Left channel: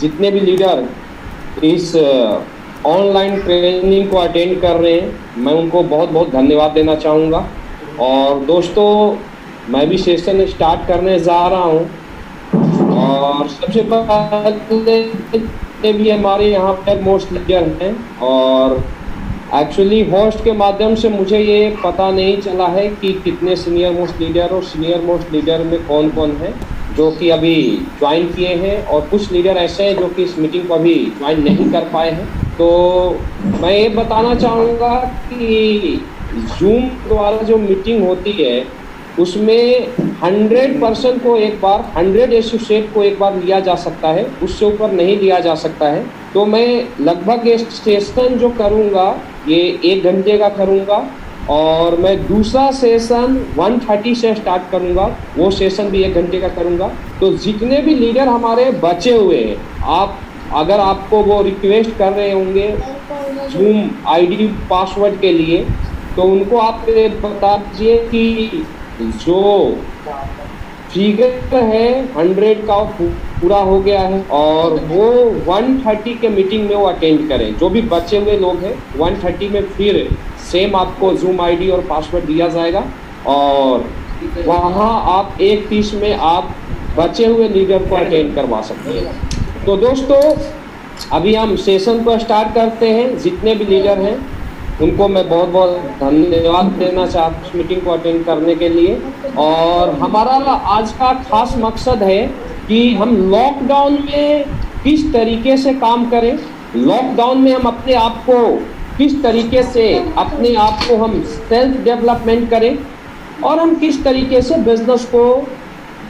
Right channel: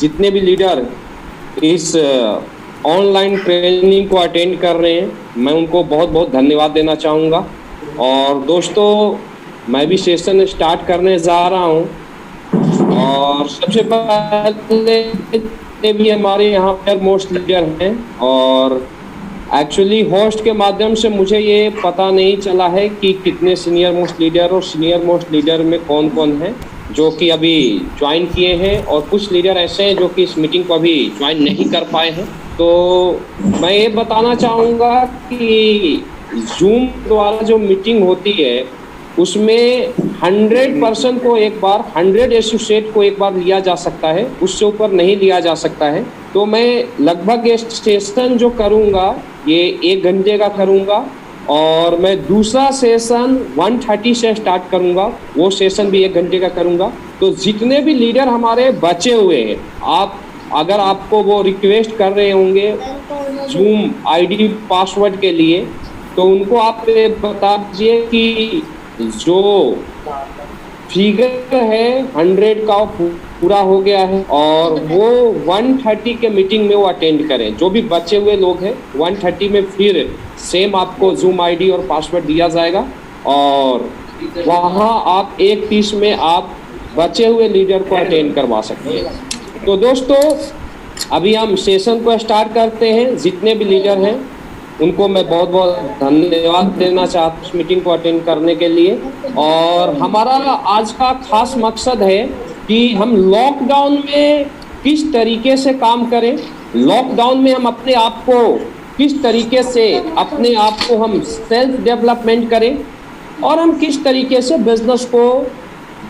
जितने भी लीडर इस ऑनलाइन ट्रेनिंग को अटेंड कर रहे हैं, मैं उनको बहुत बहुत धन्यवाद देना चाहूँगा। और दोस्तों, मैं भी सेशन स्टार्ट करने जा रहा हूँ और सबसे पहले जितने भी हमारे यहाँ पर मोस्ट लीडर हैं, और एक्चुअली होस्ट के माध्यम से मुझे ये पता नहीं चला है कि कितने सीनियर मोस्ट लीडर और सीनियर मोस्ट लीडर में कौन कौन है जो कि अभी ज्वाइन किए हैं, और कुछ लीडर ऐसे हैं जो कि इस मीटिंग को अभी ज्वाइन नहीं कर पाए हैं। तो मैं ये बताना चाहूँगा कि जूम द्वारा जो मीटिंग होती है उसमें 100% को एक बार 100 एसोसिएट को एक बार लिया जा सकता है, उससे ऊपर नहीं लिया जा सकता है। तो मैं लगभग ये सेशन जो करूँगा ये 1 घंटे का करूँगा, और मैं दूसरा सेशन 1:30 से स्टार्ट करूँगा, वो सेशन भी 1 घंटे का करूँगा। तो जितने भी लीडर हमारे बचे हुए हैं, आप अगर आपको वो रिक्वेस्ट कर रहे होंगे जूम आईडी पासवर्ड के लिए, तो उनको आप बता दीजिए कि जो फिगर है 100 का पूरा हो गया है और वो 1:30 के मीटिंग में वो अटेंड करें। जो भी बचे हुए लोग हैं 1:30 में फिर सेम आपको जूम आईडी और पासवर्ड दिया जाएगा, और वहाँ आप 1:30 में आप बचे हुए लीडर को अटेंड करवा सकते हैं। तो दोस्तों, अभी हम सेशन को स्टार्ट करते हैं। जितने भी लीडर हैं उनको मैं बहुत बहुत धन्यवाद देना चाहता हूँ इस मीटिंग को अटेंड करने के लिए। और हमारा आज का खास मकसद है कि हम लॉकडाउन में किस तरीके से काम करें, लॉकडाउन में हम अपने आप को किस तरीके से अपने आप को हम सेल्फ डेवलपमेंट करें, और हम किस तरीके से बिजनेस को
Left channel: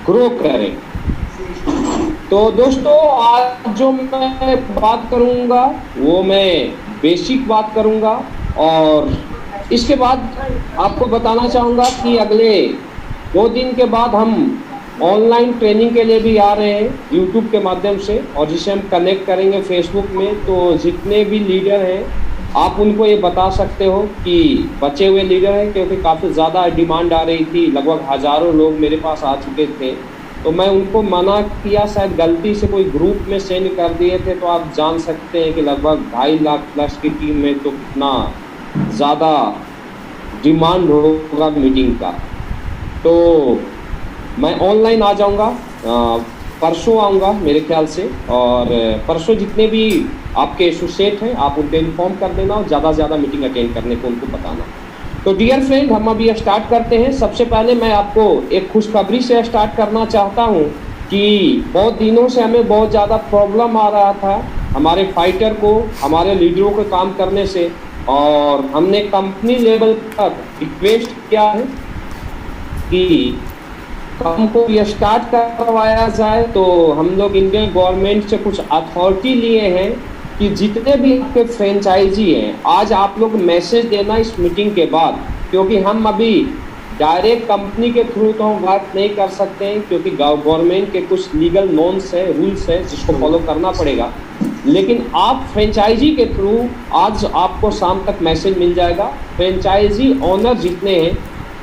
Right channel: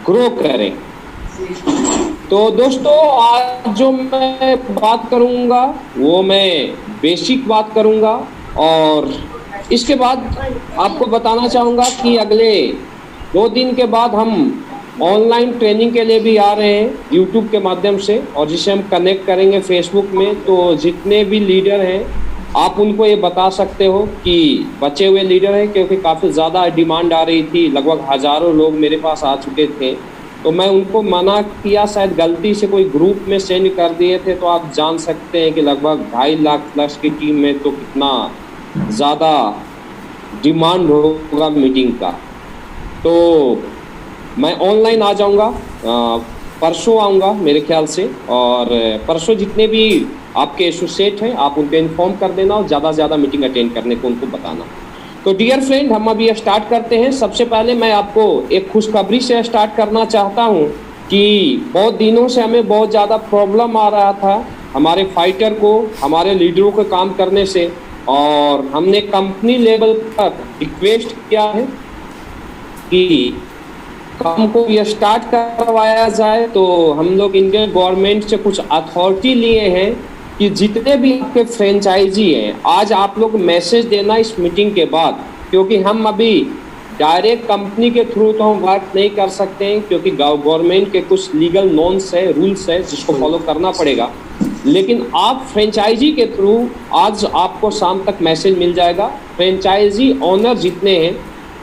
ग्रो करें। तो दोस्तों, आज जो मैं बात करूंगा वो मैं बेसिक बात करूंगा, और इसके बाद आपको बताना चाहूँगा कि अगले 2 दिन के बाद हम ऑनलाइन ट्रेनिंग के लिए भी आ रहे हैं यूट्यूब के माध्यम से, और जिसे हम कनेक्ट करेंगे फेसबुक में। तो जितने भी लीडर हैं आप उनको ये बता सकते हो कि बचे हुए लीडर हैं, क्योंकि काफ़ी ज़्यादा डिमांड आ रही थी, लगभग हज़ारों लोग मेरे पास आ चुके थे। तो मैं उनको मना किया, शायद गलती से कोई ग्रुप में सेंड कर दिए थे। तो आप जान सकते हैं कि लगभग 2.5 लाख प्लस की टीम में तो कितना ज़्यादा डिमांड होगा मीटिंग का। तो मैं ऑनलाइन आ जाऊंगा, परसों आऊँगा मेरे ख्याल से, और परसों जितने भी आपके एसोसिएट हैं आप उनको इन्फॉर्म कर देना और ज़्यादा से ज़्यादा मीटिंग अटेंड करने को उनको बताना। तो डियर फ्रेंड, हम अभी स्टार्ट करते हैं। सबसे पहले मैं आपको एक खुशखबरी से स्टार्ट करना चाहता हूं कि बहुत दिनों से हमें बहुत ज़्यादा प्रॉब्लम आ रहा था हमारे फाइटर को, हमारे लीडरों को काम करने से, और हमने कंपनी लेवल पर रिक्वेस्ट किया है कि काम को ये स्टार्ट करवाया जाए। तो हम लोग इंडियन गवर्नमेंट से कुछ अथॉरिटी लिए हैं कि जितने भी आपके फ्रेंचाइजी हैं, आज आप लोग मैसेज देना इस मीटिंग के बाद, क्योंकि हम अभी डायरेक्ट कंपनी के थ्रू तो हम बात नहीं कर सकते हैं, क्योंकि गवर्नमेंट के कुछ लीगल नॉर्म्स है, रूल्स है जिसको फॉलो करना पड़ेगा। लेकिन आप फ्रेंचाइजी के थ्रू आज आपको शाम तक मैसेज मिल जाएगा। फ्रेंचाइजी ओनर जितने हैं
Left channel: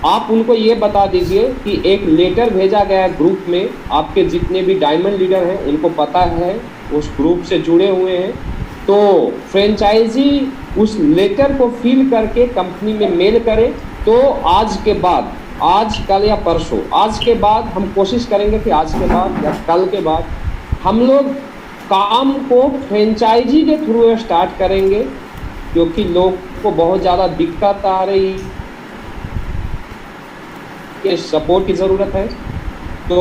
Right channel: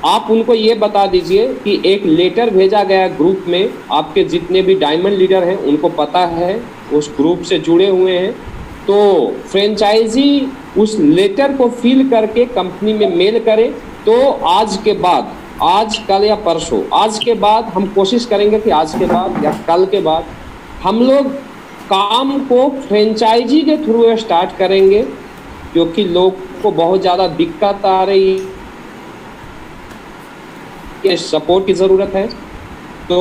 आप उनको ये बता दीजिए कि एक लेटर भेजा गया है ग्रुप में, आपके जितने भी डायमंड लीडर हैं उनको पता है, उस ग्रुप से जुड़े हुए हैं। तो फ्रेंचाइजी उस लेटर को फिल करके कंपनी में मेल करें। तो आज के बाद, आज कल या परसों, आज के बाद हम कोशिश करेंगे कि आज के बाद या कल के बाद हम लोग काम को फ्रेंचाइजी के थ्रू स्टार्ट करेंगे, क्योंकि लोग को बहुत ज़्यादा दिक्कत आ रही है, सपोर्ट की ज़रूरत है। तो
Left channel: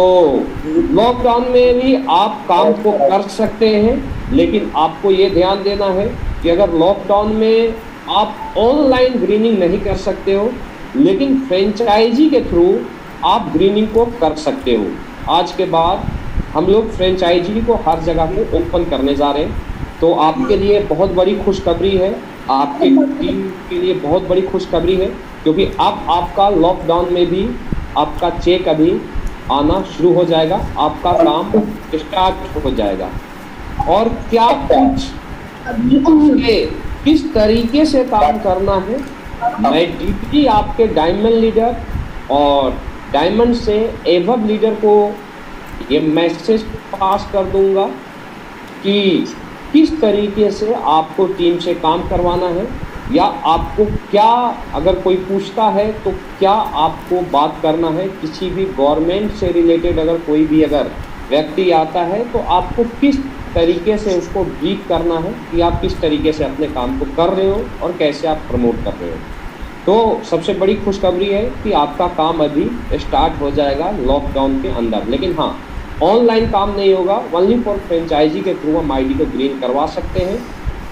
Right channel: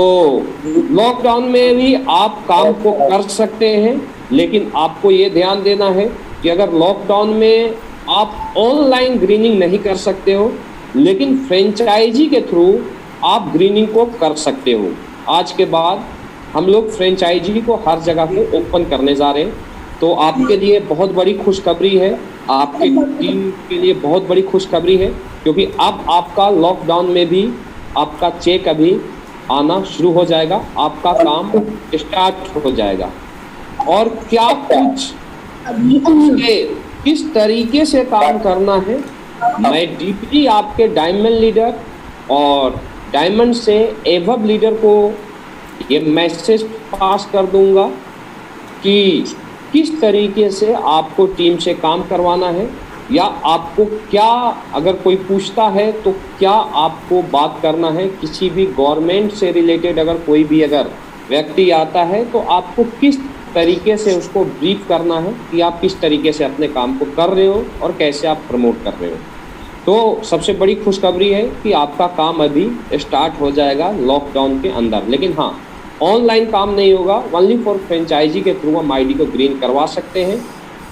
लॉकडाउन में भी आप काम को कर सकते हैं, लेकिन आपको ये ध्यान देना है कि अगर लॉकडाउन में आप ऑनलाइन ग्रीनिंग नहीं कर सकते हो, लेकिन फ्रेंचाइजी के थ्रू आप ग्रीनिंग को कर सकते हो। आज के बाद हम लोग फ्रेंचाइजी को हर जगह पे ओपन करने जा रहे हैं। तो आपके लिए बहुत बड़ी खुशखबरी है, आपके टीम के लिए बहुत बड़ी खुशखबरी है, क्योंकि अब आपका लॉकडाउन में भी आपका चेक अभी आना शुरू हो जाएगा, आपका काम स्टार्ट हो जाएगा। और क्या कुछ किस तरीके से काम करना है, मैं डीपली आपके डायमंड लीडर और डायमंड से एवब लीडर को ये मैसेज पास कर दूंगा। कि किस तरीके से आपको टीम से काम करवाना है, या आपको क्या, अगर कोई पूछता है तो क्या आपको बात करना है, किसी भी गवर्नमेंट से रिलेटेड अगर कोई भी अगर व्यक्ति आता है तो आपको किस तरीके से उसको ब्रीफ करना है कि आप किस तरीके से अपने काम को कर रहे हो और कैसे आप प्रमोट कर रहे हो। तो सबसे बड़ी खुशखबरी है कि आपका काम अभी स्टार्ट हो जाएगा लॉकडाउन के अंदर, लेकिन हाँ, ऑनलाइन काम नहीं होगा, ओनली फॉर फ्रेंचाइजी के थ्रू हम आईडी को ग्रीन करवा सकते हैं,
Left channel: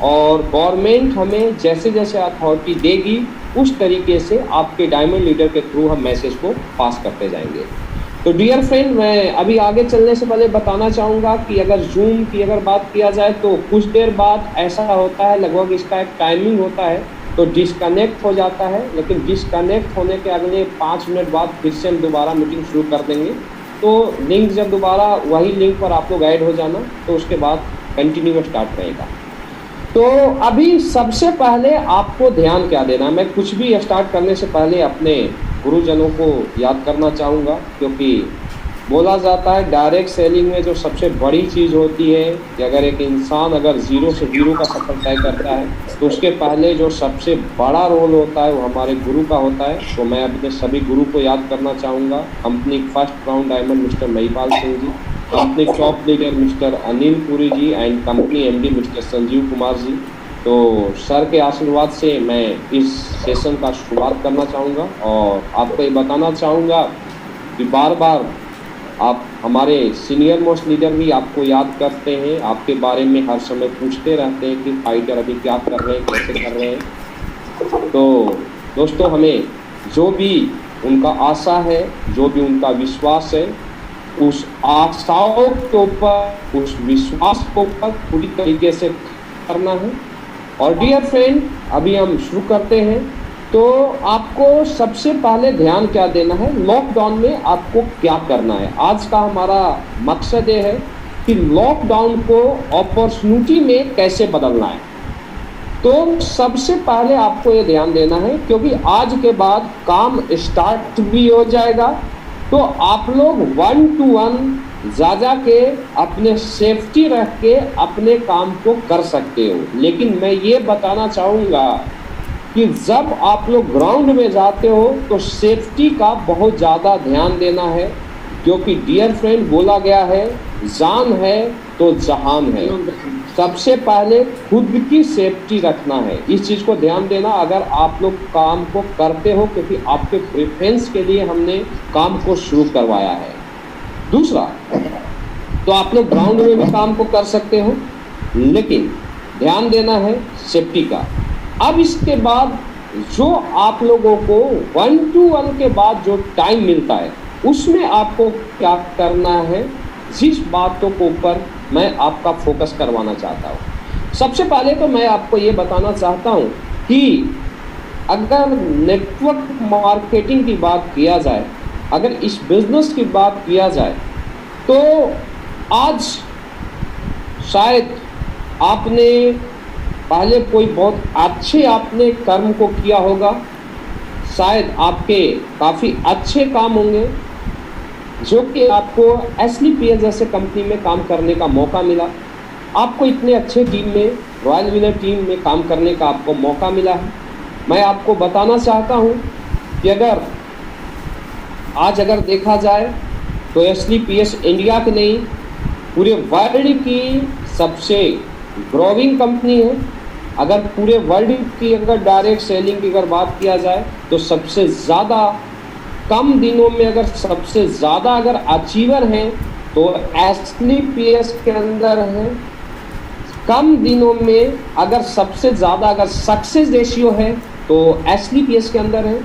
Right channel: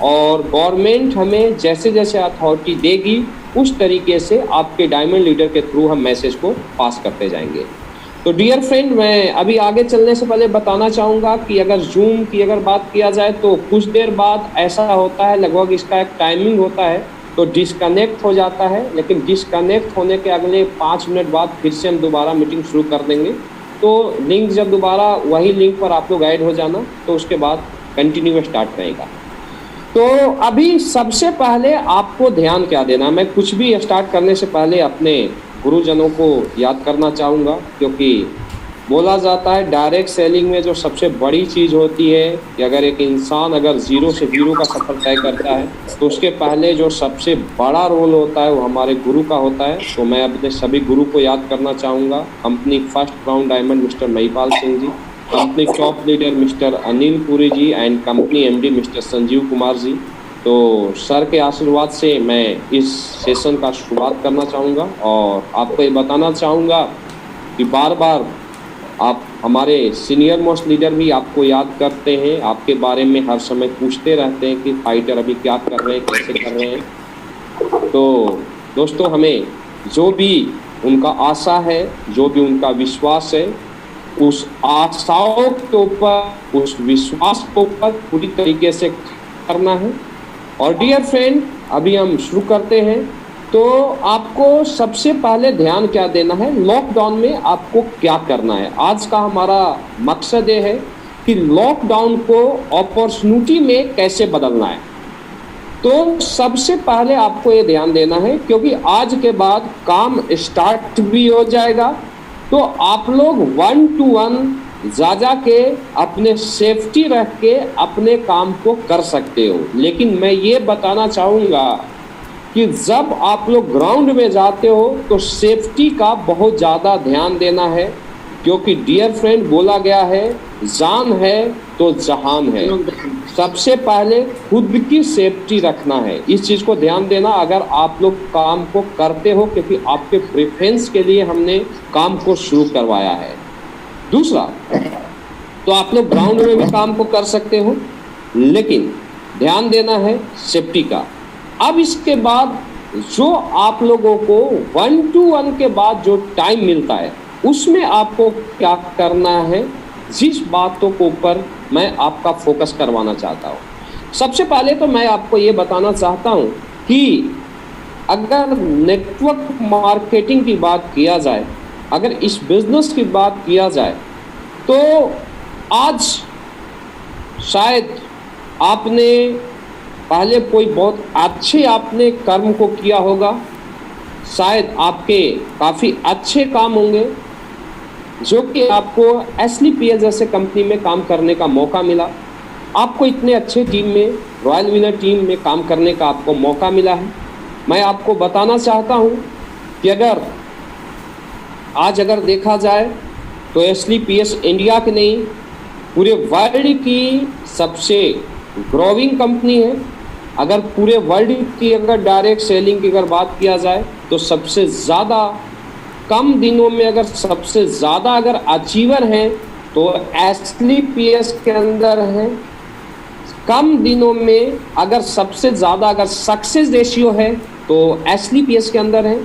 और गवर्नमेंट हमें जैसे जैसे अथॉरिटी देगी उस तरीके से आपके डायमंड लीडर के थ्रू हम मैसेज को पास करते जाएंगे। तो डियर फ्रेंड, मैं अभी आगे चलने से पहले बताना चाहूँगा कि अगर जूम की अगर बात किया जाए तो कुछ देर बाद ऐसा होता है, लगभग इसका एक टाइमिंग होता है, तो डिस्कनेक्ट हो जाता है, लेकिन डिस्कनेक्ट होने के अगले 5 मिनट बाद फिर से हम दोबारा मीटिंग शुरू कर देंगे। तो लिंक जब दोबारा वही लिंक पर आप लोग ऐड हो जाना, तो उसके बाद कंटिन्यू स्टार्ट रहेगा। तो अभी सबसे पहले आपको ध्यान क्या देना है, मैं कुछ भी स्टार्ट करने से पहले अपने गुरुजनों को याद करना चाहूँगा, क्योंकि बोला जाता है डायरेक्ट सेलिंग में जो सबसे बड़ी चीज़ होती है कि अगर एक इंसान अगर ज़ीरो से हीरो का सफ़र तय करता है तो उसके पहले जो सबसे बड़ा रोल होता है वो हमारे गुरु का होता है। तो मैं अपने सभी गुरु को याद करना चाहूँगा, company first crown diamond mister Mahipal Singh ji, company top leader mister Anil Puri ji and company MD mister Sanjeev Kumar ji. तो सर के आशीर्वाद से मैं इस सेशन का शुरुआत करना चाहूँगा, और आपको ये बताना चाहूँगा कि बार बार आप हमारे सीनियर मोस्ट लीडर भी आपको याद करते हैं, आपके बारे में हर समय पूछते रहते हैं कि फाइटर अभी क्या कर रहे हैं, कैसे कर रहे हैं। तो दोस्तों, हमें जो भी उनका आशा है, जो भी उनका विश्वास है, उस आशाओं के ऊपर, उस विश्वास के ऊपर पूरी तरीके से करना है। और डियर फ्रेंड, अभी हम शुरू करते हैं। तो आपको सबसे पहले ध्यान क्या देना है, लॉकडाउन में आपको क्या करना है। आज का हमारा मकसद ये है कि लॉकडाउन को अपॉर्चुनिटी में कैसे बदलना है। तो सबसे पहले आपको ये ध्यान देना है, क्योंकि आज के बाद काम स्टार्ट भी हो जाएगा, तो आप लोग 1 to 1 जा के अपने सेफ्टी रख के अपने काम को कर सकते हो। लेकिन मैं ये बताना चाहूँगा कि जब आप लोग ग्राउंड में जाते हो तो सेफ्टी का बहुत ज़्यादा ध्यान देना है, क्योंकि डियर फ्रेंड बोला गया है, जान है तो जहान है। सबसे पहले खुद की सेफ्टी रखना है, इस चीज़ को ध्यान देना अगर आप लोग काम को करते हो, क्योंकि आपके प्रेफरेंस के लिए हमने काम को शुरू करवाया है। दूसरा, तो आप लोग ग्राउंड में भी काम को कर सकते हो, लेकिन ध्यान देना है सेफ्टी का। अब इसके बाद जो आप लोगों को 1 to 1 के बाद जो टाइम मिलता है, उसमें आपको क्या करना है, जिस बातों के ऊपर मैं आपका फोकस करवाना चाहता हूँ। सबसे पहले तो मैं आपको ये बताना चाहता हूँ कि अगर नेटवर्क मार्केटिंग की बात किया जाए, अगर इस बिजनेस की बात किया जाए, तो आज शायद आपने पहले कोई बहुत अच्छे आपने कर्म को किया होगा, शायद आपके काफ़ी अच्छे काम होंगे जो कि आपको SLPS जैसे कंपनी में काम करने का मौका मिला। आपको इतने अच्छे टीम में, रॉयल विनर टीम में काम करने का आपको मौका मिला है। मैं आपको बताना चाहता हूँ कि अगर आज अगर देखा जाए तो SLPS इंडिया की नहीं, पूरे वर्ल्ड की सबसे ग्रोविंग कंपनी है। अगर पूरे वर्ल्ड की अगर डायरेक्ट सेलिंग की अगर बात किया जाए तो सबसे ज़्यादा कम दिनों में अगर सबसे ज़्यादा अगर अचीवर हैं तो SLPS के अंदर है। कम दिनों में अगर सबसे ज़्यादा अगर सक्सेस रेशियो है तो SLPS के अंदर है।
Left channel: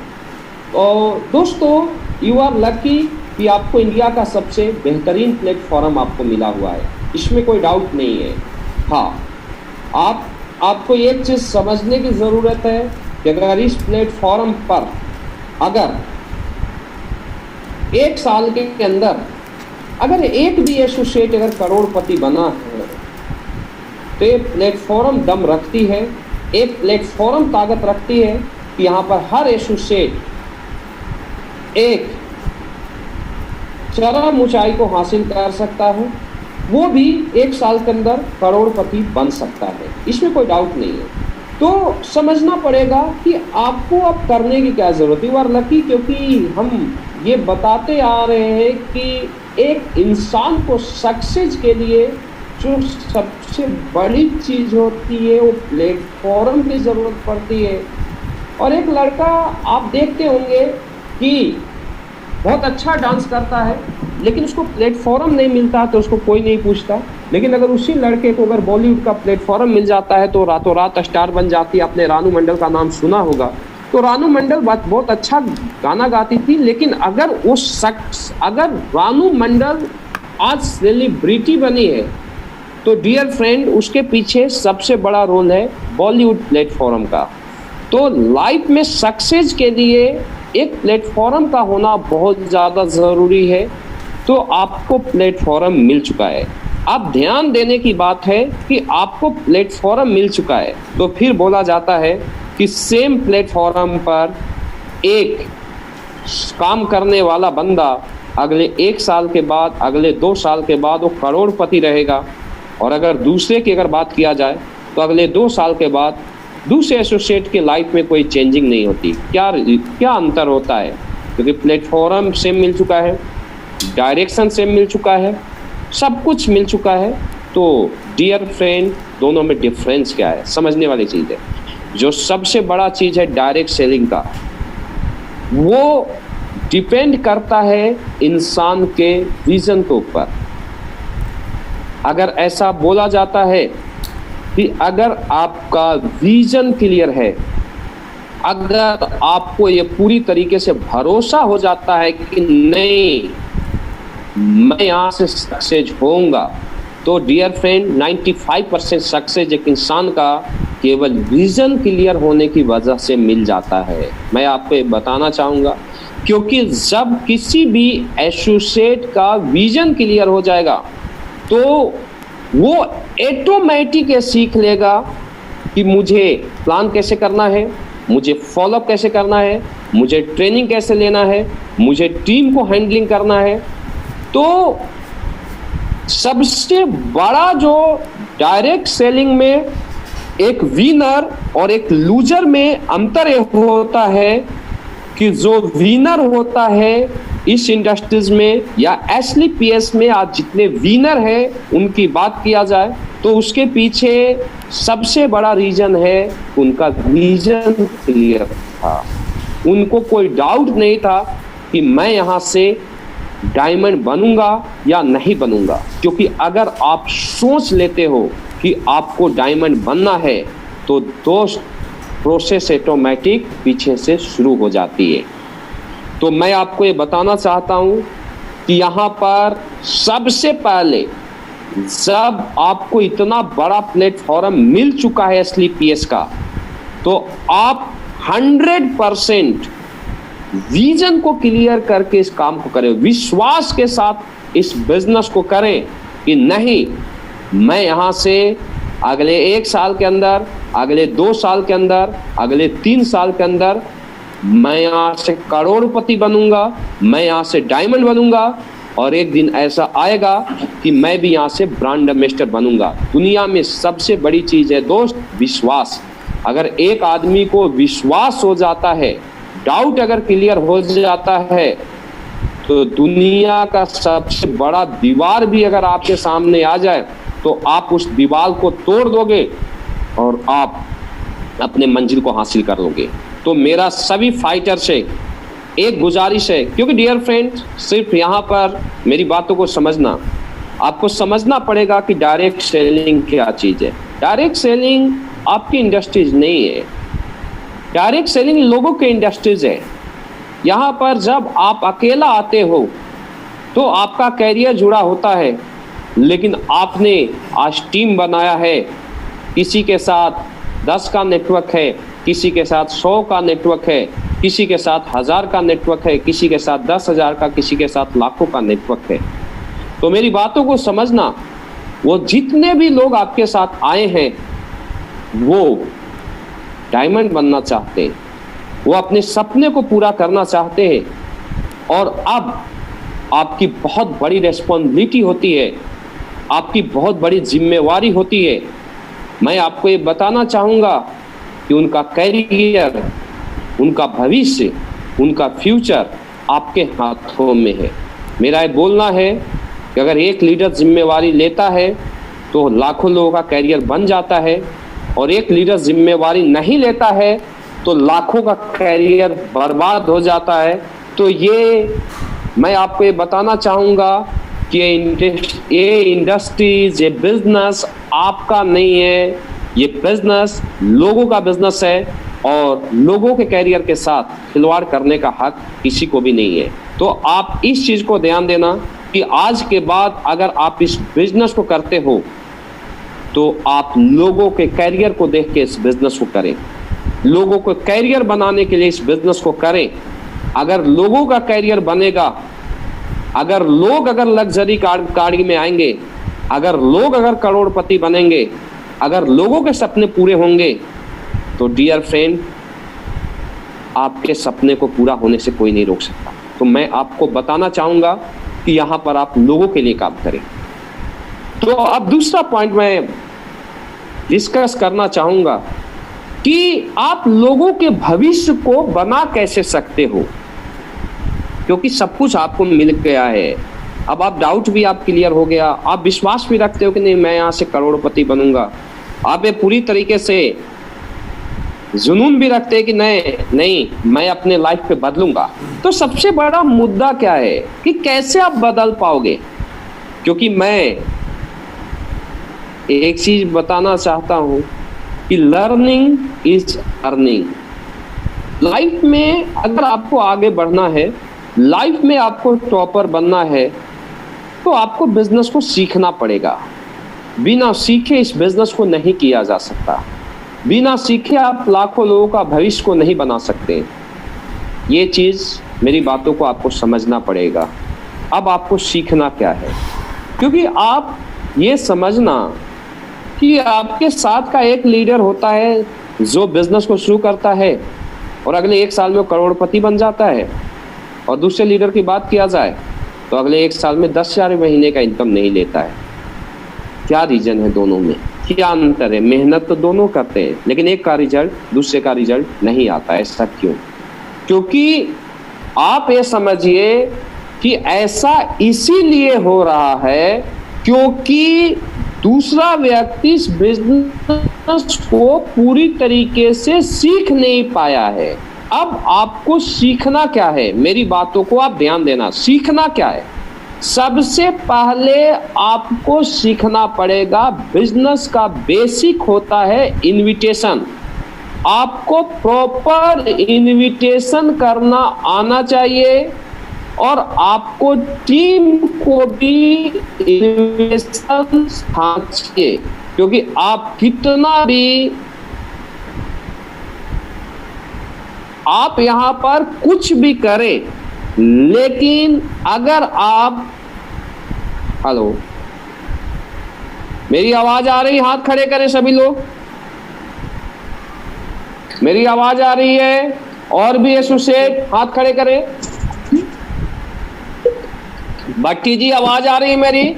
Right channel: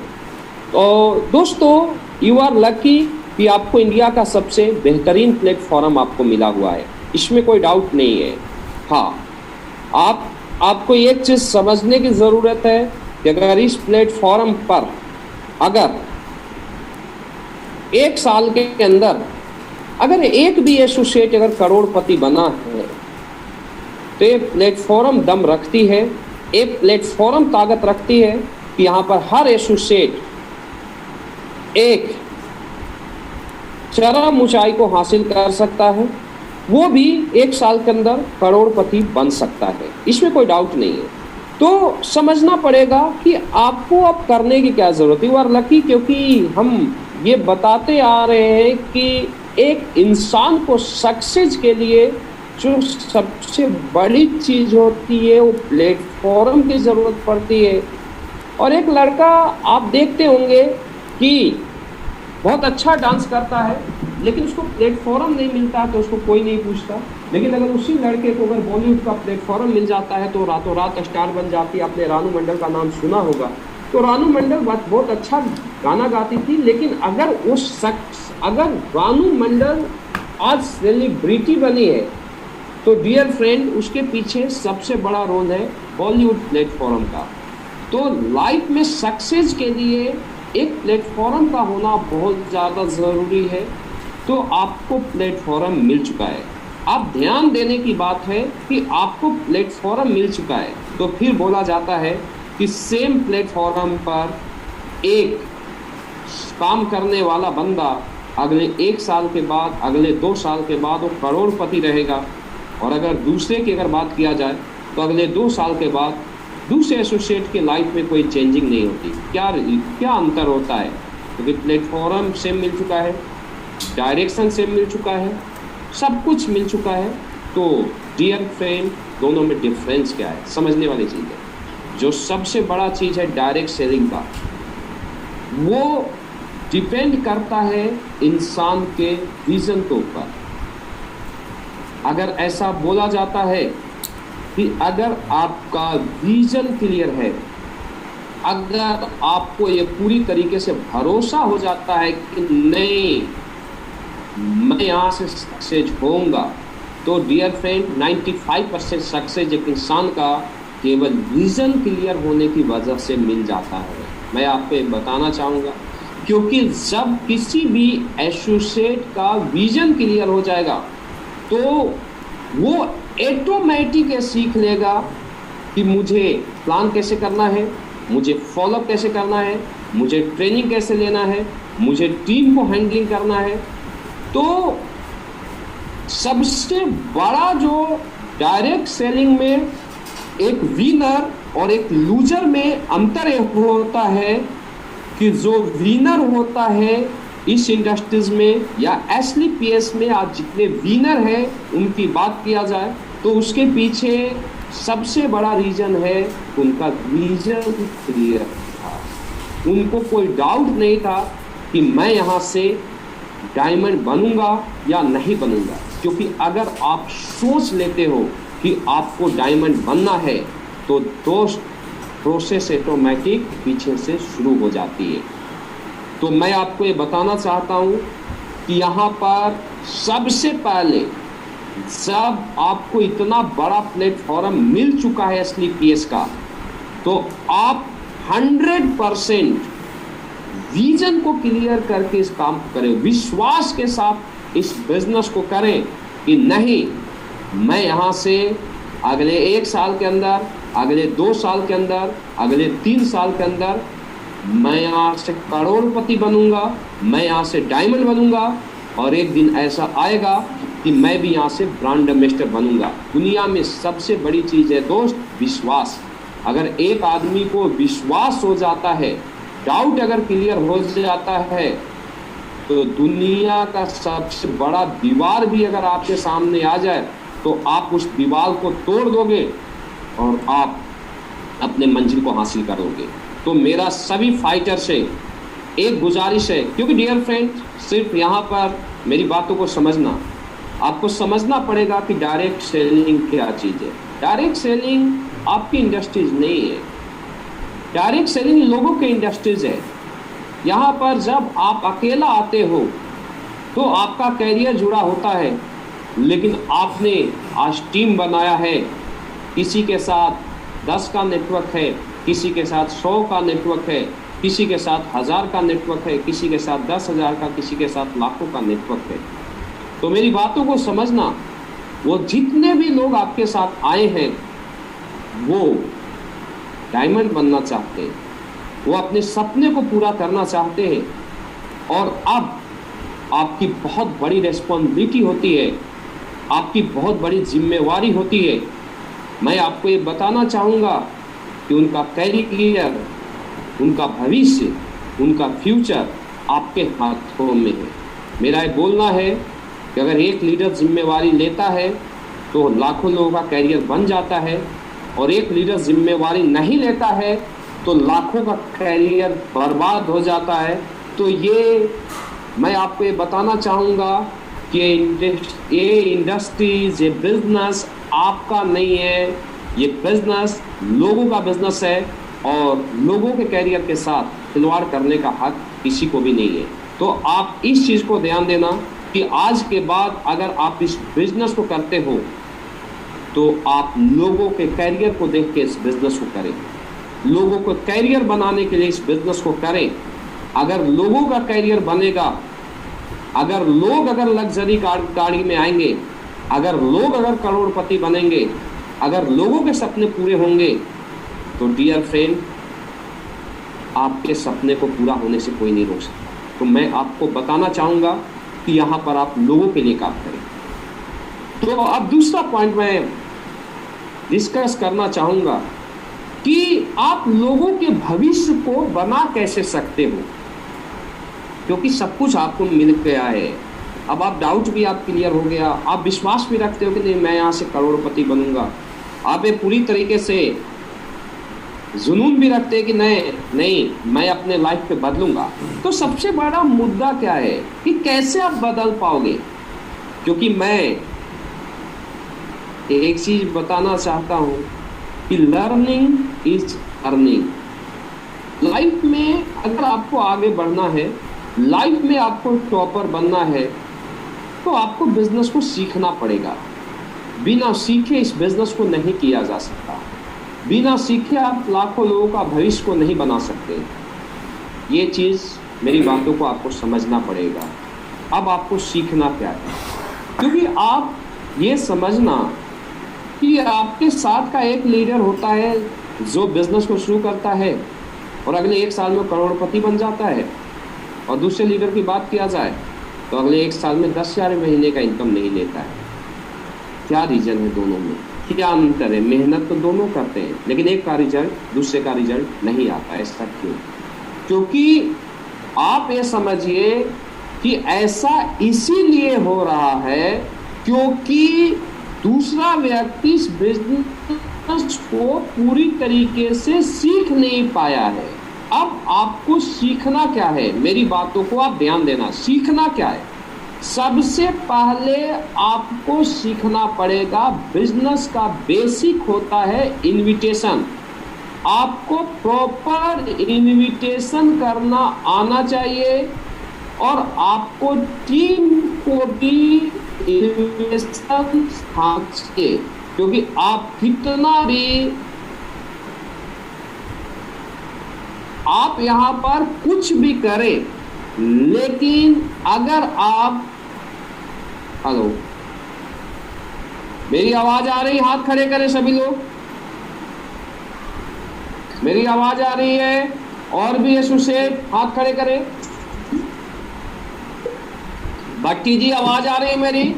तो दोस्तों, यू आर लकी कि आपको इंडिया का सबसे बेहतरीन प्लेटफॉर्म आपको मिला हुआ है, इसमें कोई डाउट नहीं है। हाँ, आपको एक चीज़ समझने की ज़रूरत है कि अगर इस प्लेटफॉर्म पर अगर 1 साल के अंदर अगर एक भी एसोसिएट अगर करोड़पति बना है तो ये प्लेटफॉर्म दम रखती है, एक प्लेटफॉर्म ताकत रखती है कि यहाँ पर हर एसोसिएट एक चरम ऊंचाई को हासिल कर सकता है। वो भी 1 साल के अंदर करोड़पति बन सकता है, इसमें कोई डाउट नहीं है। तो समझना पड़ेगा कि आपको अब करने की क्या जरूरत है। यू आर लकी, क्योंकि हम ये बताते आ रहे हैं कि एक इंसान को सक्सेस के लिए जो सबसे बड़ी चीज होती है वो प्लेटफॉर्म की जरूरत पड़ती है। और एक लड़का आप देखते होंगे कि बहुत अच्छा डांस करता है, लेकिन उसको प्लेटफॉर्म नहीं मिलता तो उसको कोई नहीं पूछता। लेकिन अगर उसी लड़के को अगर बॉलीवुड का प्लेटफॉर्म मिल जाता है तो रातों रात स्टार बन जाती है। आपने रानू मंडल का नाम सुना होगा। तो रानू मंडल बहुत अच्छा गाना गाती थी, लेकिन अगर रानू मंडल आज सेलिब्रिटी बनी है तो डियर फ्रेंड उसके पीछे सबसे बड़ा रोल है बॉलीवुड प्लेटफॉर्म का। तो लाइफ में सक्सेस के लिए एक प्लेटफॉर्म का होना बहुत ज़्यादा ज़रूरी है। तो आपको प्लेटफॉर्म मिल चुका है, अब ध्यान देने की बात है कि आपको प्लेटफॉर्म मिल चुका है तो फिर बोला जाता है कि सेम प्लेटफॉर्म पर एक काम करने वाला बंदा अगले 1 साल के बाद, अगले 2 साल के बाद वो करोड़पति रहेगा। और अगर दूसरे की अगर बात किया जाए तो अगले 2 साल के बाद दूसरे एसोसिएट के लाइफ में कोई चेंजिंग नहीं होती। क्या अंतर होता है? क्योंकि प्लेटफॉर्म सेम मिल चुका है, डायरेक्शन सेम मिल चुका है, सब कुछ मिल चुका है। तो डियर फ्रेंड, दोनों में डिफरेंस क्या है समझने वाली चीज़ है। जो सबसे बड़ा चीज़ है डायरेक्ट सेलिंग का, वो डिपेंड करता है इंसान के विजन के ऊपर। अगर ऐसा बोला जाता है कि अगर आपका विजन क्लियर है, अगर आपको ये पूरी तरीके से भरोसा हो जाता है कि नहीं मैं यहाँ से सक्सेस होऊंगा, तो डियर फ्रेंड 95% सक्सेस एक इंसान का केवल विजन क्लियर होने की वजह से मिल जाता है। मैं आपको बताना चाहूँगा, क्योंकि जब किसी भी एसोसिएट का विजन क्लियर हो जाएगा तो वो ऑटोमेटिक सीख लेगा कि मुझे प्लान कैसे करना है, मुझे फॉलोअप कैसे करना है, मुझे ट्रेनिंग कैसे लेना है, मुझे टीम को हैंडलिंग करना है। तो सबसे बड़ा जो डायरेक्ट सेलिंग में एक विनर और एक लूजर में अंतर होता है कि जो विनर होता है इस इंडस्ट्रीज में या एसलीपीएस में, आज जितने विनर हैं उनकी बात किया जाए तो उसके पीछे सबसे बड़ा रीजन है उनका विजन क्लियर था। उनको कोई डाउट नहीं था कि मैं यहाँ से डायमंड बनूंगा या नहीं बनूंगा। क्योंकि अगर आप सोच लेते हो कि आपको डायमंड बनना है तो दोस्त प्रोसेस ऑटोमेटिक पीछे से शुरू हो जाती है। तो मैं आपको ये बताना चाहता हूँ कि यहाँ पर सबसे पहले जब आपको इतना बड़ा प्लेटफॉर्म मिल चुका है एसलीपीएस का, तो आप 100% विजन को क्लियर करके इस काम को करें, विश्वास के साथ इस बिजनेस को करें कि नहीं मैं यहाँ से अगले 1 साल के अंदर, अगले 2 साल के अंदर, अगले 3 साल के अंदर मैं यहाँ से करोड़पति बनूंगा, मैं यहाँ से डायमंड बनूंगा और एक दिन ऐसा आएगा कि मैं भी यहाँ से ब्रांड एम्बेसडर बनूंगा। दुनिया में सबसे बड़ी चीज़ है दोस्त विश्वास। अगर एक आदमी को विश्वास हो जाता है, डाउट अगर क्लियर हो जाता है, तो दुनिया का सबसे बड़ा दीवार भी अगर आपके सामने आ जाए तो आप उस दीवार को तोड़ दोगे और आप अपने मंजिल को हासिल कर लोगे। तो मेरा सभी फाइटर से एक गुजारिश है, क्योंकि डियर फ्रेंड सिर्फ यहाँ पर मेरी बातों को समझना, आपको समझना पड़ेगा कि डायरेक्ट सेलिंग क्या चीज़ है। डायरेक्ट सेलिंग आपकी इंडस्ट्रीज नहीं है, डायरेक्ट सेलिंग लोगों के इंडस्ट्रीज है। यहाँ पर जब आप अकेला आते हो तो आपका कैरियर जुड़ा होता है, लेकिन आपने आज टीम बनाया है, किसी के साथ 10 का नेटवर्क है, किसी के साथ 100 का नेटवर्क है, किसी के साथ 1000 का नेटवर्क है, किसी के साथ 10,000 का, किसी के साथ लाखों का नेटवर्क है। तो मेरी बातों को समझना, वो जितने भी लोग आपके साथ आए हैं वो डायमंड बनना चाहते हैं, वो अपने सपने को पूरा करना चाहते हैं। और अब आपकी बहुत बड़ी रिस्पॉन्सिबिलिटी होती है आपकी बहुत बड़ी जिम्मेवारी होती है। मैं आपको ये बताना चाहूँगा कि उनका कैरियर, उनका भविष्य, उनका फ्यूचर आपके हाथों में है। मेरा ये बोलना है कि अगर एक लीडर जिम्मेवारी लेता है तो लाखों लोगों का कैरियर बन जाता है, और एक लीडर जिम्मेवारी नहीं लेता है तो लाखों का कैरियर बर्बाद हो जाता है। तो ये मैं आपको ये बताना चाहूँगा कि ये इंडस्ट्रीज, ये बिजनेस आपका नहीं है, ये बिजनेस लोगों का बिजनेस है, और लोगों के कैरियर के साथ खिलवाड़ करने का हक किसी को भी नहीं है। तो आप इस चीज़ को ध्यान देना कि आज के बाद अगर आप इस बिजनेस को करते हो तो आप लोगों के कैरियर को देख के इस बिजनेस को करें, लोगों को कैरियर बनाने के लिए इस बिजनेस को करें। अगर लोगों का कैरियर बनेगा, अगर लोग लग्जरी गाड़ी में आएंगे, अगर करोड़पति बनेंगे, अगर लोगों के सपने पूरे होंगे, तो डियर फ्रेंड, आपके सपने को पूरा होने से कोई नहीं रोक सकता। तो मैं आपको बताना चाहूंगा कि यहां पर आप लोगों के लिए काम करें। तो अब दूसरा पॉइंट मैं डिस्कस करना चाहूंगा कि आप लोगों के भविष्य को बना कैसे सकते हो, क्योंकि सब कुछ आपको मिल गया है। अब आप डाउट भी आप क्लियर हो गया, आप विश्वास भी रखते हो कि नहीं मैं यहाँ से करोड़पति बनूंगा, आप ये पूरी तरीके से जुनून भी रखते हैं कि नहीं मैं अपने लाइफ पे बदलूंगा। तो सबसे बड़ा मुद्दा क्या है कि कैसे आप बदल पाओगे, क्योंकि मैं एक चीज बताना चाहता हूं कि लर्निंग इज अर्निंग। लाइफ में अगर आपको आगे बढ़ना है, लाइफ में आपको टॉपर बनना है, तो आपको बिजनेस को सीखना पड़ेगा। बिना सीखे इस बिजनेस को नहीं किया जा सकता। बिना सीखे आप लाखों लोगों का भविष्य को नहीं बना सकते। ये चीज़, मेरी बातों को आपको समझना पड़ेगा। अब आपको सीखना क्या है, क्योंकि आप ये समझना कि आपके साथ का एक लीडर होता है जो बिजनेस को शुरू करता है और अगले 1 साल में करोड़पति बन जाता है, और दूसरे लीडर की बात किया जाए तो अगले 1 साल में 10,000 महीने का इनकम नहीं लेता है। क्या रीजन है दोनों में, क्या अंतर है? मेहनत तो दोनों करते हैं, लेकिन एक का रिजल्ट दूसरे का रिजल्ट नहीं आता है। ऐसा क्यों? क्योंकि आप ये समझिए कि ऐसा इसीलिए हो रहा है क्योंकि दूसरा व्यक्ति इस बिजनेस को पूरी तरीके से सीख नहीं पाया है। अब आपको सीखना क्या है, मेरी बातों को आप ध्यान देना। सीखना क्या है? सबसे पहले आपको सीखना पड़ेगा, बिजनेस का बेसिक होता है इनविटेशन। आपको प्रॉपर इनविटेशन करना आना चाहिए, और आपको टीम को भी इनविटेशन चाहिए, क्योंकि आप कितना भी आप यहाँ पर कुछ भी करें, लेकिन अगर आप, हेलो, मेरी आवाज आ रही? हाथ खड़े करें सभी लोग। मेरी आवाज आ रही है? और भी एसोसिएट हाथ खड़े करें। भट्टी जी आवाज आ रही है मेरी?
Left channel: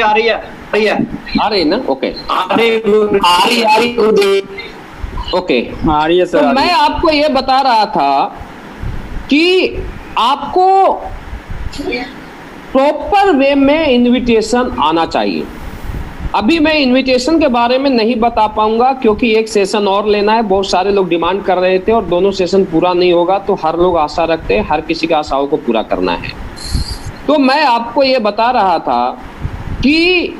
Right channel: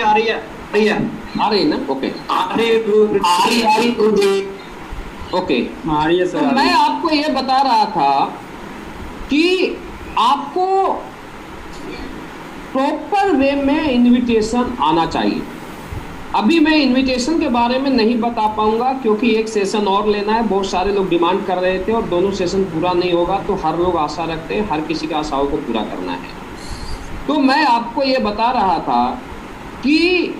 आ रही है, आ रही ना? ओके, आ रही ओके, आ रही है सर। तो मैं आपको ये बता रहा था कि आपको प्रॉपर वे में इनविटेशन आना चाहिए। अभी मैं इनविटेशन के बारे में नहीं बता पाऊंगा क्योंकि एक सेशन और लेना है। बहुत सारे लोग डिमांड कर रहे थे और दोनों सेशन पूरा नहीं होगा, तो हर लोग आशा रखते हैं, हर किसी की आशाओं को पूरा करना है। तो मैं आपको ये बता रहा था कि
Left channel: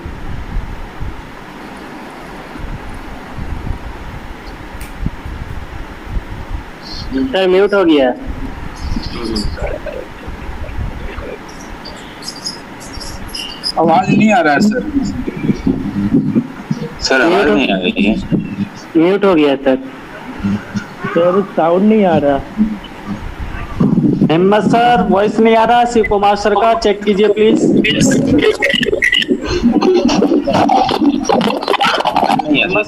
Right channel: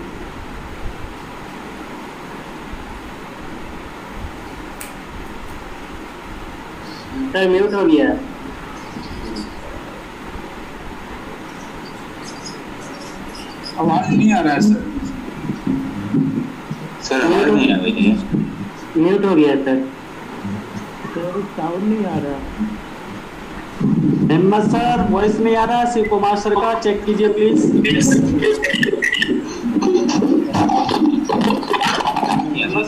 सर म्यूट हो गया। आवाज नहीं आ रहा है सर। सर आवाज नहीं आ रही है। म्यूट हो गया सर। सर साउंड नहीं आ रहा। हिम्मत सर वॉइस नहीं आ रहा। शिव कुमार सर का चेक कीजिए प्लीज। हिम्मत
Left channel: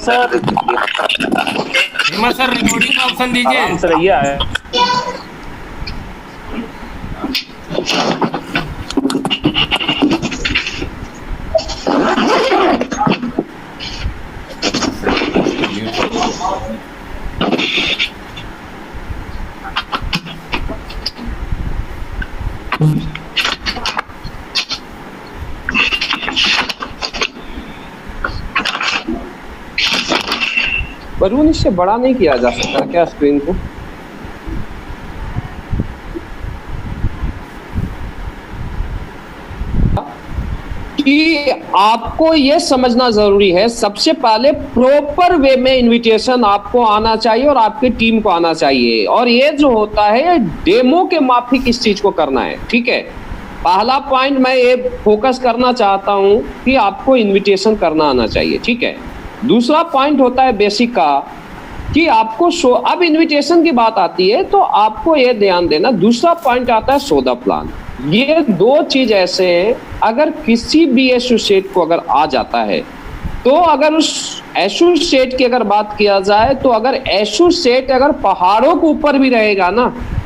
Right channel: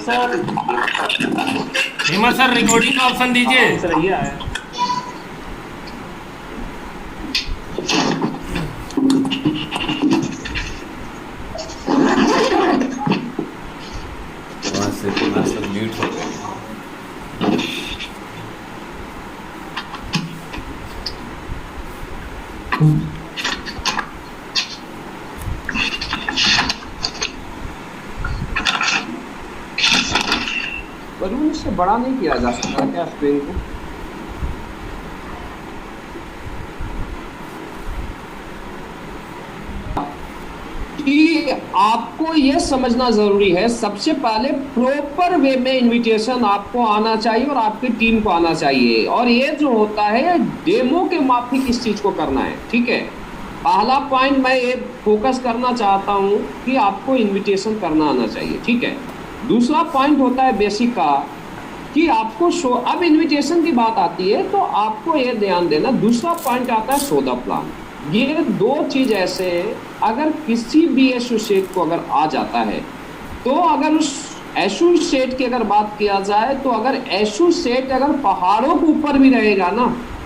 सर रिकॉर्डिंग का ऑप्शन दीजिए। सर ये आया। वरुण इससे बड़ा नहीं किया जा सकता क्या स्क्रीन को? कि आपको यह समझना जरूरी है, सबसे पहले प्रॉपर वे में इनविटेशन आपको आना चाहिए और आपकी टीम को आना चाहिए, और ये जो होता है डेमो के माफिक इस चीज को करना है, ठीक है। पहला पॉइंट मैं ये फोकस करना चाहता हूं कि आपको इनविटेशन करना आना चाहिए, ठीक है। दूसरा पॉइंट होता है बेसिक का कि आपको अब इनविटेशन की बात आती है तो आपको ये ध्यान देना। दूसरा पॉइंट आता है सौदा प्लान। ये दो चीज ऐसे हैं, अगर किसी भी एसोसिएट को अगर आ जाता है तो अगर उस एसोसिएट की अगर बात किया जाए तो अगर एसोसिएट अगर पहाड़ों के ऊपर भी रहेगा ना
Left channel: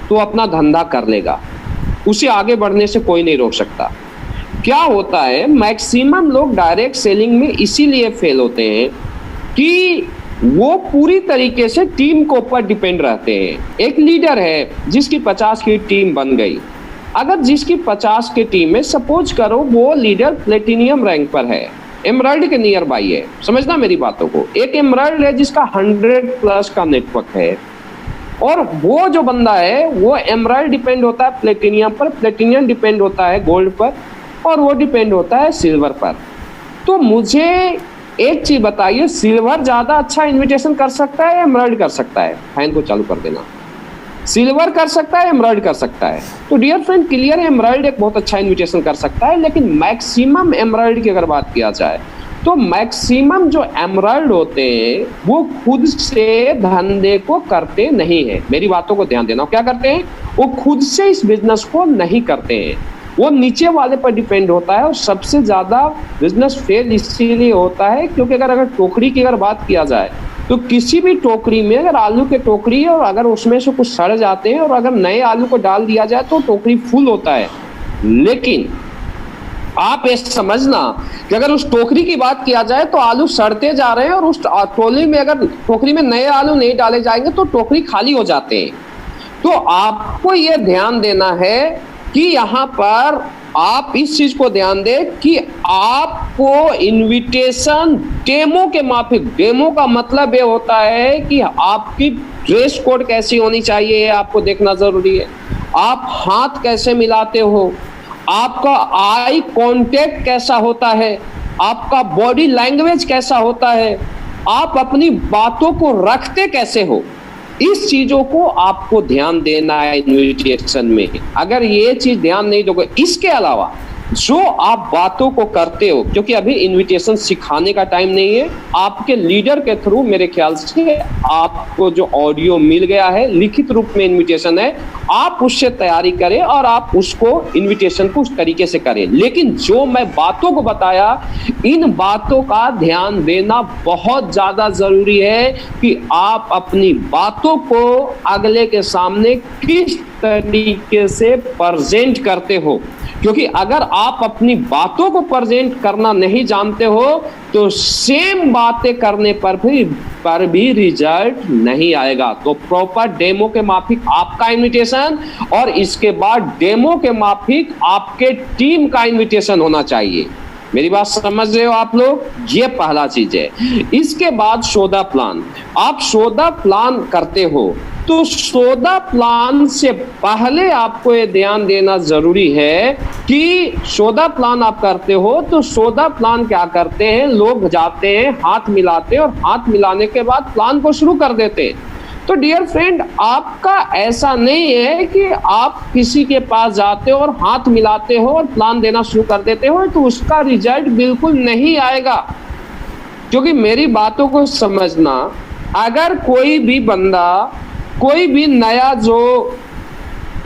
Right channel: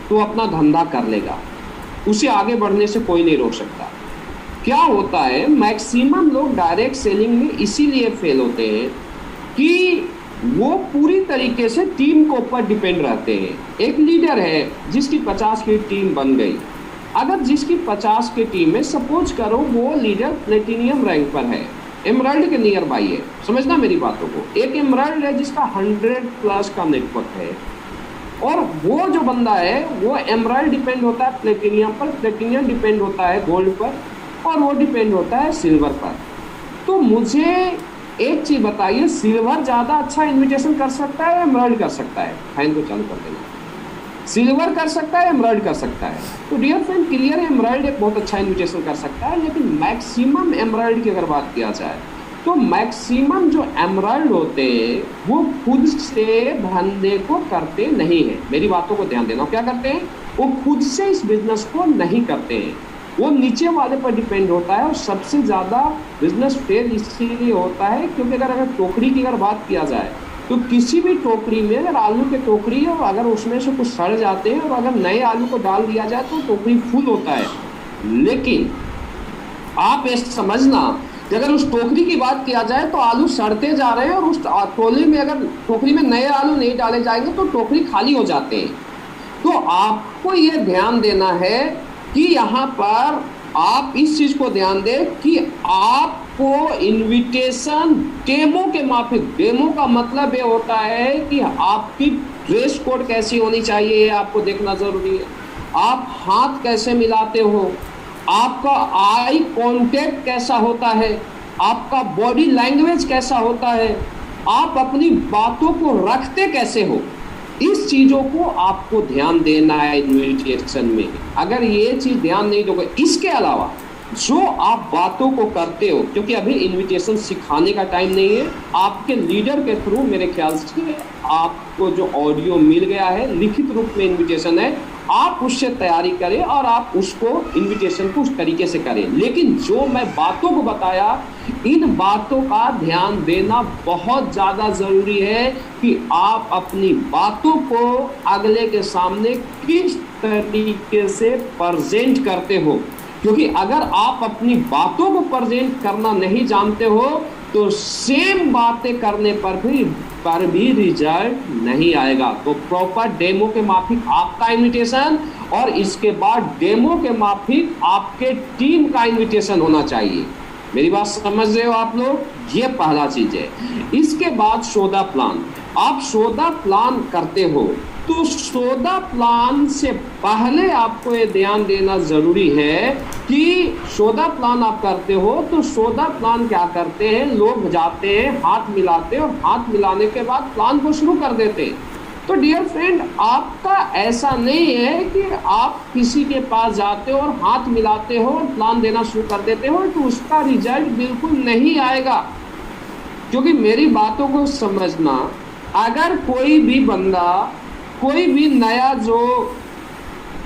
तो अपना धंधा कर लेगा, उसे आगे बढ़ने से कोई नहीं रोक सकता। क्या होता है, मैक्सिमम लोग डायरेक्ट सेलिंग में इसीलिए फेल होते हैं कि वो पूरी तरीके से टीम के ऊपर डिपेंड रहते हैं। एक लीडर है जिसकी 50 की टीम बन गई, अगर जिसकी 50 की टीम में सपोज करो वो लीडर प्लेटिनियम रैंक पर है, एमराल्ड के नियर बाई है, समझना मेरी बातों को। एक एमराल्ड है जिसका 100+ का नेटवर्क है, और वो जो बंदा है वो एमराल्ड डिपेंड होता है प्लेटिनियम पर, प्लेटिनियम डिपेंड होता है गोल्ड पर, और वो डिपेंड होता है सिल्वर पर। तो मुझे एक चीज बताइए, सिल्वर ज्यादा अच्छा इन्विटेशन कर सकता है या एमराल्ड कर सकता है? फैन को चालू कर देना। सिल्वर कर सकता है, एमराल्ड कर सकता है? तो डियर फ्रेंड क्लियर है, एमराल्ड एक बहुत अच्छा इन्विटेशन कर सकता है, लेकिन मैक्सिमम एमराल्ड की अगर बात किया जाए तो मैक्सिमम जो एमराल्ड होते हैं वो खुद से धंधे को करते नहीं है। मेरी बातों को ध्यान देना, क्या करते हैं? वो खुद से इस बिजनेस को नहीं करते हैं, वो नीचे वाले पर डिपेंड होता है। और सबसे ज्यादा बिजनेस फेल इसीलिए होता है क्योंकि अगर टोकरी की अगर बात किया जाए तो किसी भी टोकरी में अगर आलू के टोकरी है और अगर उसमें से कुछ सड़ जाते हैं और अगर नए आलू को डाल दिया जाए तो टोकरी फुल होता है। लेकिन आप ये समझना कि अगर उस टोकरी की बात किया जाए तो आलू सड़ते जा रहे हैं, और उस टोकरी में अगर टोकरी में नए आलू नहीं डाले जाएंगे तो टोकरी खाली हो जाते हैं। तो आपको ये ध्यान देना है कि यहाँ पर आप इस चीज को ध्यान दें कि आपको इनविटेशन डेमो के माफिक, डेमो का मतलब ये होता है कि आपकी ड्रेस कोड कैसी होनी चाहिए, ये आपको देखना जरूरी है। आप हाथ कैसे मिलाते हो, आपका आई कांटेक्ट कैसा होता है, आपका बॉडी लैंग्वेज कैसा होता है, आप अपनी बातों को रखते कैसे हो, इस चीजों को आपको ध्यान देना है इन्विटेशन में। अगर ये चीज ध्यान नहीं दोगे, इसके अलावा जो आप बातों को करते हो, क्योंकि अभी इनविटेशन सिखाने का टाइम नहीं है, आपके लीडर के थ्रू मेरे ख्याल से आपको जो ऑडियो मिल गया है, लिखित रूप में इनविटेशन है, आप उससे तैयारी करें और आप उसको इनविटेशन को उस तरीके से करें। लेकिन जो मैं बातों को बताया, इन बातों का ध्यान देना बहुत ज्यादा जरूरी है कि आप अपनी बातों को अगले के सामने किस तरीके से प्रेजेंट करते हो, क्योंकि अगर आप अपनी बातों को प्रेजेंट करना नहीं जानते हो तो सेम बातें करने पर भी रिजल्ट नहीं आएगा। तो प्रॉपर डेमो के माफिक आपका इनविटेशन, और इसके बाद डेमो के माफिक आपके टीम का इनविटेशन होना चाहिए। मेरी बात समझ रहे हो आप लोग? ये पहला चीज है। इसके बाद सौदा प्लान। आप सौदा प्लान करते हो तो सौदा प्लान से पहले आपको ये ध्यान देना जरूरी है कि सौदा प्लान आप करते हो तो सौदा प्लान क्या करते हैं, लोग जाते हैं, हाथ मिलाते हैं, और हाथ मिलाने के बाद प्लान को शुरू कर देते हैं। तो डियर फ्रेंड, आपका ऐसा नहीं है कि आप किसी के पास जाते हो और हाथ मिलाते हो और प्लान देना शुरू कर देते हो तो उसका रिजल्ट बिल्कुल नहीं आएगा। क्योंकि मेरी बातों को समझना, अगर कोई भी बंदा, कोई भी नया जो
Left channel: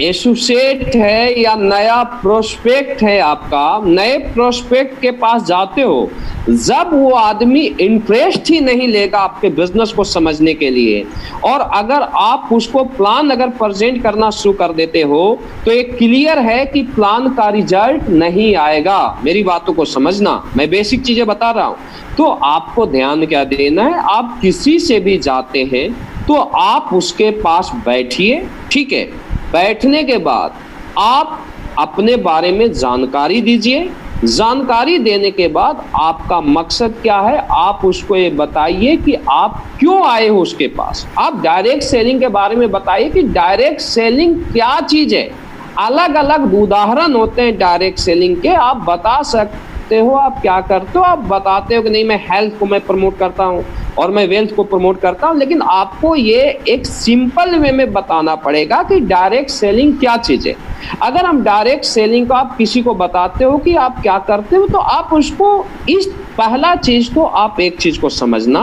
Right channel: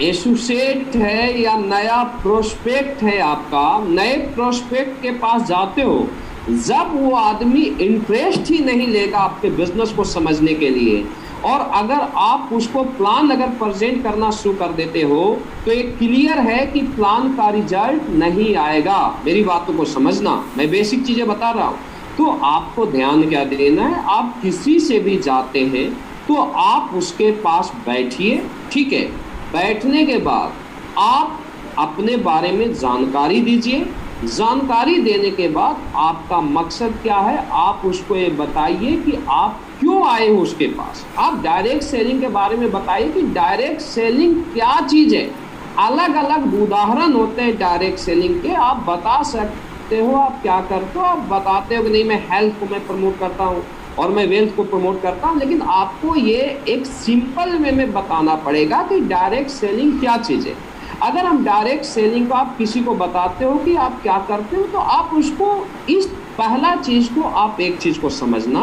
एसोसिएट है या नया प्रोस्पेक्ट है, आपका नए प्रोस्पेक्ट के पास जाते हो, जब वो आदमी इंटरेस्ट ही नहीं लेगा आपके बिजनेस को समझने के लिए, और अगर आप उसको प्लान अगर प्रेजेंट करना शुरू कर देते हो तो एक क्लियर है कि प्लान का रिजल्ट नहीं आएगा। मेरी बातों को समझना, मैं बेसिक चीजें बता रहा हूं। तो आपको ध्यान क्या देना है, आप किसी से भी जाते हैं तो आप उसके पास बैठिए, ठीक है। बैठने के बाद आप अपने बारे में जानकारी दीजिए, जानकारी देने के बाद आपका मकसद क्या है, आप उसको ये बताइए कि आप क्यों आए हो उसके पास। आप डायरेक्ट सेलिंग के बारे में बताइए कि डायरेक्ट सेलिंग क्या चीज है। अलग अलग उदाहरण होते हैं डायरेक्ट सेलिंग के, आप बता सकते हो आप क्या करते हो। आप बताते हो कि नहीं मैं हेल्थ को मैं प्रमोट करता हूँ और मैं वेल्थ को प्रमोट करता हूँ, लेकिन आपको ये एक सिंपल वे में बताना पड़ेगा कि डायरेक्ट सेलिंग क्या चीज़ है। अगर हम डायरेक्ट सेलिंग को आप किसी को बताते हो कि आप क्या करते हो, तो आप उसको इस पहला चीज़ को आप एक चीज़ को समझना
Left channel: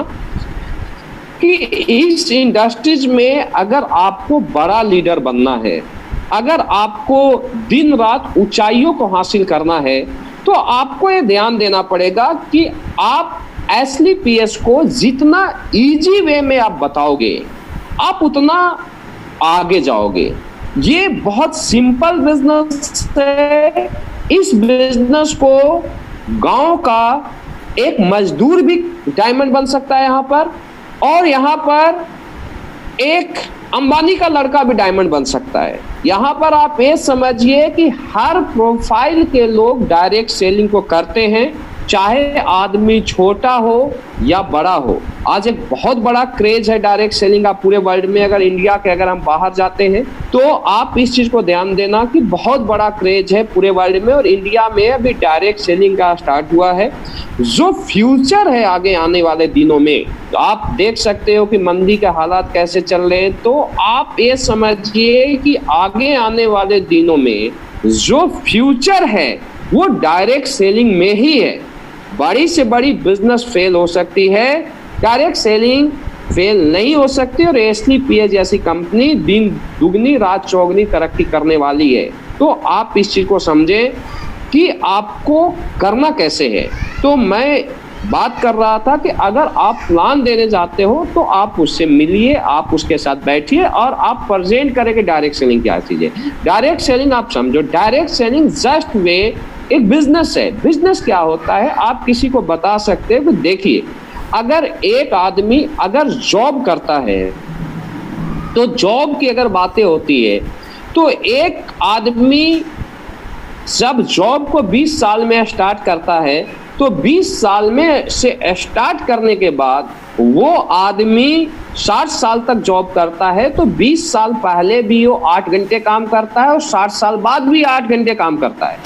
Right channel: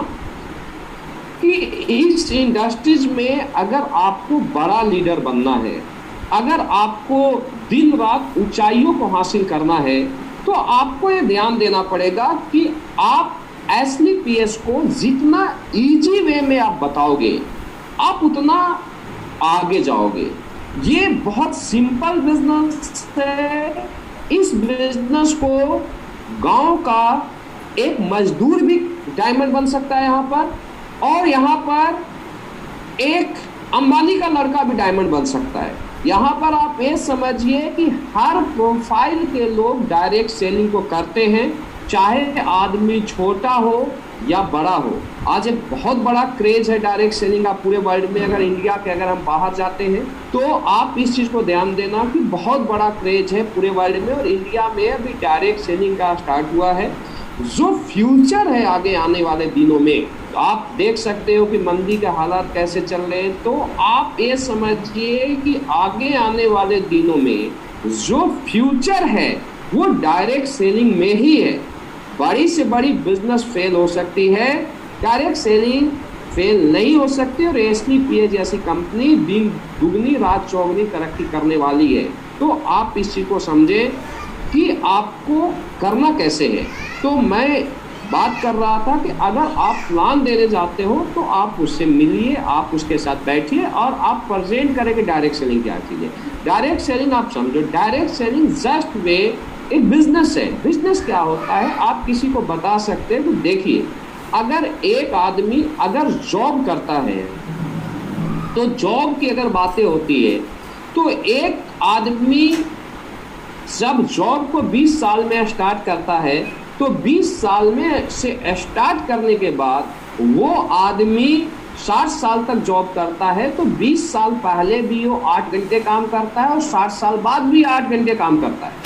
कि इस इंडस्ट्रीज में अगर आपको बड़ा लीडर बनना है, अगर आपको दिन रात ऊंचाइयों को हासिल करना है, तो आपको ये ध्यान देना पड़ेगा कि आप SLPS को जितना इजी वे में आप बताओगे आप उतना आगे जाओगे। ये बहुत सिंपल बिजनेस है। इस बिजनेस को गांव का एक मजदूर भी डायमंड बन सकता है यहाँ पर, और यहाँ पर एक अंबानी का लड़का भी डायमंड बन सकता है। यहाँ पर आप ये समझिए कि हर प्रोफाइल के लोग डायरेक्ट सेलिंग को करते हैं, चाहे आदमी छोटा हो या बड़ा हो। आज एक बहुत बड़ा क्रेज है डायरेक्ट सेलिंग का पूरे वर्ल्ड में। अगर इंडिया के अगर हम बाहर जाते हैं तो आप इस चीज़ को ध्यान देना कि बहुत बड़ा क्रेज है पूरे वर्ल्ड में, और इंडिया में अभी डायरेक्ट सेलिंग का स्टार्ट हुआ है। जो फ्यूचर है आगे आने वाले दिनों में, तो आप देख सकते हो कि मंदी के हालात कैसे चल रहे हैं, तो आप ये समझिए कि आगे आने वाले दिनों में जो फ्यूचर है वो डायरेक्ट सेलिंग में ही है। बड़ी से बड़ी बिजनेस फेल हो सकती है, डायरेक्ट सेलिंग फेल नहीं हो सकती, और SLPS जैसी कंपनी दिन दुगनी रात चौगनी तरक्की करने वाली है। तो आप इस चीज़ को समझें कि आपको करना कैसे है। तो मैं बात कर रहा था कि अगर आप प्लान देने जाते हो तो आप उससे मिलिए, आप उसके साथ बैठिए और आप प्रेजेंट करें कि डायरेक्ट सेलिंग क्या चीज़ है। डायरेक्ट सेलिंग आप समझो, डायरेक्ट सेलिंग जस्ट वे एक बिजनेस है। बिजनेस क्या होता है आप किसी को बता सकते हैं। तो देखिए, अगर एक आदमी अगर जॉब करता है तो जॉब की अगर बातें होती है तो एक आदमी जब जॉब को 20 साल में स्टार्ट करता है तो 20 साल में से स्टार्ट करने के बाद वो आदमी 60 साल तक जॉब करता है। तो 20 साल पहले भी वो 8 घंटे काम करता है और 60 साल बाद भी 8 घंटे काम करता है,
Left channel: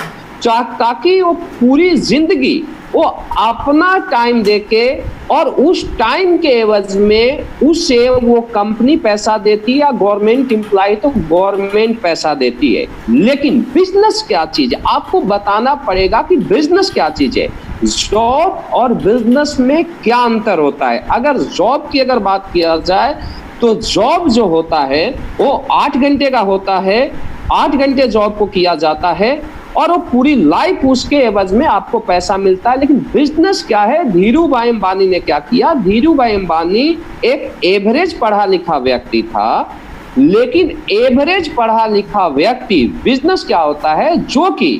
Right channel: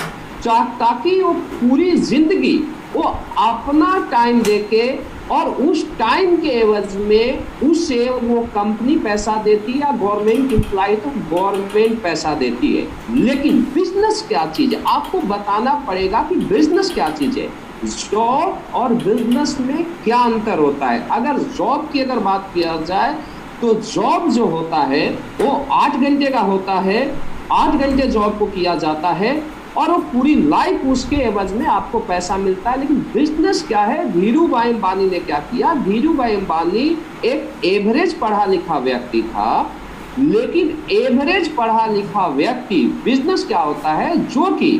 ताकि वो पूरी जिंदगी वो अपना टाइम देके और उस टाइम के एवज में उसे वो कंपनी पैसा देती है या गवर्नमेंट एम्प्लॉय तो गवर्नमेंट पैसा देती है। लेकिन बिजनेस क्या चीज है आपको बताना पड़ेगा कि बिजनेस क्या चीज है। जॉब और बिजनेस में क्या अंतर होता है। अगर जॉब की अगर बात किया जाए तो जॉब जो होता है वो 8 घंटे का होता है, 8 घंटे जॉब को किया जाता है और वो पूरी लाइफ उसके एवज में आपको पैसा मिलता है। लेकिन बिजनेस क्या है, धीरू भाई अंबानी ने क्या किया, धीरू भाई अंबानी एक एवरेज पढ़ा लिखा व्यक्ति था, लेकिन एवरेज पढ़ा लिखा व्यक्ति बिजनेस क्या होता है जो कि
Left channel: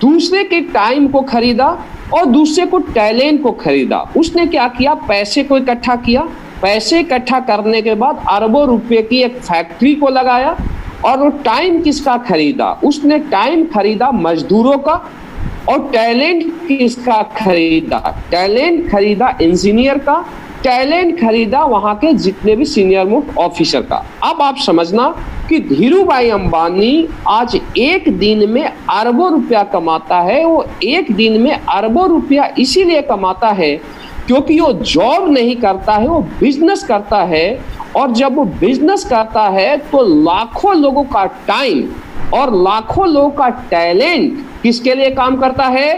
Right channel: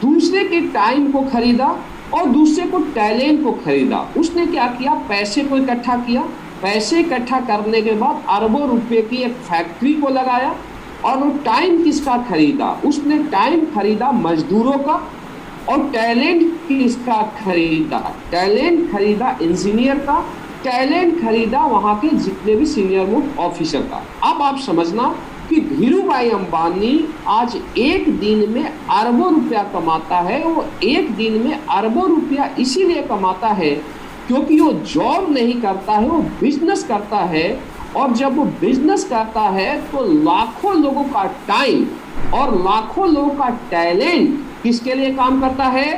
दूसरे के टाइम को खरीदा और दूसरे को टैलेंट को खरीदा। उसने क्या किया, पैसे को इकट्ठा किया, पैसे इकट्ठा करने के बाद अरबों रुपए की एक फैक्ट्री को लगाया और वो टाइम किसका खरीदा, उसने टाइम खरीदा मजदूरों का और टैलेंट किसका खरीदा, टैलेंट खरीदा इंजीनियर का, टैलेंट खरीदा वहां के जितने भी सीनियर मोस्ट ऑफिसर का। अब आप समझना कि धीरू भाई अंबानी आज एक दिन में अरबों रुपया कमाता है। वो एक दिन में अरबों रुपया इसीलिए कमाता है क्योंकि वो जॉब नहीं करता है, वो बिजनेस करता है। और जब वो बिजनेस करता है तो लाखों लोगों का टाइम और लाखों लोगों का टैलेंट किसके लिए काम करता है,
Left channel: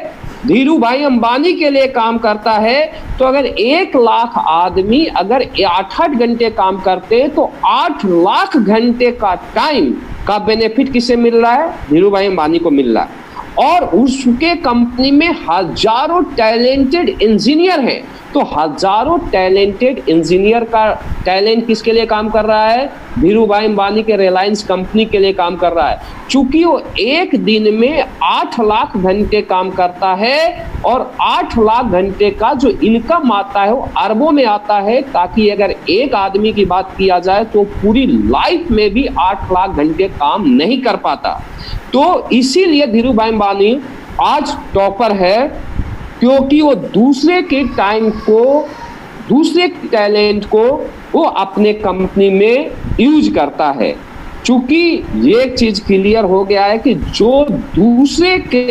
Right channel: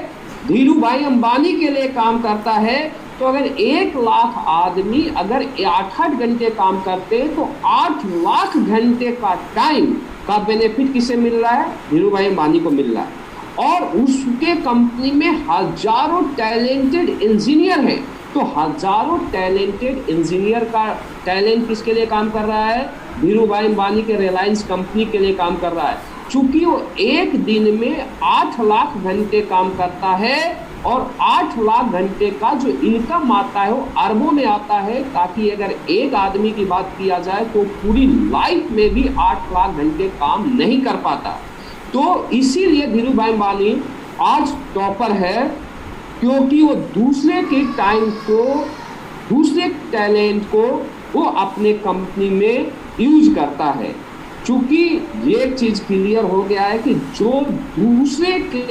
धीरू भाई अंबानी के लिए काम करता है। तो अगर 1 लाख आदमी अगर 8-8 घंटे काम करते हैं तो 8 लाख घंटे का टाइम का बेनिफिट किसे मिल रहा है, धीरू भाई अंबानी को मिल रहा है। और उसके कंपनी में हजारों टैलेंटेड इंजीनियर हैं, तो हजारों टैलेंटेड इंजीनियर का टैलेंट किसके लिए काम कर रहा है, धीरू भाई अंबानी के रिलायंस कंपनी के लिए काम कर रहा है। चूंकि वो एक दिन में 8 लाख घंटे काम करता है और 8 लाख घंटे का जो इनकम आता है वो अरबों में आता है, ताकि अगर एक आदमी की बात किया जाए तो पूरी लाइफ में भी 8 लाख घंटे काम नहीं कर पाता। तो इसीलिए धीरू भाई अंबानी आज टॉपर है क्योंकि वो दूसरे के टाइम को, दूसरे टैलेंट को वो अपने कंपनी में यूज करता है। चूंकि ये चीज क्लियर हो गया है कि जो दूसरे के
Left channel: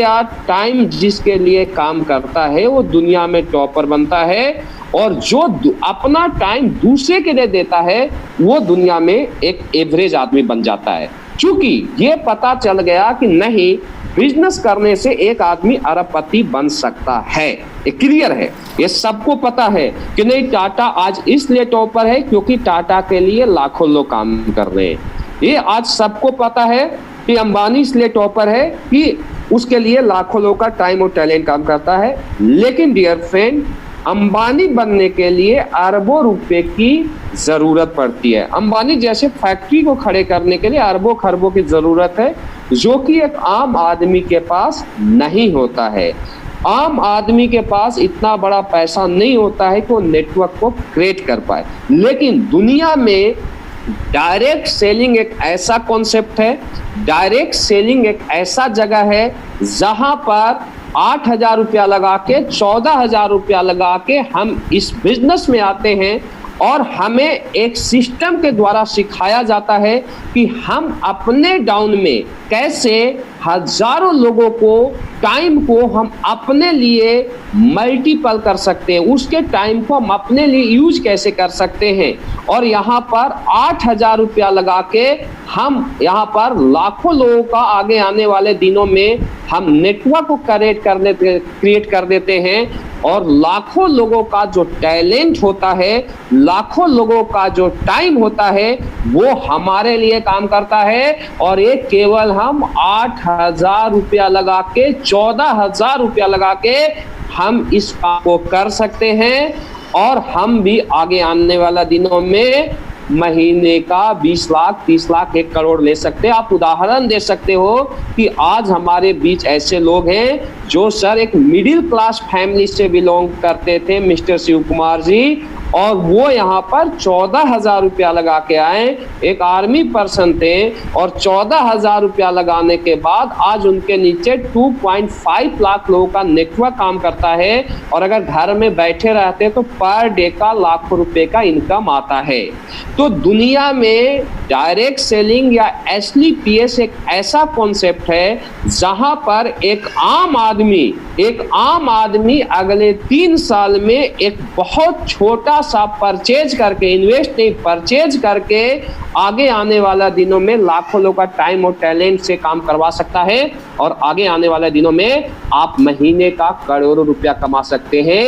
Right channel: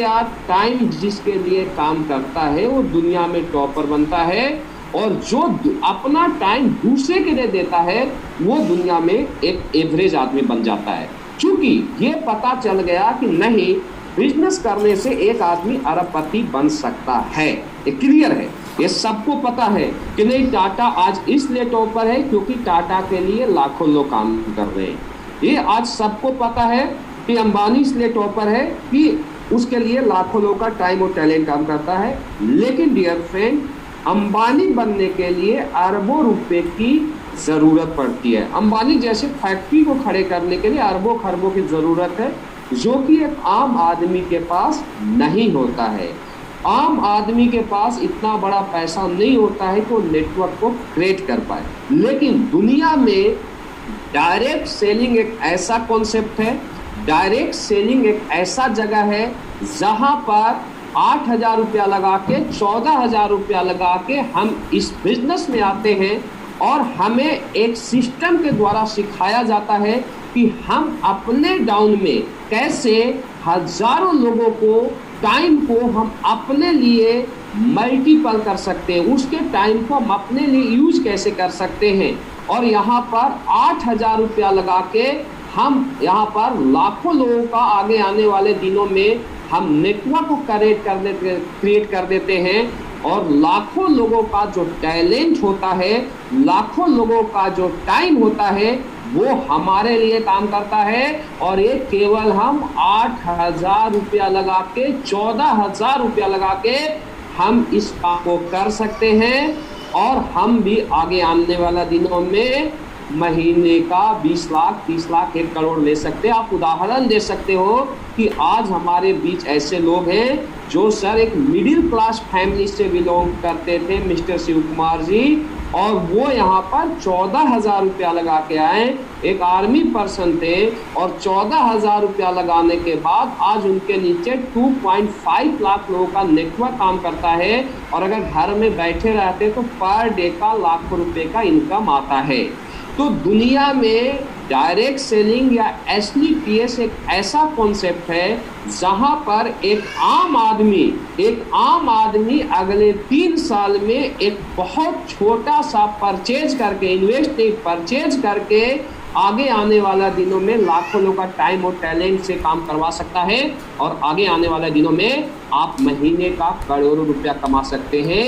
टाइम जिसके लिए काम करता है वो दुनिया में टॉपर बनता है, और जो अपना टाइम दूसरे के लिए देता है वो दुनिया में एक एवरेज आदमी बन जाता है। चूंकि ये पता चल गया कि नहीं, बिजनेस करने से एक आदमी अरबपति बन सकता है, ये क्लियर है, ये सबको पता है कि नहीं। टाटा आज इसलिए टॉपर है क्योंकि टाटा के लिए लाखों लोग काम कर रहे हैं। ये आज सबको पता है कि अंबानी इसलिए टॉपर है कि उसके लिए लाखों लोगों का टाइम और टैलेंट काम करता है। लेकिन डियर फ्रेंड, अंबानी बनने के लिए अरबों रुपए की जरूरत पड़ती है। अंबानी जैसे फैक्ट्री को खड़े करने के लिए अरबों खरबों की जरूरत है, जो कि एक आम आदमी के पास नहीं होता है। आम आदमी के पास इतना बड़ा पैसा नहीं होता है कि वो नेटवर्क को क्रिएट कर पाए। लेकिन दुनिया में डायरेक्ट सेलिंग एक ऐसा कॉन्सेप्ट है, डायरेक्ट सेलिंग एक ऐसा जगह है जहां पर 8,000 रुपया लगा के, 14,000 रुपया लगा के हम इस बिजनेस में आते हैं, और हमें एक सिस्टम के द्वारा सिखाया जाता है कि हम अपने डाउन में कैसे हजारों लोगों को, टाइम को हम अपने लिए मल्टीपल कर सकते हैं, उसके टाइम को हम अपने लिए यूज कैसे कर सकते हैं। और यहाँ पर 8,000 रुपया लगा के हम यहाँ पर लाखों लोगों का आगे आने वाले दिनों में हम नेटवर्क को क्रिएट कर देते हैं, और लाखों लोगों का जो टैलेंट होता है, लाखों लोगों का जो टाइम होता है, वो हमारे लिए काम करता है। और ये केवल हम 8,000 रुपया लगा के, 14,000 रुपया लगा के हम इस काम को कर सकते हैं, और हम भी आगे आने वाला दिनों में महीने का 20 लाख, 30 लाख, 1 करोड़ ले सकते हैं। आप उदाहरण दे सकते हो कि आज हमारे बीच ऐसे लोग हैं जो सर एक मिडिल क्लास फैमिली से बिलोंग करते थे, मिस्टर शिव कुमार जी, और वो यहाँ पर 14,000 रुपया लगा के आए। एक आर्मी पर्सन थे और 14,000 रुपया लगाने के बाद आज उनके नीचे 2.5 लाख लोगों का नेटवर्क काम करता है, और अगर घर में बैठे रहते तो पर डे का लाखों रुपए का इनकम आता है। तो दुनिया में डायरेक्ट सेलिंग या SLPS एक ऐसा कॉन्सेप्ट है जहां पर एक आम आदमी अगले 3 साल में एक बहुत छोटा सा परचेज करके, इन्वेस्ट नहीं, परचेज करके आगे आने वाला दिनों में लाखों लोगों का टाइम और टैलेंट से काम करवा सकता है, और आगे आने वाले दिनों में आप महीने का करोड़ों रुपया कमा सकते हैं।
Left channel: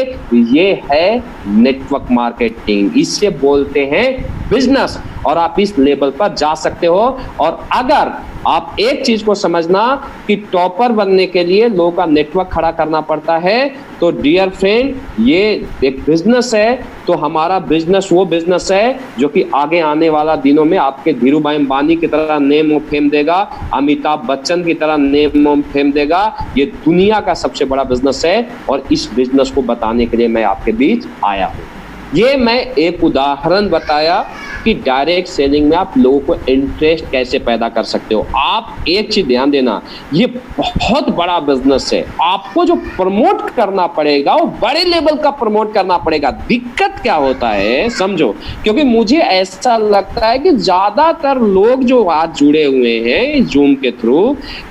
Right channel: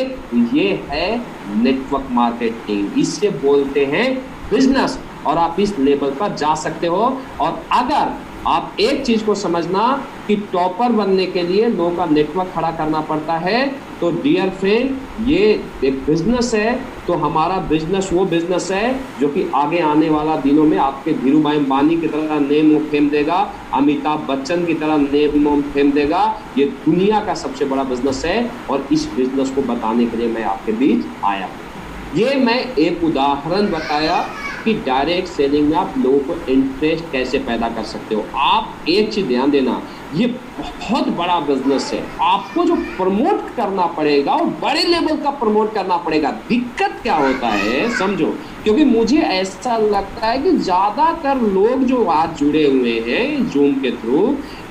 ये है नेटवर्क मार्केटिंग, इससे बोलते हैं बिजनेस, और आप इस लेवल पर जा सकते हो। और अगर आप एक चीज को समझना कि टॉपर बनने के लिए लोगों का नेटवर्क खड़ा करना पड़ता है, तो डियर फ्रेंड, ये एक बिजनेस है। तो हमारा बिजनेस वो बिजनेस है जो कि आगे आने वाला दिनों में आपके धीरू भाई अंबानी की तरह नेम और फेम देगा, अमिताभ बच्चन की तरह नेम और फेम देगा। ये दुनिया का सबसे बड़ा बिजनेस है, और इस बिजनेस को बताने के लिए मैं आपके बीच आया हूँ। ये मैं एक उदाहरण बताया कि डायरेक्ट सेलिंग में आप लोगों को इंटरेस्ट कैसे पैदा कर सकते हो। आप एक चीज ध्यान देना, ये बहुत बड़ा बिजनेस है, आपको जो प्रमोट करना पड़ेगा वो बड़े लेवल का प्रमोट करना पड़ेगा। दिक्कत क्या होता है समझो, क्योंकि मुझे ऐसा लगता है कि ज्यादातर लोग जो आज जुड़े हुए हैं जूम के थ्रू,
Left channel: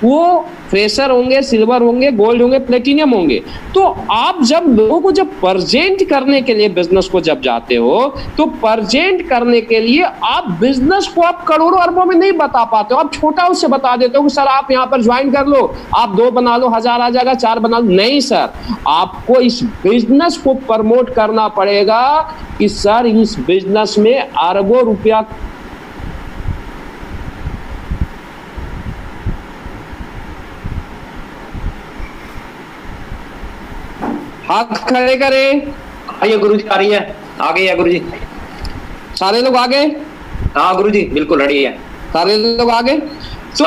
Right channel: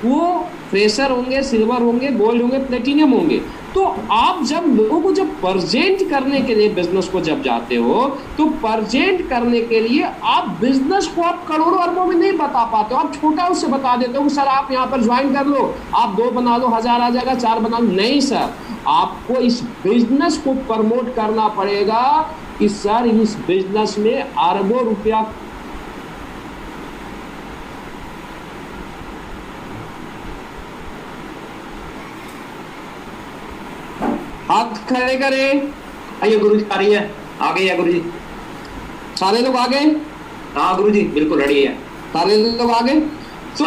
वो फ्रेशर होंगे, सिल्वर होंगे, गोल्ड होंगे, प्लेटिनियम होंगे। तो आप जब लोगों को जब प्रेजेंट करने के लिए बिजनेस को जब जाते हो, तो प्रेजेंट करने के लिए आप बिजनेस को आप करोड़ों अरबों में नहीं बता पाते हो, आप छोटा उससे बता देते हो कि सर आप यहाँ पर ज्वाइन कर लो, आप 2 बना लो, 1000 आ जाएगा, 4 बना लो। नहीं सर, आपको इस बिजनेस को प्रमोट करना पड़ेगा कि सर इस बिजनेस में अरबों रुपया हाथ खड़े करें। आइए गुरुजी, आ रही है, आ गई है गुरुजी। सारे लोग आ गए? हाँ गुरुजी, बिल्कुल रेडी है, सारे लोग आ गए। तो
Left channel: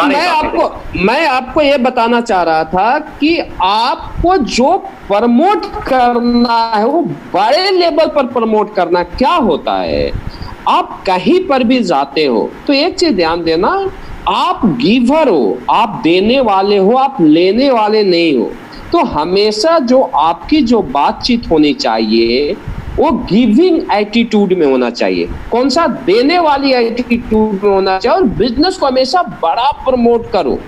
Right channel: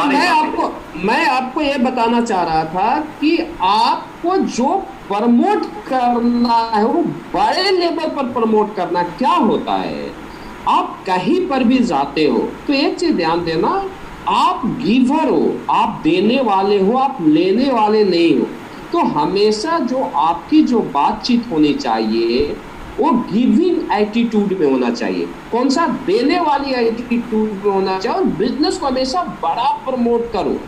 मैं आपको ये बताना चाह रहा था कि आपको जो प्रमोट करना है वो बड़े लेवल पर प्रमोट करना। क्या होता है, आप कहीं पर भी जाते हो तो एक चीज ध्यान देना, आप गिवर हो, आप देने वाले हो, आप लेने वाले नहीं हो। तो हमेशा जो आपकी जो बातचीत होनी चाहिए वो गिविंग एटीट्यूड में होना चाहिए। कौन सा? देने वाली एटीट्यूड में होना चाहिए। और बिजनेस को हमेशा बड़ा प्रमोट करो।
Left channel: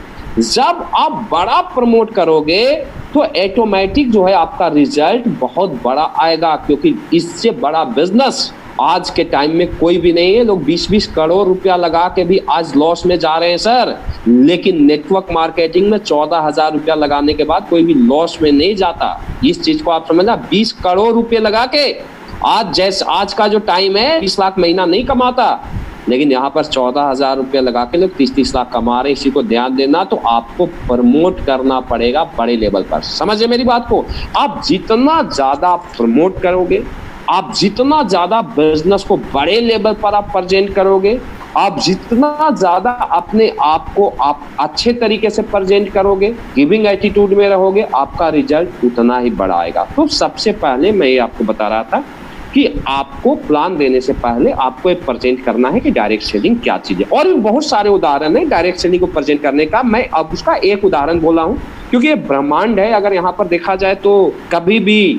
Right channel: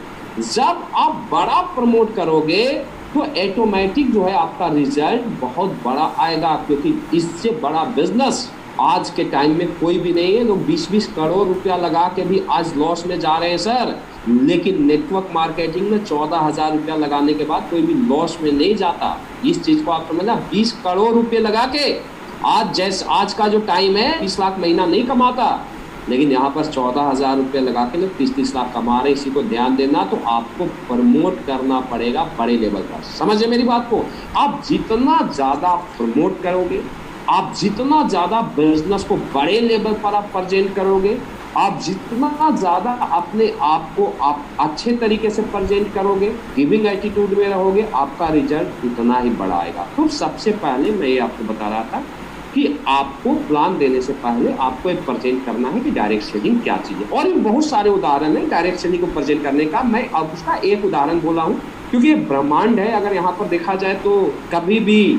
जब आप बड़ा प्रमोट करोगे तो ऑटोमेटिक जो है आपका रिजल्ट बहुत बड़ा आएगा, क्योंकि इससे बड़ा बिजनेस आज के टाइम में कोई भी नहीं है। लोग 20-20 करोड़ रुपया लगा के भी आज लॉस में जा रहे हैं सर, लेकिन नेटवर्क मार्केटिंग में 14,000 रुपया लगाने के बाद कोई भी लॉस में नहीं जाता। इस चीज को आप समझना। 20 करोड़ रुपये लगा के आज का जो टाइम है 20 लाख महीना नहीं कमाता, लेकिन यहाँ पर 14,000 रुपये लगा के लोग 30-30 लाख कमा रहे हैं। इसी को ध्यान देना। तो आपको प्रमोट करना पड़ेगा बड़े लेवल पर। समझे मेरी बात को? आप जितना ज्यादा प्रमोट करोगे, आप जितना ज्यादा बिजनेस को बड़े लेवल पर आप प्रेजेंट करोगे, आप जितना ज्यादा अपने आप को आप अच्छे तरीके से प्रेजेंट करोगे, गिविंग एटीट्यूड में रहोगे, आपका रिजल्ट उतना ही बड़ा आएगा। तो सबसे पहले मैं ये आपको बता रहा था कि आपको प्लान देने से पहले आपको एक प्रेजेंट करना है कि डायरेक्ट सेलिंग क्या चीज है। और भी बहुत सारे उदाहरण है डायरेक्ट सेलिंग को प्रेजेंट करने का। मैं अब उसका एक उदाहरण बोला हूँ क्योंकि ये ब्रह्मांड है। अगर यहाँ पर देखा जाए तो कभी भी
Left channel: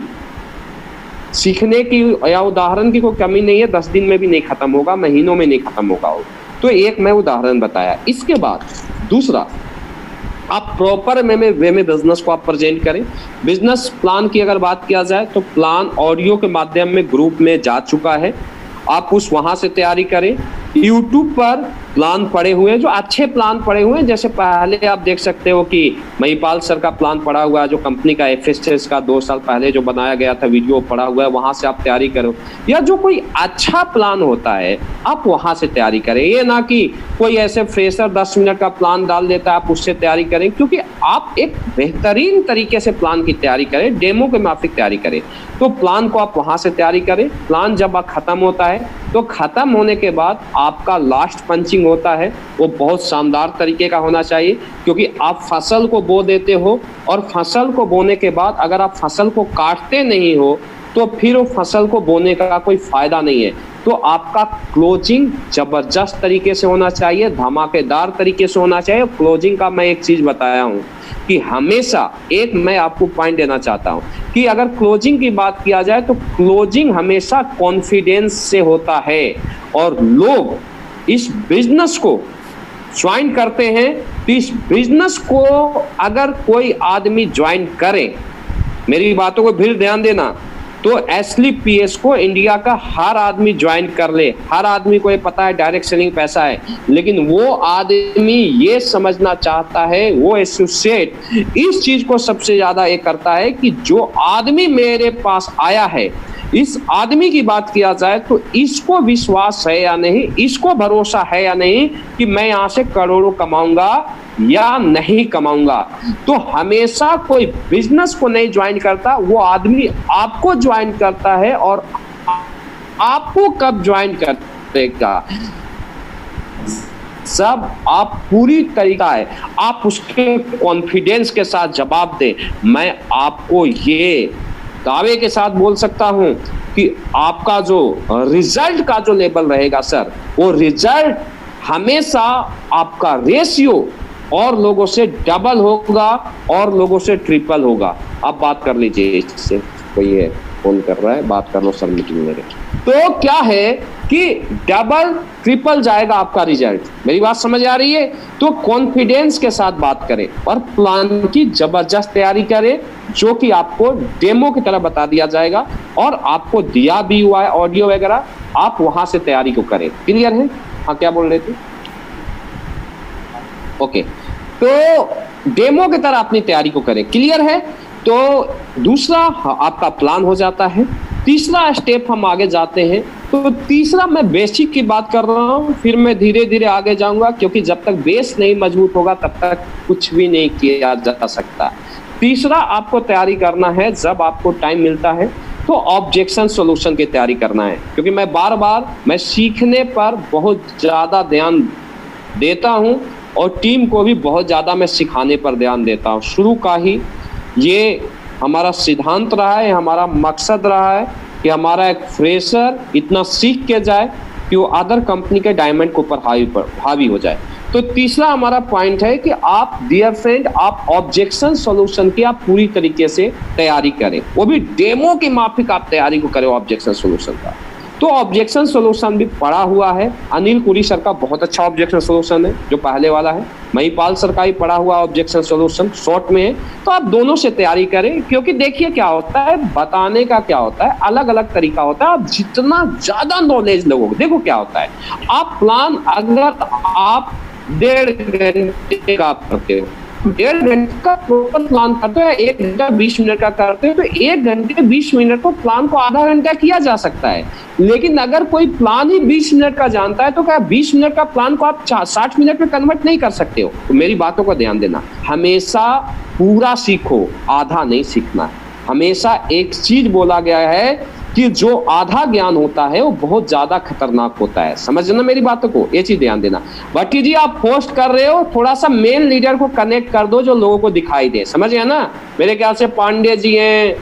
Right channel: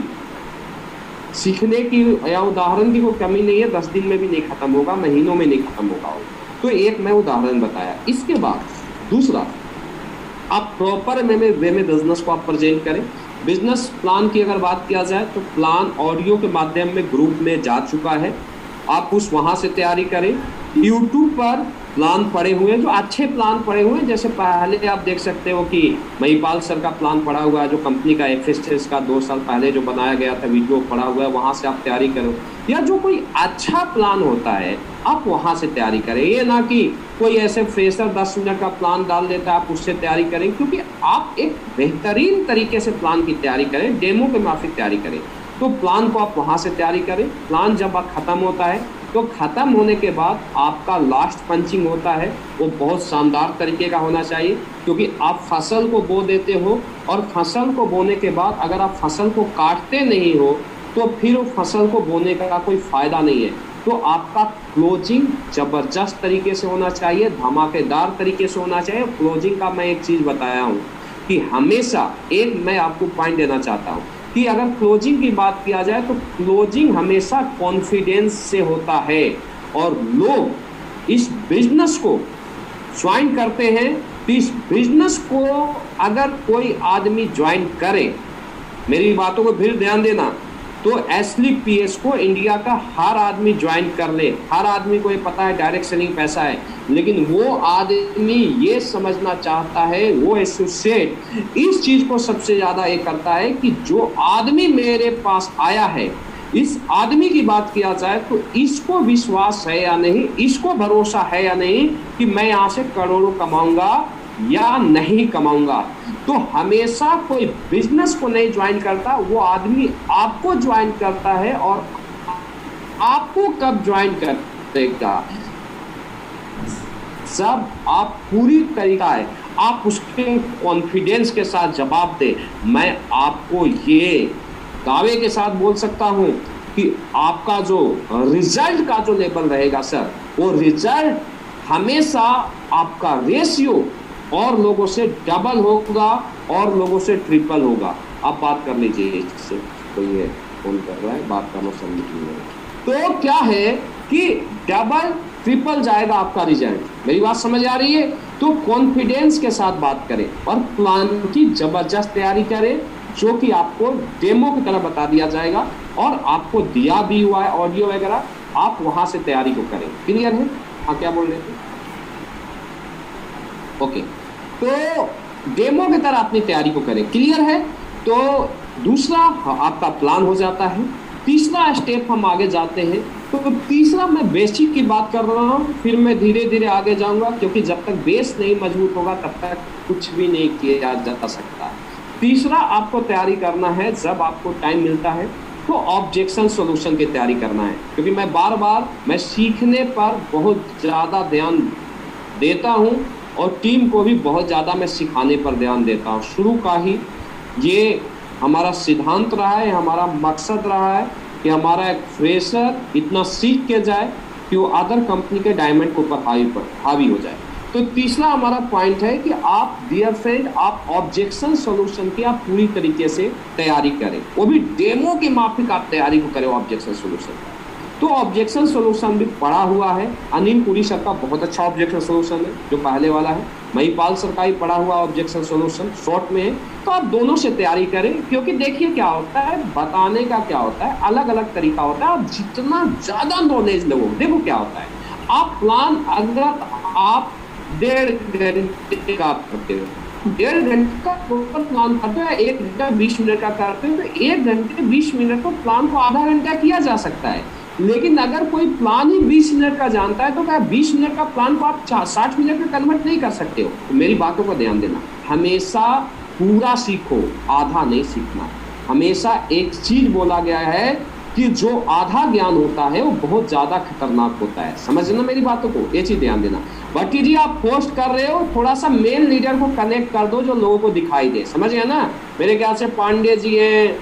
सीखने की या उदाहरण की कोई कमी नहीं है। 10 दिन में भी नहीं खत्म होगा, महीनों में नहीं खत्म होगा। तो एक मैं उदाहरण बताया। इसके बाद दूसरा, आप प्रॉपर वे में बिजनेस को आप प्रेजेंट करें। बिजनेस प्लान की अगर बात किया जाए तो प्लान ऑडियो के माध्यम में ग्रुप में जा चुका है। आप उस वहां से तैयारी करें। यूट्यूब पर प्लान पड़े हुए हैं, जो अच्छे प्लान पड़े हुए हैं। जैसे पहले आप देख सकते हो कि महिपाल सर का प्लान पड़ा हुआ है, जो कंपनी का FSS का 2 साल पहले जो बनाया गया था वीडियो पड़ा हुआ है, वहां से आप तैयारी करो। या जो कोई अच्छा प्लान होता है आप वहां से तैयारी करें। ये ना कि कोई ऐसे फ्रेशर 10 मिनट का प्लान डाल देता है आप उससे तैयारी करें, क्योंकि आप एक बेहतरीन तरीके से प्लान की तैयारी करें, डेमो के माफिक तैयारी करें। तो प्लान को आप वहां से तैयारी करें। प्लान जब आप खत्म होता है तो खत्म होने के बाद आपका लास्ट पंचिंग होता है वो बहुत शानदार तरीके का होना चाहिए, क्योंकि आप फसल को बो देते हो और फसल को बोने के बाद अगर आप फसल को काटते नहीं हो तो फिर वो फसल को बोने का कोई फायदा नहीं है। तो आपका क्लोजिंग जबरदस्त तरीके से होना चाहिए, धमाकेदार तरीके से होना चाहिए। क्लोजिंग का मैं एक चीज बताया हूँ कि हमेशा एक मैं आपको पॉइंट देना चाहता हूँ कि अगर क्लोजिंग की बात किया जाए तो क्लोजिंग हमेशा कॉन्फिडेंस से होता है। और लोग इस बिजनेस को ज्वाइन करते हैं तो इस बिजनेस को अगर कोई आदमी ज्वाइन करे, मेरी बातों को फिर ध्यान देना, तो SLPS को इंडिया का हर आदमी ज्वाइन कर ले। हर आदमी को ये पता है डायरेक्ट सेलिंग पैसा है, लेकिन वो आदमी ये समझना चाहता है, वो एसोसिएट इस चीज को सबसे ज्यादा ये करता है कि जो आदमी मेरे पास आया है, इस आदमी की बात किया जाए तो इसको विश्वास है या नहीं, इसको भरोसा है या नहीं कि मैं यहाँ से करोड़ों कमाऊंगा या नहीं कमाऊंगा। तो हमेशा कोई बिजनेस को नहीं ज्वाइन करता, वो आदमी आपको ज्वाइन करता है। और आपको कब ज्वाइन करेगा? जब आप पूरी तरीका है आप उसके कॉन्फिडेंस के साथ जवाब दे। मैं आपको ये दावे के साथ बोल सकता हूं कि आपका जो रिजल्ट का जो लेवल रहेगा सर, वो रिजल्ट हमेशा आपका रेशियो और लोगों से डबल होगा और लोगों से ट्रिपल होगा। आप बात कर लीजिए, इससे कोई है फोन कर रहा है, बात कर लो सर मीटिंग में। तो क्या है कि डबल ट्रिपल जाएगा आपका रिजल्ट। मेरी बात समझ आ रही है? तो कॉन्फिडेंस के साथ बात करें और प्लान की जबरदस्त तैयारी करें, जो कि आपको डेमो की तरह बता दिया जाएगा और आपको दिया भी हुआ है ऑडियो वगैरह, आप वहां से तैयारी को करें। क्लियर है? हाँ, क्या बोल रहे थे? ओके, तो डेमो की तरह अपनी तैयारी को करें। क्लियर है? तो दूसरा आपका प्लान हो जाता है। तीसरा स्टेप हम आगे जाते हैं। तो तीसरा मैं बेसिक की बात कर रहा हूँ, फिर मैं धीरे धीरे आगे जाऊंगा, क्योंकि जब तक बेस नहीं मजबूत होगा तब तक कुछ भी नहीं किया जा सकता। तीसरा आपको तैयारी करना है, जब आपको टाइम मिलता है तो ऑब्जेक्शन सॉल्यूशन की तैयारी करना है। क्योंकि मैं बार बार मैं सीखने पर बहुत ज़्यादा ध्यान देता हूँ और टीम को भी बहुत ज़्यादा मैं सिखाने पर ध्यान देता हूँ। शुरू का ही ये हमारा सिद्धांत रहा है, हमारा मकसद रहा है कि हमारा एक फ्रेशर इतना सीख के जाए कि वो अदर कंपनी के डायमंड के ऊपर हावी हो जाए। तो तीसरा हमारा पॉइंट है कि आप डियर फ्रेंड आप ऑब्जेक्शन सॉल्यूशन की आप पूरी तरीके से तैयारी करें, वो भी डेमो के माफिक आप तैयारी को करें ऑब्जेक्शन सॉल्यूशन का। तो ऑब्जेक्शन सॉल्यूशन भी पढ़ा हुआ है, अनिल पुरी सर का बहुत अच्छा ऑब्जेक्शन सॉल्यूशन है जो पहले वाला है, महिपाल सर का ही पढ़ा हुआ ऑब्जेक्शन सॉल्यूशन शॉर्ट में है। तो आप दोनों से तैयारी करें, क्योंकि देखिए क्या होता है, बताने का क्या होता है, अलग अलग तरीका होता है। आप जितना ज्यादा नॉलेज लोगे, देखो क्या होता है, आप प्लान अगर आप 1.5 घंटे का करते हो, 1.5 घंटे का प्रॉपर प्लान करते हो, 1 घंटा 20 मिनट का करते हो, तो 1 घंटे 20 मिनट को प्लान को आधा घंटा किया जा सकता है। लेकिन अगर कोई प्लान ही 20 मिनट का जानता है तो क्या 20 मिनट का प्लान को आप 60 मिनट में कन्वर्ट नहीं कर सकते हो? तो मेरी बातों को ध्यान देना, हमेशा पूरा सीखो, आधा नहीं सीखना है। हमेशा एक चीज बोला गया है कि जो आधा ज्ञान होता है वो बहुत ज्यादा खतरनाक होता है। समझना मेरी बातों को, ये चीज ध्यान देना। भट्टी जी आप पोस्ट कर रहे हो, थोड़ा सा मेन लीडर को कनेक्ट कर दो जो लोगों को दिखाई दे, समझ गया ना? मेरे ख्याल से पांडे जी हैं,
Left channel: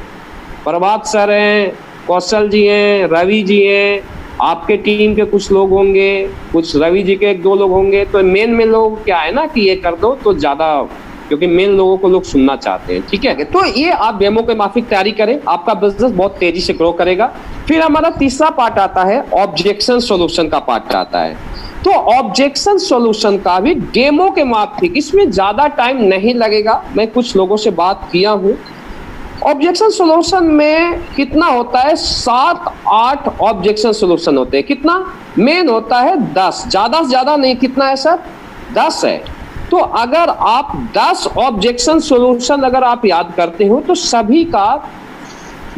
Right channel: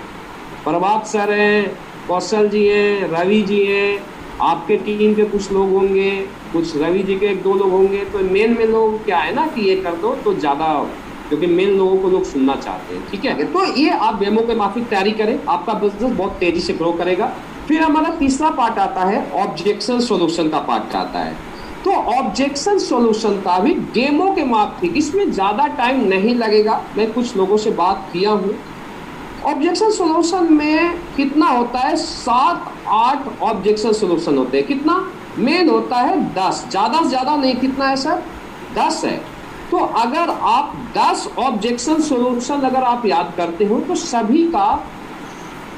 प्रभात सर हैं, कौशल जी हैं, रवि जी हैं, आपके टीम के कुछ लोग होंगे, कुछ रवि जी के 1-2 लोग होंगे। तो मेन में लोग क्या है ना कि ये कर दो तो ज्यादा, क्योंकि मेन लोगों को लोग सुनना चाहते हैं, ठीक है? तो ये आप डेमो के माफिक तैयारी करें, आपका बिजनेस बहुत तेजी से ग्रो करेगा। फिर हमारा तीसरा पार्ट आता है, ऑब्जेक्शन सॉल्यूशन का पार्ट आता है। तो ऑब्जेक्शन सॉल्यूशन का भी डेमो के माफिक, इसमें ज्यादा टाइम नहीं लगेगा, मैं कुछ लोगों से बात किया हूँ। ऑब्जेक्शन सॉल्यूशन में कितना होता है, 7-8 ऑब्जेक्शन सॉल्यूशन होते हैं। कितना मेन होता है? 10, ज्यादा से ज्यादा नहीं। कितना है सर? 10 है। तो अगर आप 10 ऑब्जेक्शन सॉल्यूशन अगर आप याद करते हो तो सभी का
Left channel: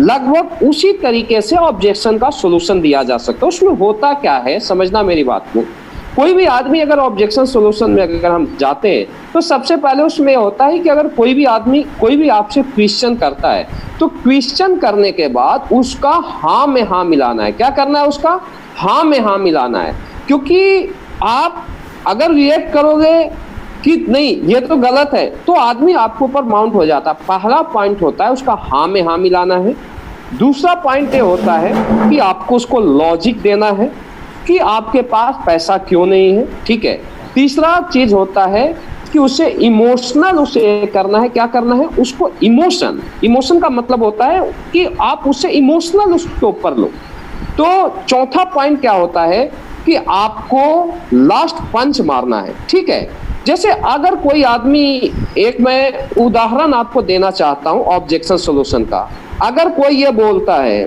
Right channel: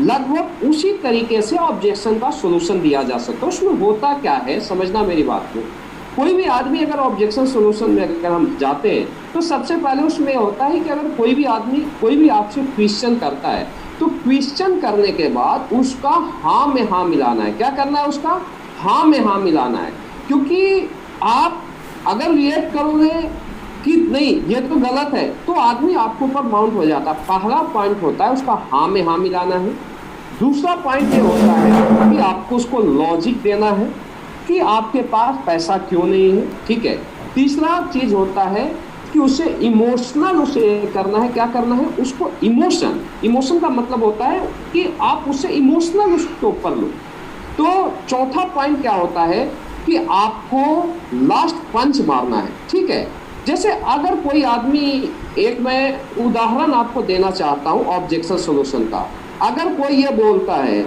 लगभग उसी तरीके से ऑब्जेक्शन का सॉल्यूशन दिया जा सकता है। उसमें होता क्या है, समझना मेरी बात को। कोई भी आदमी अगर ऑब्जेक्शन सॉल्यूशन में अगर हम जाते हैं तो सबसे पहले उसमें होता है कि अगर कोई भी आदमी कोई भी आपसे क्वेश्चन करता है तो क्वेश्चन करने के बाद उसका हाँ में हाँ मिलाना है। क्या करना है? उसका हाँ में हाँ मिलाना है। क्योंकि आप अगर रिएक्ट करोगे कि नहीं ये तो गलत है तो आदमी आपके ऊपर माउंट हो जाता है। पहला पॉइंट होता है उसका हाँ में हाँ मिलाना है। दूसरा पॉइंट ये होता है कि आपको उसको लॉजिक देना है कि आपके पास पैसा क्यों नहीं है, ठीक है? तीसरा चीज होता है कि उसे इमोशनल उसे करना है। क्या करना है? उसको इमोशन का मतलब होता है कि आप उससे इमोशनल उसके ऊपर लो। तो चौथा पॉइंट क्या होता है कि आपको लास्ट पंच मारना है, ठीक है? जैसे अगर कोई आदमी, एक मैं उदाहरण आपको देना चाहता हूं ऑब्जेक्शन सॉल्यूशन का। अगर कोई ये बोलता है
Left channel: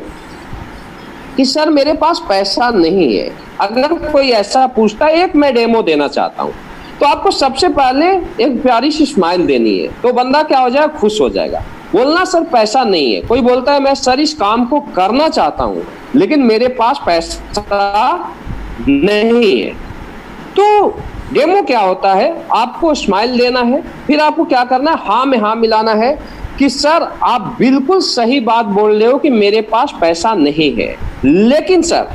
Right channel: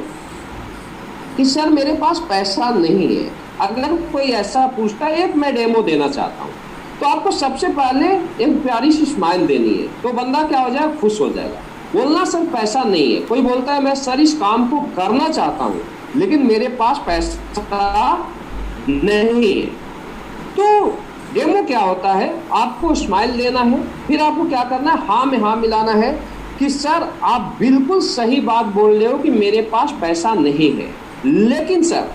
कि सर मेरे पास पैसा नहीं है, अगर कोई ऐसा पूछता है, एक मैं डेमो देना चाहता हूं, तो आपको सबसे पहले एक प्यारी सी स्माइल देनी है। तो बंदा क्या हो जाएगा? खुश हो जाएगा। बोलना सर पैसा नहीं है। कोई बोलता है मैं सर इस काम को करना चाहता हूं लेकिन मेरे पास पैसा नहीं है। तो डेमो क्या होता है? आपको स्माइल देना है, फिर आपको क्या करना है? हाँ में हाँ मिलाना है कि सर आप बिल्कुल सही बात बोल रहे हो कि मेरे पास पैसा नहीं है, लेकिन सर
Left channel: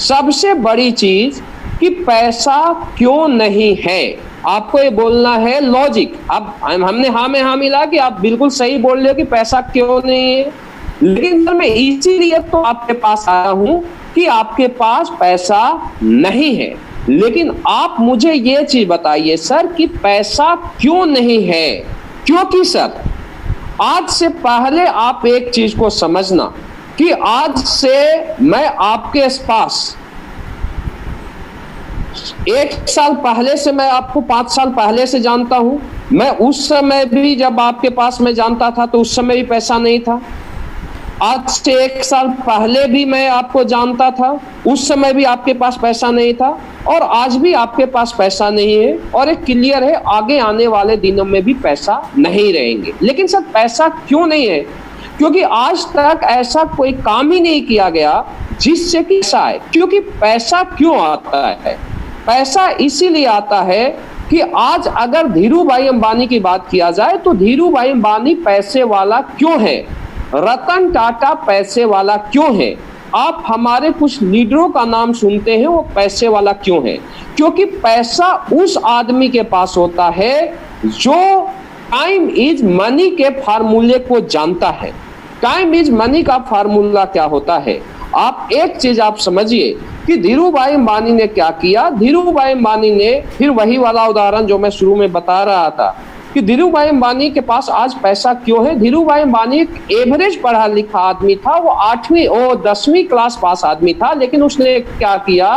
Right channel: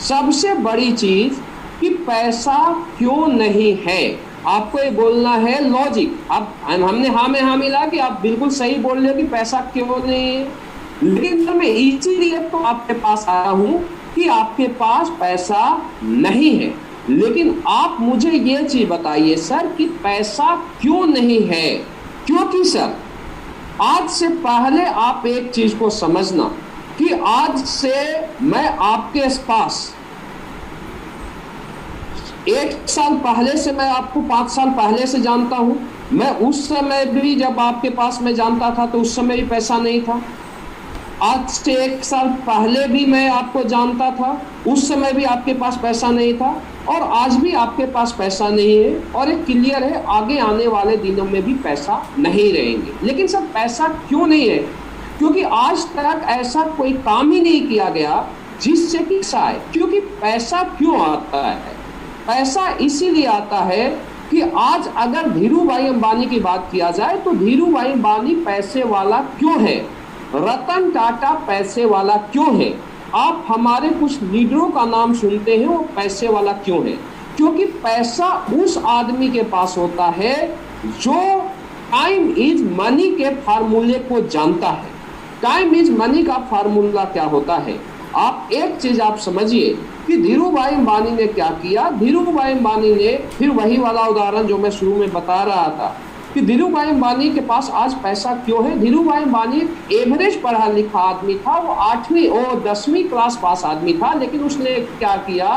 सबसे बड़ी चीज कि पैसा क्यों नहीं है। आपको ये बोलना है लॉजिक। अब हमने हाँ में हाँ मिला कि आप बिल्कुल सही बोल रहे हो कि पैसा क्यों नहीं है, लेकिन सर मैं इसीलिए तो आपके पास आया हूं कि आपके पास पैसा नहीं है। लेकिन आप मुझे ये चीज बताइए सर कि पैसा क्यों नहीं है? क्योंकि सर आज से पहले आप एक चीज को समझना कि आज से मैं आपके पास 1 साल पहले से मैं आपको 5 साल पहले से जानता हूं। मैं उस समय भी जब आपके पास मैं जानता था तो उस समय भी पैसा नहीं था। आज से 1 साल पहले भी मैं आपको जानता था, उस समय भी आपके पास पैसा नहीं था, और आज भी आपके पास पैसा नहीं है। और एक क्लियर है आगे आने वाले दिनों में भी पैसा नहीं रहेंगे। लेकिन सर पैसा क्यों नहीं है? क्योंकि आज तक ऐसा कोई काम ही नहीं किया गया जिससे कि पैसा आए। क्योंकि पैसा क्यों आता है? पैसा इसीलिए आता है कि आज अगर धीरू भाई अंबानी की बात किया जाए तो धीरू भाई अंबानी पैसे वाला क्यों है? रतन टाटा पैसे वाला क्यों है? आप हमारे कुछ लीडरों का नाम सुनते हैं, वो पैसे वाला क्यों है? क्योंकि पैसा उस आदमी के पास होता है जो टाइम इज मनी के फार्मूले को जानता है। टाइम इज मनी का फार्मूला क्या होता है? आप एक चीज आप समझिए कि धीरू भाई अंबानी ने क्या किया। धीरू भाई अंबानी ने फिर वही वाला उदाहरण जो मैं शुरू में बता रहा था कि धीरू भाई अंबानी के पास आज पैसा क्यों है। धीरू भाई अंबानी एक एवरेज पढ़ा लिखा आदमी था, वो 8वीं और 10वीं क्लास पास आदमी था, लेकिन उसने क्या किया,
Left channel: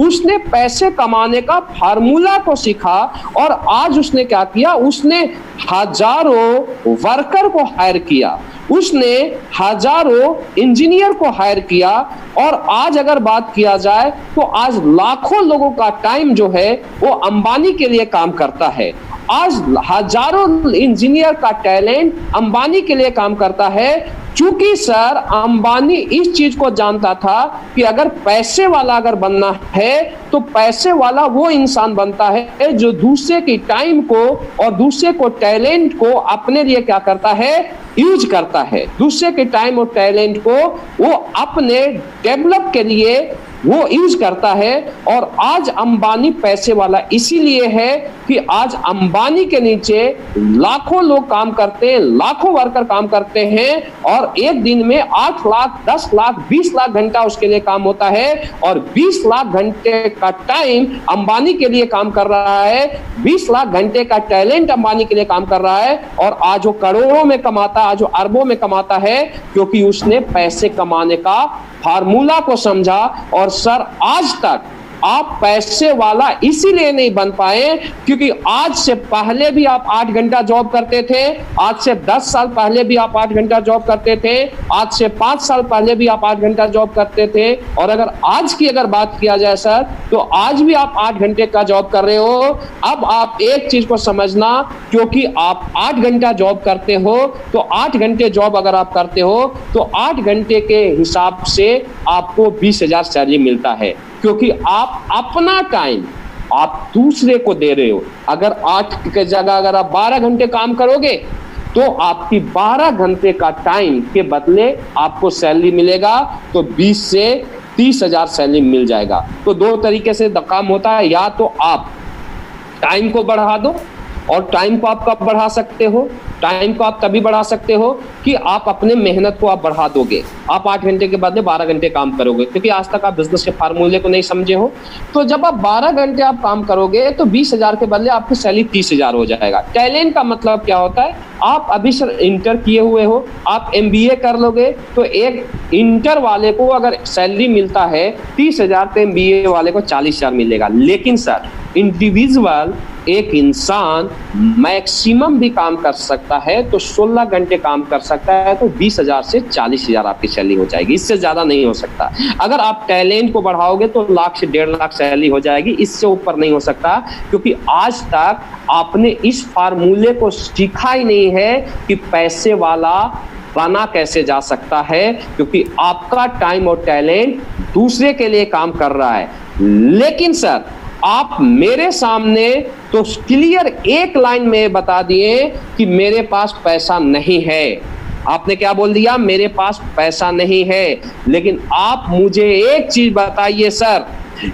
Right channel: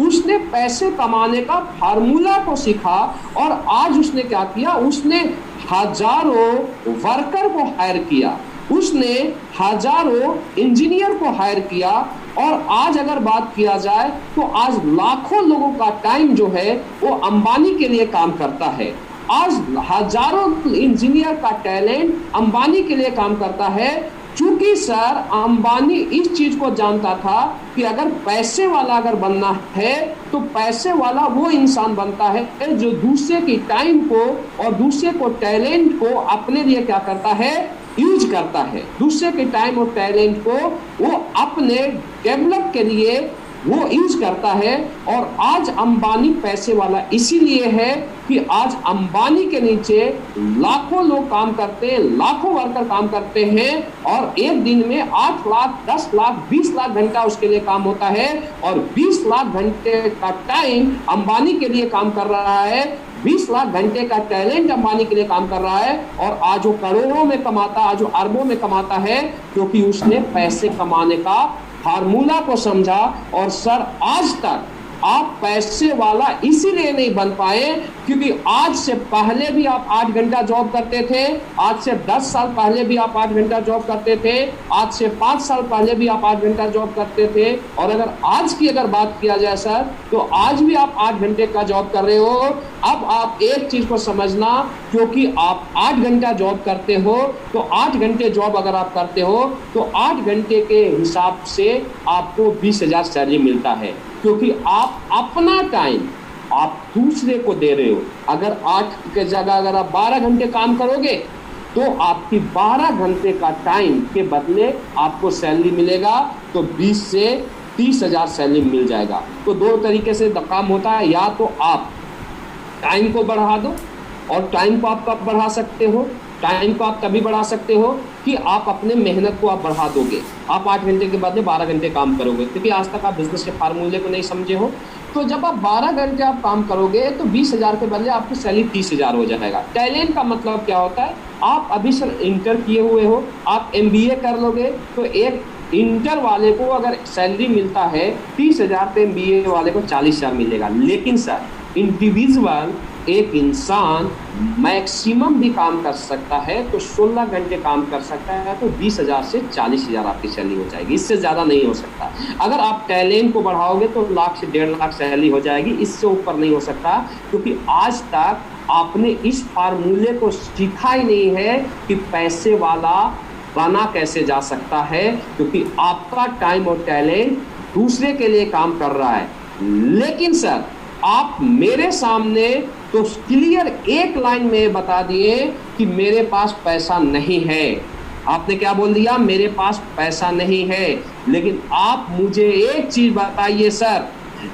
उसने पैसे कमाने का फार्मूला को सीखा और आज उसने क्या किया, उसने हजारों वर्कर को हायर किया, उसने हजारों इंजीनियर को हायर किया और आज अगर बात किया जाए तो आज लाखों लोगों का टाइम जो है वो अंबानी के लिए काम करता है। आज हजारों इंजीनियर का टैलेंट अंबानी के लिए काम करता है, क्योंकि सर अंबानी इस चीज को जानता था कि अगर पैसे वाला अगर बनना है तो पैसे वाला वो इंसान बनता है जो दूसरे की टाइम को और दूसरे को टैलेंट को अपने लिए क्या करता है, यूज करता है। दूसरे के टाइम और टैलेंट को वो अपने डेवलप के लिए वो यूज करता है। और आज अंबानी पैसे वाला इसीलिए है कि आज अंबानी के नीचे लाखों लोग काम करते हैं, लाखों वर्कर काम करते हैं और एक दिन में 8 लाख, 10 लाख, 20 लाख घंटा उसके लिए काम होता है और 20 लाख घंटे का टाइम अंबानी के लिए काम कर रहा है, 20 लाख घंटे का टैलेंट अंबानी के लिए काम कर रहा है और आज वो करोड़ों में कमाता है, आज वो अरबों में कमाता है, क्योंकि उसने पैसे कमाने का फार्मूला को समझा। और सर आज तक आप पैसे वाला इसीलिए नहीं बन पाए क्योंकि आज से पहले भी आप 8 घंटा जॉब करते थे, आज से 10 साल पहले भी आप 8 घंटा जॉब करते थे, आज से 5 साल पहले भी आप 8 घंटा जॉब करते थे और अगर आज की अगर बात किया जाए सर तो आज भी आप 8 घंटे का जॉब कर रहे हो। अब आप एक चीज को समझना, क्योंकि आप 8 घंटा जॉब करते हो तो 8 घंटे जॉब अगर आप करते हो तो 8 घंटे के हिसाब से आपको 20,000 सैलरी मिलता है, क्योंकि आप अपना टाइम आप दूसरे को दे रहे हो। अगर 8 के जगह अगर आप 12 घंटे काम करोगे तो आपकी 12 घंटे का टाइम के बदले आपको सैलरी मिलेगा तो 20 से 30,000 सैलरी मिल जाएगा। तो 2 तरीके से काम होता है, या तो आप टाइम को बढ़ा दो और टाइम को आप कब बढ़ा सकते हो, टाइम को आप तभी बढ़ा सकते हो कि आप अपने मेहनत को आप बढ़ा दोगे। आप 8 घंटे के बदले 12 घंटे काम करोगे, क्योंकि आज तक आप बिजनेस के फार्मूले को नहीं समझे हो। तो जब आप 12 घंटे आप काम करोगे तो 20,000 के बदले आपकी सैलरी 30,000 हो जाएगा। टैलेंट का मतलब क्या होता है, आप अभी सर इंटर किए हुए हो, आप MBA कर लोगे तो एक इंटर वाले को अगर सैलरी मिलता है 30,000 तो MBA वाले को 40,000 मिलेगा। लेकिन सर इंडिविजुअल एक इंसान मैक्सिमम भी काम कर सकता है तो 16 घंटे काम कर सकता है तो 20,000 से 40,000 आपकी सैलरी हो जाएगी, इससे ज्यादा नहीं हो सकता। अगर आप टैलेंट को बढ़ाओगे तो 1 लाख से 1.5 लाख सैलरी हो जाएगी, इससे ऊपर नहीं हो सकता, क्योंकि आज तक आपने इस फार्मूले को सीखा ही नहीं है कि पैसे वाला बना कैसे जा सकता है, क्योंकि आपका टाइम और टैलेंट दूसरे के लिए काम कर रहा है। लेकिन सर आप मेरे सामने तो क्लियर एक लाइन में बता दिए कि मेरे पास पैसा नहीं है। आपने क्या बोल दिया, मेरे पास पैसा नहीं है। लेकिन आप मुझे एक चीज बताइए सर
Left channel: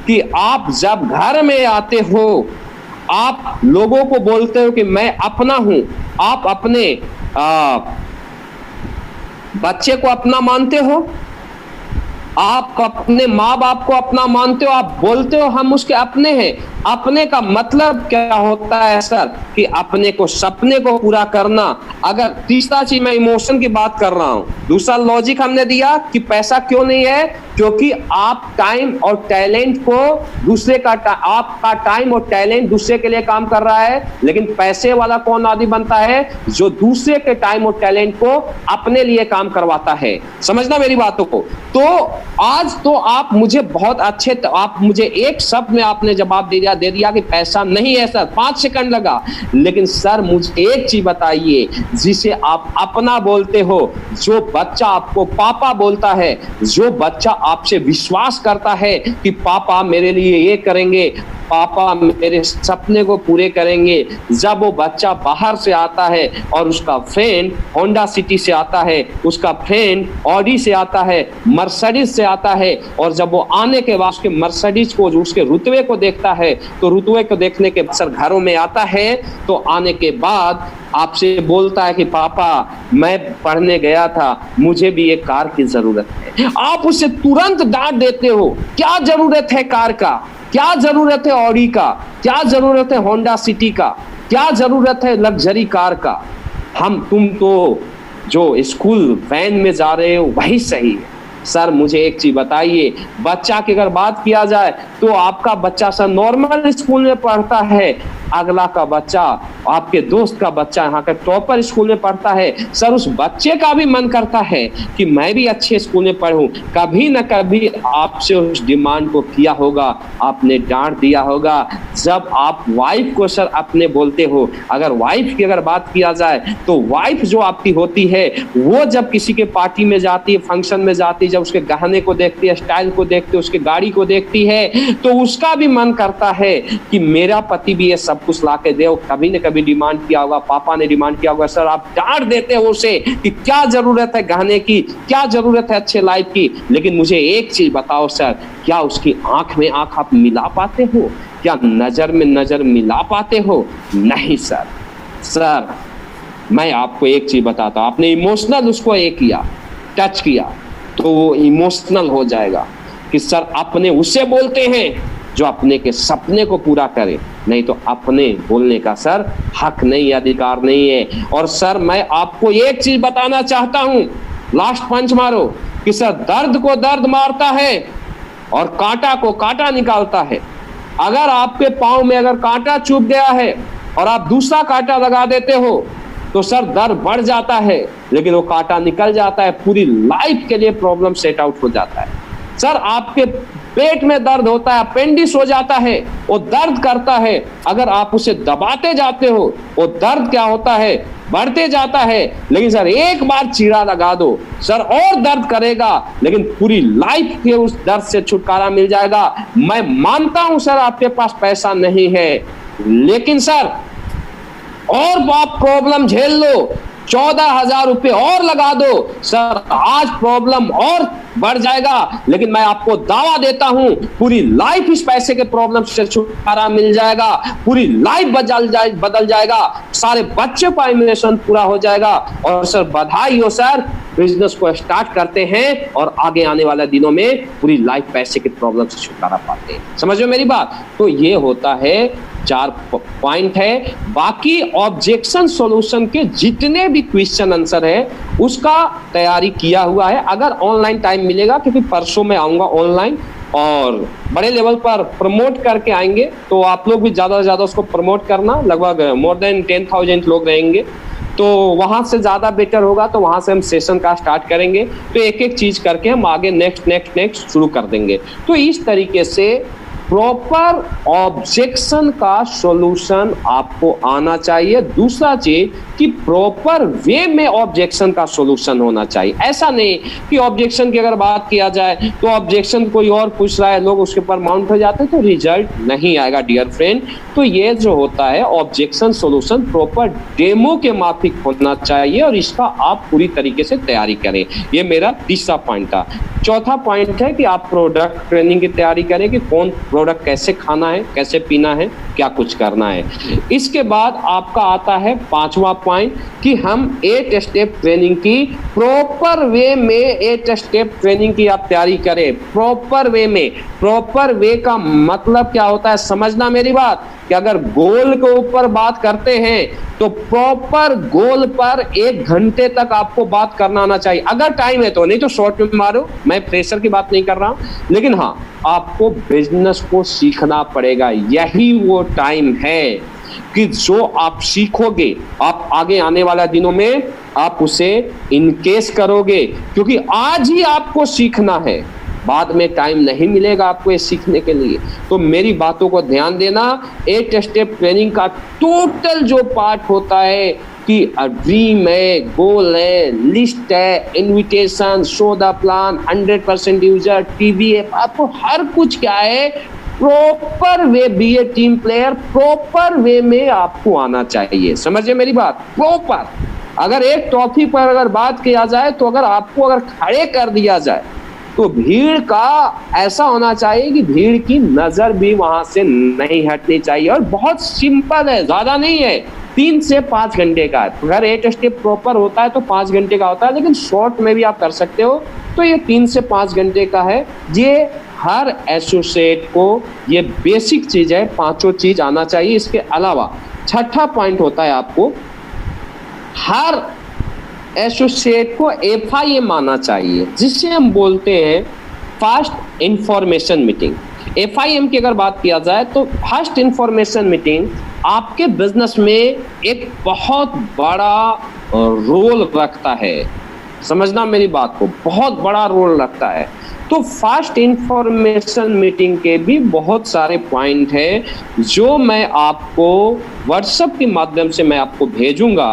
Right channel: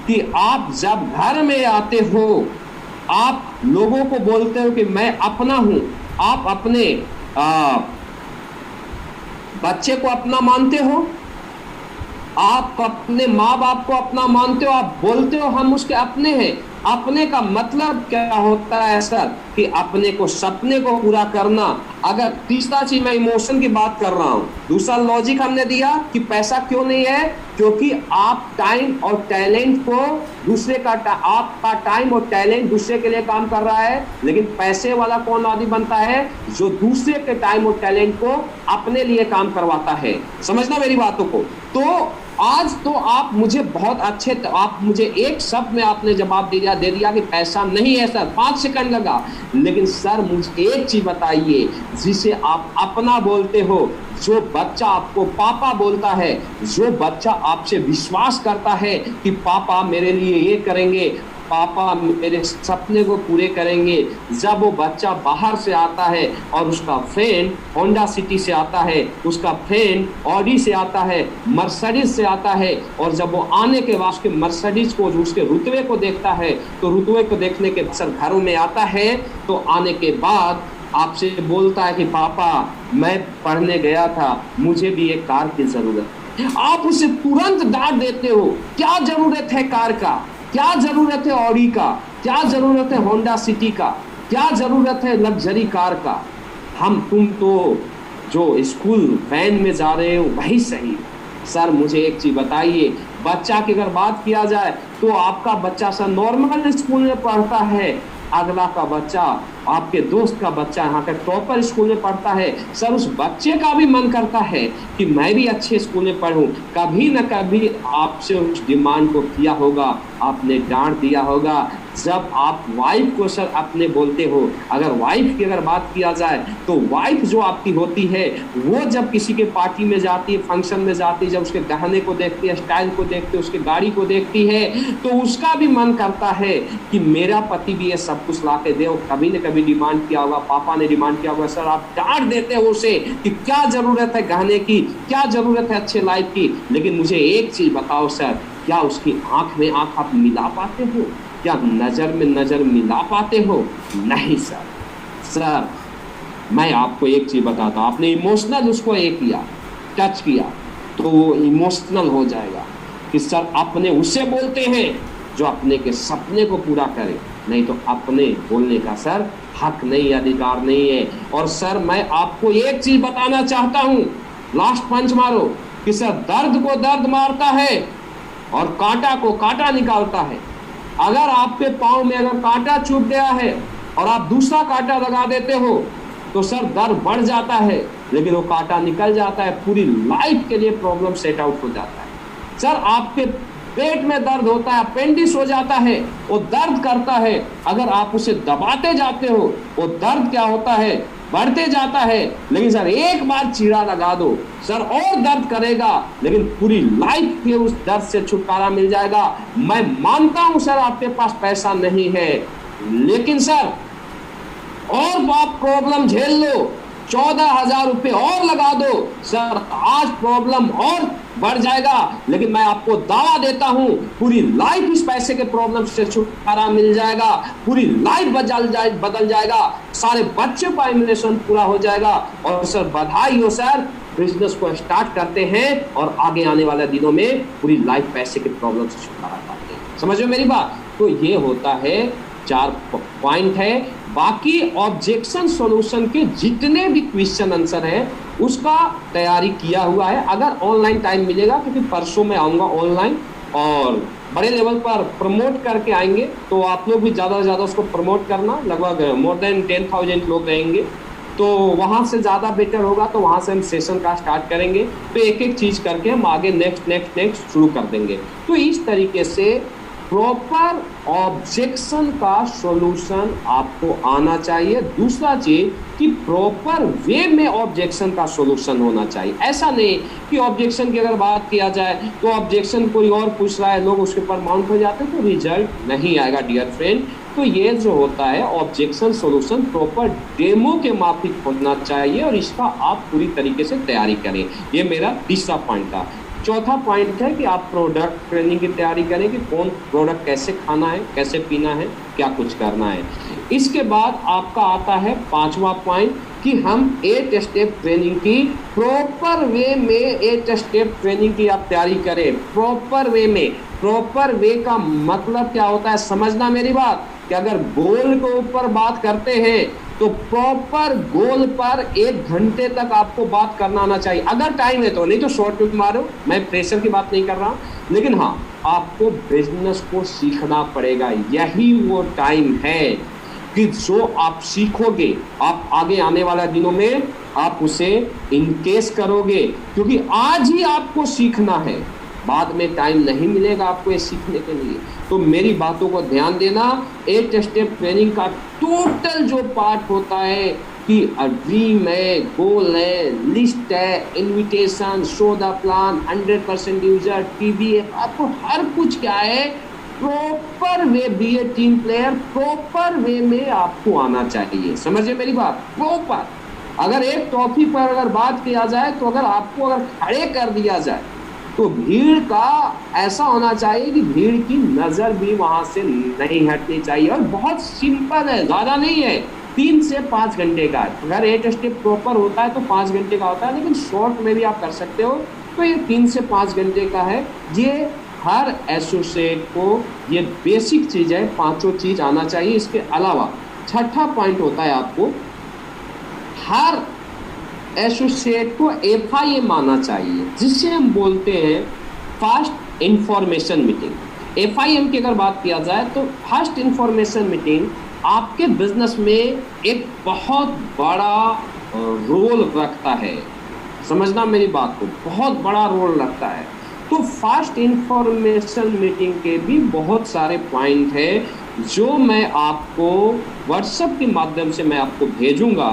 कि आप जब घर में आते हो आप लोगों को बोलते हो कि मैं अपना हूं, आप अपने बच्चे को अपना मानते हो, आप अपने माँ बाप को अपना मानते हो, आप बोलते हो हम उसके अपने हैं। अपने का मतलब क्या होता है सर कि अपने को सपने को पूरा करना। अगर तीसरा चीज मैं इमोशन की बात कर रहा हूं, दूसरा लॉजिक हमने दिया कि पैसा क्यों नहीं है, क्योंकि आप टाइम और टैलेंट को दूसरे का आपका टाइम और टैलेंट दूसरे के लिए काम कर रहा है। लेकिन पैसे वाला कौन आदमी बनता है, जो दूसरे के टाइम और टैलेंट को अपने लिए काम करवाता है। समझना मेरी बातों को। तो आज तो आप मुझे बहुत अच्छे, आप मुझे एक शब्द में आपने जवाब दे दिया कि पैसा नहीं है सर, 5 सेकंड लगा। लेकिन सर मुझे एक चीज बताइए, जिसे आप अपना बोलते हो, जो बच्चा आपको पापा बोलता है, जो बच्चा आपसे विश्वास करता है कि पापा मेरे लिए ये करेंगे, पापा मेरे सपने को पूरे करेंगे। जब वो बच्चा बाहर से आता है और उसका फ्रेंड होंडा सिटी से आता है, उसका फ्रेंड ऑडी से आता है, मर्सिडीज से आता है, और जब वो आने के बाद उसके मर्सिडीज को, उसके रुतबे को देखता है, तो रुतबे को देखने के बाद घरों में आता है, तो आने के बाद आपसे बोलता है कि पापा मैं पढ़ने गया था, मुझे भी एक कार की जरूरत है। आप उसे तुरंत डांट देते हो। क्या जरूरत है कार का, क्या जरूरत है ऑडी का, क्या जरूरत है होंडा सिटी का, क्या जरूरत है लग्जरी कार का। तुम तो जो स्कूल वैन में जा रहे हो वही सही। सर मुझे एक चीज बताइए, बच्चा की अगर बात किया जाए तो आपका बच्चा सर नॉर्मल स्कूल में पढ़ता है, अगला का बच्चा, आपके दोस्त का बच्चा यहाँ का टॉपर स्कूल में पढ़ता है। सर उस बच्चे का भी मन करता है कि मैं भी अच्छे स्कूल में पढ़ूं। कभी न कभी आपसे उस डिमांड को किया होगा, आपने डांट दिया होगा। जब आप वाइफ को सर अपने बोलते हो, अगर वाइफ की अगर बात किया जाए तो वाइफ जो आपकी होती है वो जब किसी के पार्टी में जाती है, फंक्शन में जाती है, जब उसके गहने को देखती है, स्टाइल को देखती है, उसके गाड़ी को देखती है, तो उसका भी मन करता है कि मेरा पति भी ये सब कुछ ला के दे। कभी न कभी डिमांड किया होगा, पापा ने डिमांड किया होगा। सर आप डांट देते हो उसे कि क्या जरूरत है गहने की, क्या जरूरत है अच्छे लाइफ की। लेकिन मुझे एक चीज बताओ सर, क्या उसकी आंख में आंख आप मिला पाते हो? क्या नजर में नजर मिला पाते हो? नहीं सर। सर मैं आपको एक चीज बताता हूं, आपने इमोशनल उसको ये किया, टच किया, तो वो इमोशनल हो जाएगा कि सर अपने उसे बोलते हैं जो अपने के सपने को पूरा करे, नहीं तो अपने बोलने का सर हक नहीं, अधिकार नहीं है। और सर मैं आपको एक चीज बताना चाहता हूं, लास्ट पंच मारो, कि सर दर्द को दर्द मारता है और कांटा को कांटा निकालता है। अगर आपके पांव में अगर कांटा चुभ गया है और आप दूसरा कांटा लगा देते हो तो सर दर्द बढ़ जाता है, लेकिन वो कांटा निकल जाता है, पूरी लाइफ के लिए प्रॉब्लम सेट आउट हो जाता है। सर आपके पेट में दर्द होता है, अपेंडिक्स हो जाता है, वो दर्द करता है, अगर आप उसे दबाते जाते हो वो दर्द क्या होता है, बढ़ते जाता है। लेकिन सर एक बार चीरा लगा दो सर और दर्द करेगा, लेकिन पूरी लाइफ के उस दर्द से छुटकारा मिल जाएगा। मैं मानता हूं सर आपके पास पैसा नहीं है, लेकिन सर और आप प्रॉब्लम झेल लो, 14,000 रुपये और लगा दो सर, आज प्रॉब्लम और बढ़ जाएगा, लेकिन मैं आपको दावा देता हूं पूरी लाइफ इस पैसे के प्रॉब्लम से छुटकारा मिल जाएगा, पूरी लाइफ बदल जाएगा, सारे बच्चे का इमिग्रेशन पूरा हो जाएगा। और सर बधाई हो सर, बिजनेस को स्टार्ट करते हैं और आगे आने वाले दिनों में पूरी लाइफ पैसे के प्रॉब्लम से छुटकारा पाते हैं। समझो मेरी बात? तो ये होता है, 4 पॉइंट है। बाकी ऑब्जेक्शन सॉल्यूशन के जितने भी क्वेश्चन आंसर है उसका तैयारी किया हुआ है। अगर ऑनलाइन टाइम मिलेगा, क्योंकि परसों मैं आऊंगा ऑनलाइन और बड़े लेवल पर प्रमोट करके आएंगे, तो आप लोग भी ज़्यादा से ज़्यादा उसको प्रमोट करना। लगभग मोर देन 10,000 लोग रहेंगे, तो वहाँ से ज़्यादा बेटर होगा। तो वहाँ से हम सेशन का स्टार्ट करेंगे, तो एक एक चीज़ करके हम आगे नेक्स्ट शुरू कर देंगे। तो इस तरीके से प्रॉपर ऑब्जेक्शन का सॉल्यूशन आपको आना चाहिए। दूसरा चीज कि प्रॉपर वे में ऑब्जेक्शन का सॉल्यूशन होना चाहिए। ऐसा नहीं कि ऑब्जेक्शन की अगर बात किया जाए तो ऑब्जेक्शन कोई और पूछ रहा है, लोग उसके ऊपर माउंट हो जाते हैं, तो रिजल्ट नहीं आएगा डियर फ्रेंड। तो ये जो होता है ऑब्जेक्शन सॉल्यूशन प्रॉपर डेमो के माफिक होना चाहिए और इसका आप पूरी तरीके से तैयारी करें। ये मेरा तीसरा पॉइंट था। चौथा पॉइंट है कि आप प्रोडक्ट ट्रेनिंग की तैयारी करें कि कौन प्रोडक्ट कैसे खाना है, कैसे पीना है, क्या कुछ करना है। इसके बाद आपका आता है 5वां पॉइंट कि हम 8 स्टेप ट्रेनिंग की प्रॉपर वे में 8 स्टेप ट्रेनिंग की आप तैयारी करें। प्रॉपर वे में, प्रॉपर वे का मतलब क्या होता है समझना मेरी बात, कि अगर गोल के ऊपर बात करते हैं तो प्रॉपर गोल पर 1 घंटे तक आपको बात करना आना चाहिए, अगर टाइम है तो, नहीं तो शॉर्ट में मारो। मैं प्रेशर की बात नहीं कर रहा, लेकिन हाँ आपको बिजनेस को सीखना पड़ेगा। यही वो टाइम है कि जो आप सीखोगे आप आगे आने वाला दिनों में आप उसे इनकेस करोगे, क्योंकि आज ही आपको सीखना है, बाद में टाइम नहीं मिलेगा आपको ये सीखने के लिए। तो मेरी बातों को ध्यान देना। 8 स्टेप ट्रेनिंग का टोटल जो पार्ट होता है कि ड्रीम है, गोल है, लिस्ट है, invitation, show the plan, 100% user, TV है, आपको हर कुछ क्या है प्रॉपर वे, बी ए टीम प्लेयर, प्रॉपर वे में आपको आना चाहिए। समझे मेरी बात? प्रॉपर। अगर एक टॉपिक पर अगर बात किया जाए तो अगर आपको अगर खड़े कर दिया जाए तो भीड़ का ऐसा होना चाहिए कि भीड़ की नजर भी वहां से नहीं हटनी चाहिए। और बहुत सिंपल है, ज्यादा नहीं है, 3 से 5 घंटे का है। अगर 8 स्टेप प्रॉपर होता है तो 5 घंटे का होता है, लेकिन शॉर्ट में भी आप कर सकते हो। तो ये 3 से 5 घंटे का है। ये हर एसोसिएट को ये बेसिक चीज़ है, 5 चीज आना चाहिए। इसके अलावा छठा पॉइंट होता है, आपको हर एसोसिएट को FIM आना चाहिए, जिसे हम बोलते हैं फर्स्ट इंफॉर्मेशन मीटिंग। FIM की अगर बात किया जाए तो फर्स्ट इंफॉर्मेशन मीटिंग आपके बिजनेस में एक बहुत बड़ा रोल रखता है। समझना मेरी बात को, बहुत बड़ा रोल रखता है। तो फर्स्ट इंफॉर्मेशन मीटिंग के भी बहुत सारे पॉइंट हैं जो मैं आपको व्हाट्सएप के माध्यम से मैं आपको भेजूंगा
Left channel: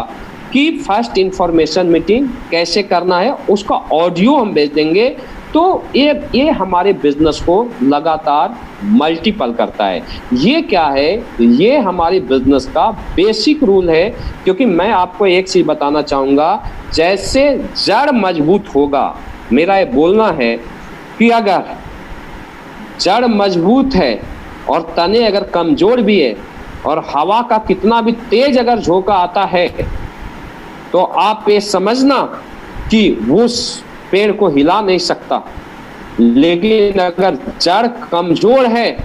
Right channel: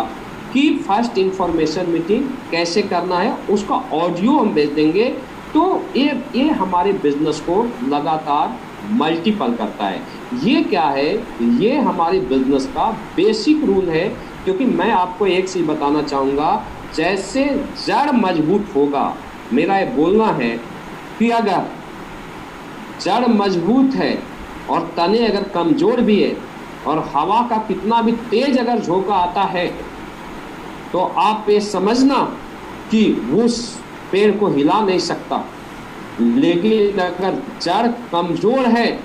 कि फर्स्ट इंफॉर्मेशन मीटिंग कैसे करना है, उसका ऑडियो हम भेज देंगे। तो ये हमारे बिजनेस को लगातार मल्टीपल करता है। ये क्या है? ये हमारे बिजनेस का बेसिक रूल है। क्योंकि मैं आपको एक चीज बताना चाहूँगा, जैसे जड़ मजबूत होगा, मेरा ये बोलना है कि अगर जड़ मजबूत है और तने अगर कमजोर भी है और हवा का कितना भी तेज अगर झोंका आता है, तो आप ये समझना कि उस पेड़ को हिला नहीं सकता। लेकिन अगर जड़ कमजोर है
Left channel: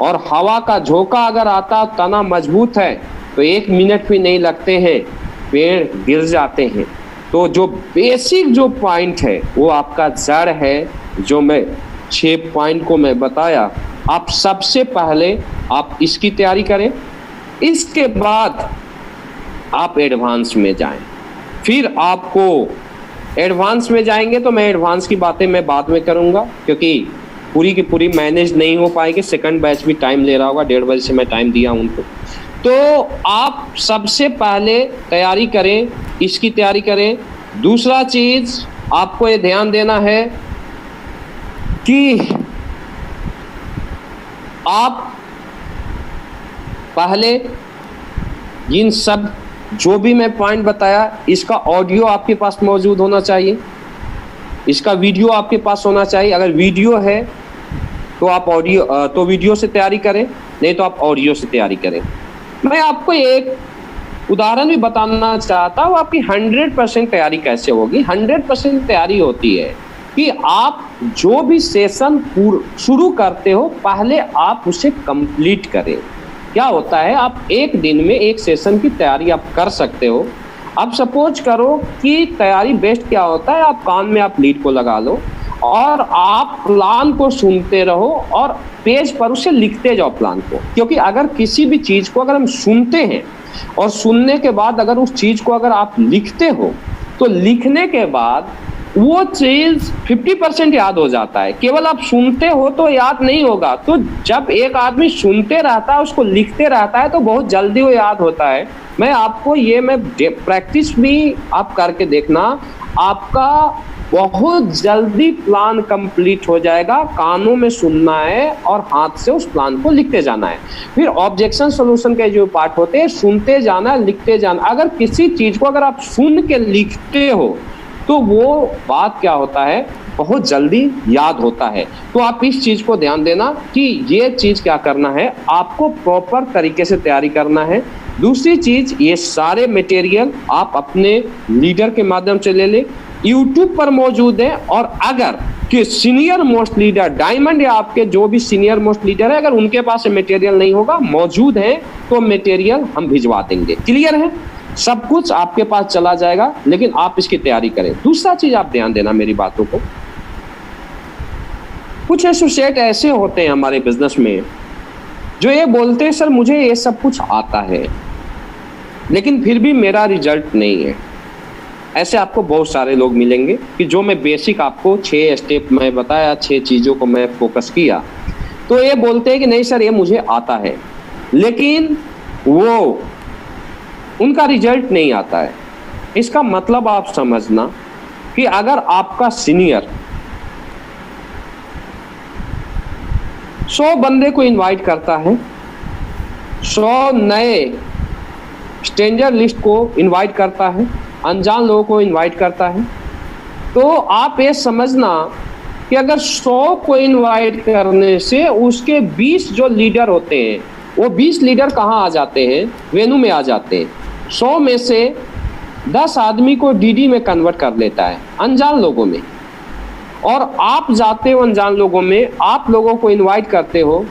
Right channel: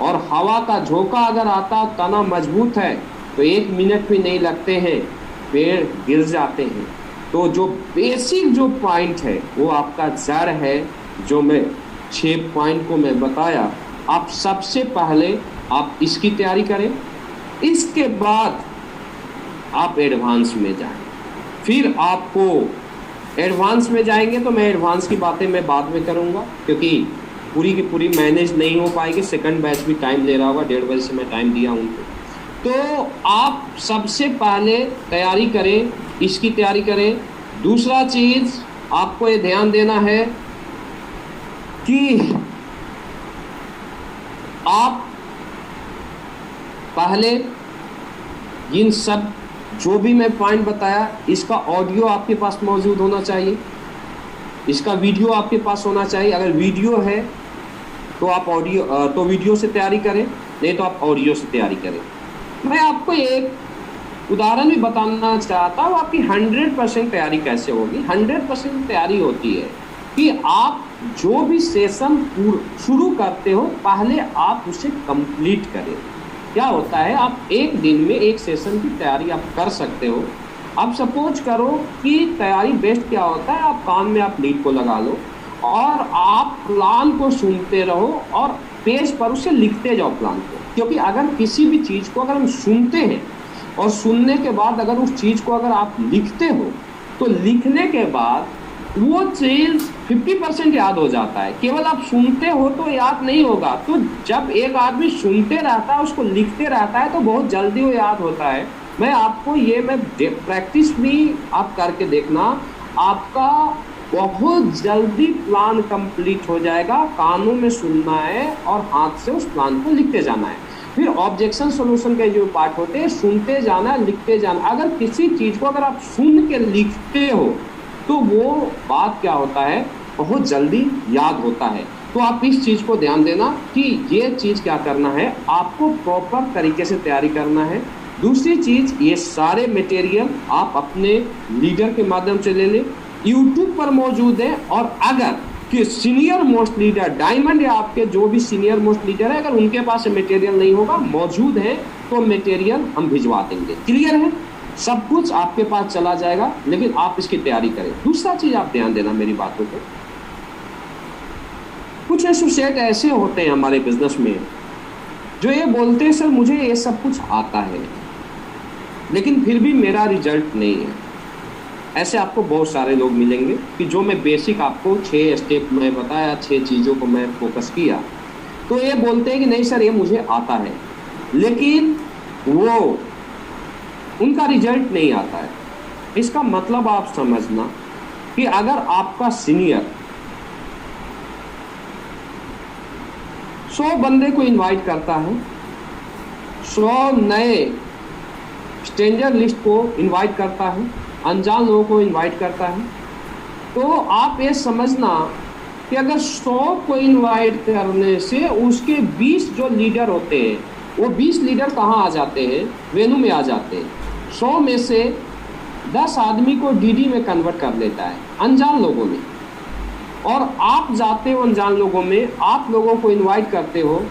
और हवा का झोंका अगर आता, तना मजबूत है, तो 1 मिनट भी नहीं लगते हैं, पेड़ गिर जाते हैं। तो जो बेसिक जो पॉइंट है वो आपका जड़ है, जो मैं 6 पॉइंट को मैं बताया। आप सबसे पहले आप इसकी तैयारी करें, इसके बाद आप एडवांस में जाएं। फिर आपको एडवांस में जाएंगे तो मैं एडवांस की बातें मैं बाद में करूंगा, क्योंकि पूरी की पूरी मैनेज नहीं हो पाएंगे। सेकंड बैच भी टाइम ले रहा होगा, 1:30 बजे से मैं टाइम दिया उनको। तो आप सबसे पहले तैयारी करें, इसकी तैयारी करें। दूसरा चीज आपको ये ध्यान देना है कि आप पहले इन सब जो भी मैं पॉइंट बताया, इसका ऑडियो आपके पास मौजूद होना चाहिए, इसका वीडियो आपके पास होना चाहिए। अगर वीडियो है तो आप तो वीडियो से तैयारी करें, नहीं तो आप ऑडियो से तैयारी करें। मैं आपको एक उदाहरण भी बताना चाहता हूँ, आपकी 100% तैयारी कैसे होगी। 100% तैयारी होती है कि आप जो भी सेशन शुरू करते हो, पहले आप उसे कंप्लीट करें। क्या होता है, आप एक दिन में एक सेशन की तैयारी आप कर सकते हो। अब सपोज करो कि तैयारी बेस्ट क्या होता है, आप कान में आप लीड को लगा लो और आप प्लान को सुनते रहो और पेज पर उसे लिखते जाओ प्लान को। क्योंकि अगर किसी भी चीज़ को अगर हम सुनते हैं और सुनने के बाद अगर उस चीज़ को अगर आप लिखते हो, तो लिखने के बाद वो चीज़ 50% याद हो जाता है। केवल आप सुनते हो तो याद नहीं होगा। तो जब एक आदमी सुनते रहता है, उसको लिखते रहता है, तो बहुत जल्दी वो याद होता है। मैं आपको ये मैं प्रैक्टिस भी आप करके देखना, आपका बहुत जल्दी प्लान कंप्लीट हो जाएगा। कानों में सुनना है और हाथ से उस प्लान को लिखते जाना है। फिर ऑब्जेक्शन सॉल्यूशन के जो पार्ट होते हैं, सुनते जाना, लिखते जाना। अगर किसी चीज़ को अगर आप सुन के लिखते हो तो वो बात क्या होता है, बहुत जल्दी याद होता है। तो आप इस चीज़ को ध्यान देना कि ये चीज़ क्या करना है, आपको प्रॉपर तरीके से तैयारी करना है। दूसरी चीज़, ये सारे मटेरियल आप अपने लीडर के माध्यम से ले लें, यूट्यूब पर मौजूद है। और अगर कि सीनियर मोस्ट लीडर, डायमंड या आपके जो भी सीनियर मोस्ट लीडर है, अगर उनके पास मटेरियल नहीं होगा, मौजूद है, तो मटेरियल हम भिजवा देंगे। क्लियर है? सब कुछ आपके पास चला जाएगा, लेकिन आप इसकी तैयारी करें। दूसरा चीज आप ध्यान देना मेरी बातों को, कुछ एसोसिएट ऐसे होते हैं हमारे बिजनेस में जो ये बोलते हैं, सर मुझे ये सब कुछ आता है लेकिन फिर भी मेरा रिजल्ट नहीं है। ऐसे आपको बहुत सारे लोग मिलेंगे कि जो मैं बेसिक आपको 6 स्टेप मैं बताया, 6 चीज़ों को मैं फोकस किया, तो ये बोलते हैं कि नहीं सर ये मुझे आता है, लेकिन वो उनका रिजल्ट नहीं आता है। इसका मतलब आप समझना कि अगर आपका सीनियर 100 बंदे को इनवाइट करता है, 100 नए स्ट्रेंजर लिस्ट को इनवाइट करता है, अनजान लोगों को इनवाइट करता है, तो आप ये समझना कि अगर 100 को इनवाइट करने से उसके 20 जो लीडर होते हैं, वो 20 लीडर कहाँ आ जाते हैं, वेन्यू में आ जाते हैं। 100 में से 10 आदमी को डीडी में कन्वर्ट कर लेता है, अनजान लोगों में। और आप जाते हो अनजान लोगों में, आप लोगों को इनवाइट करते हो,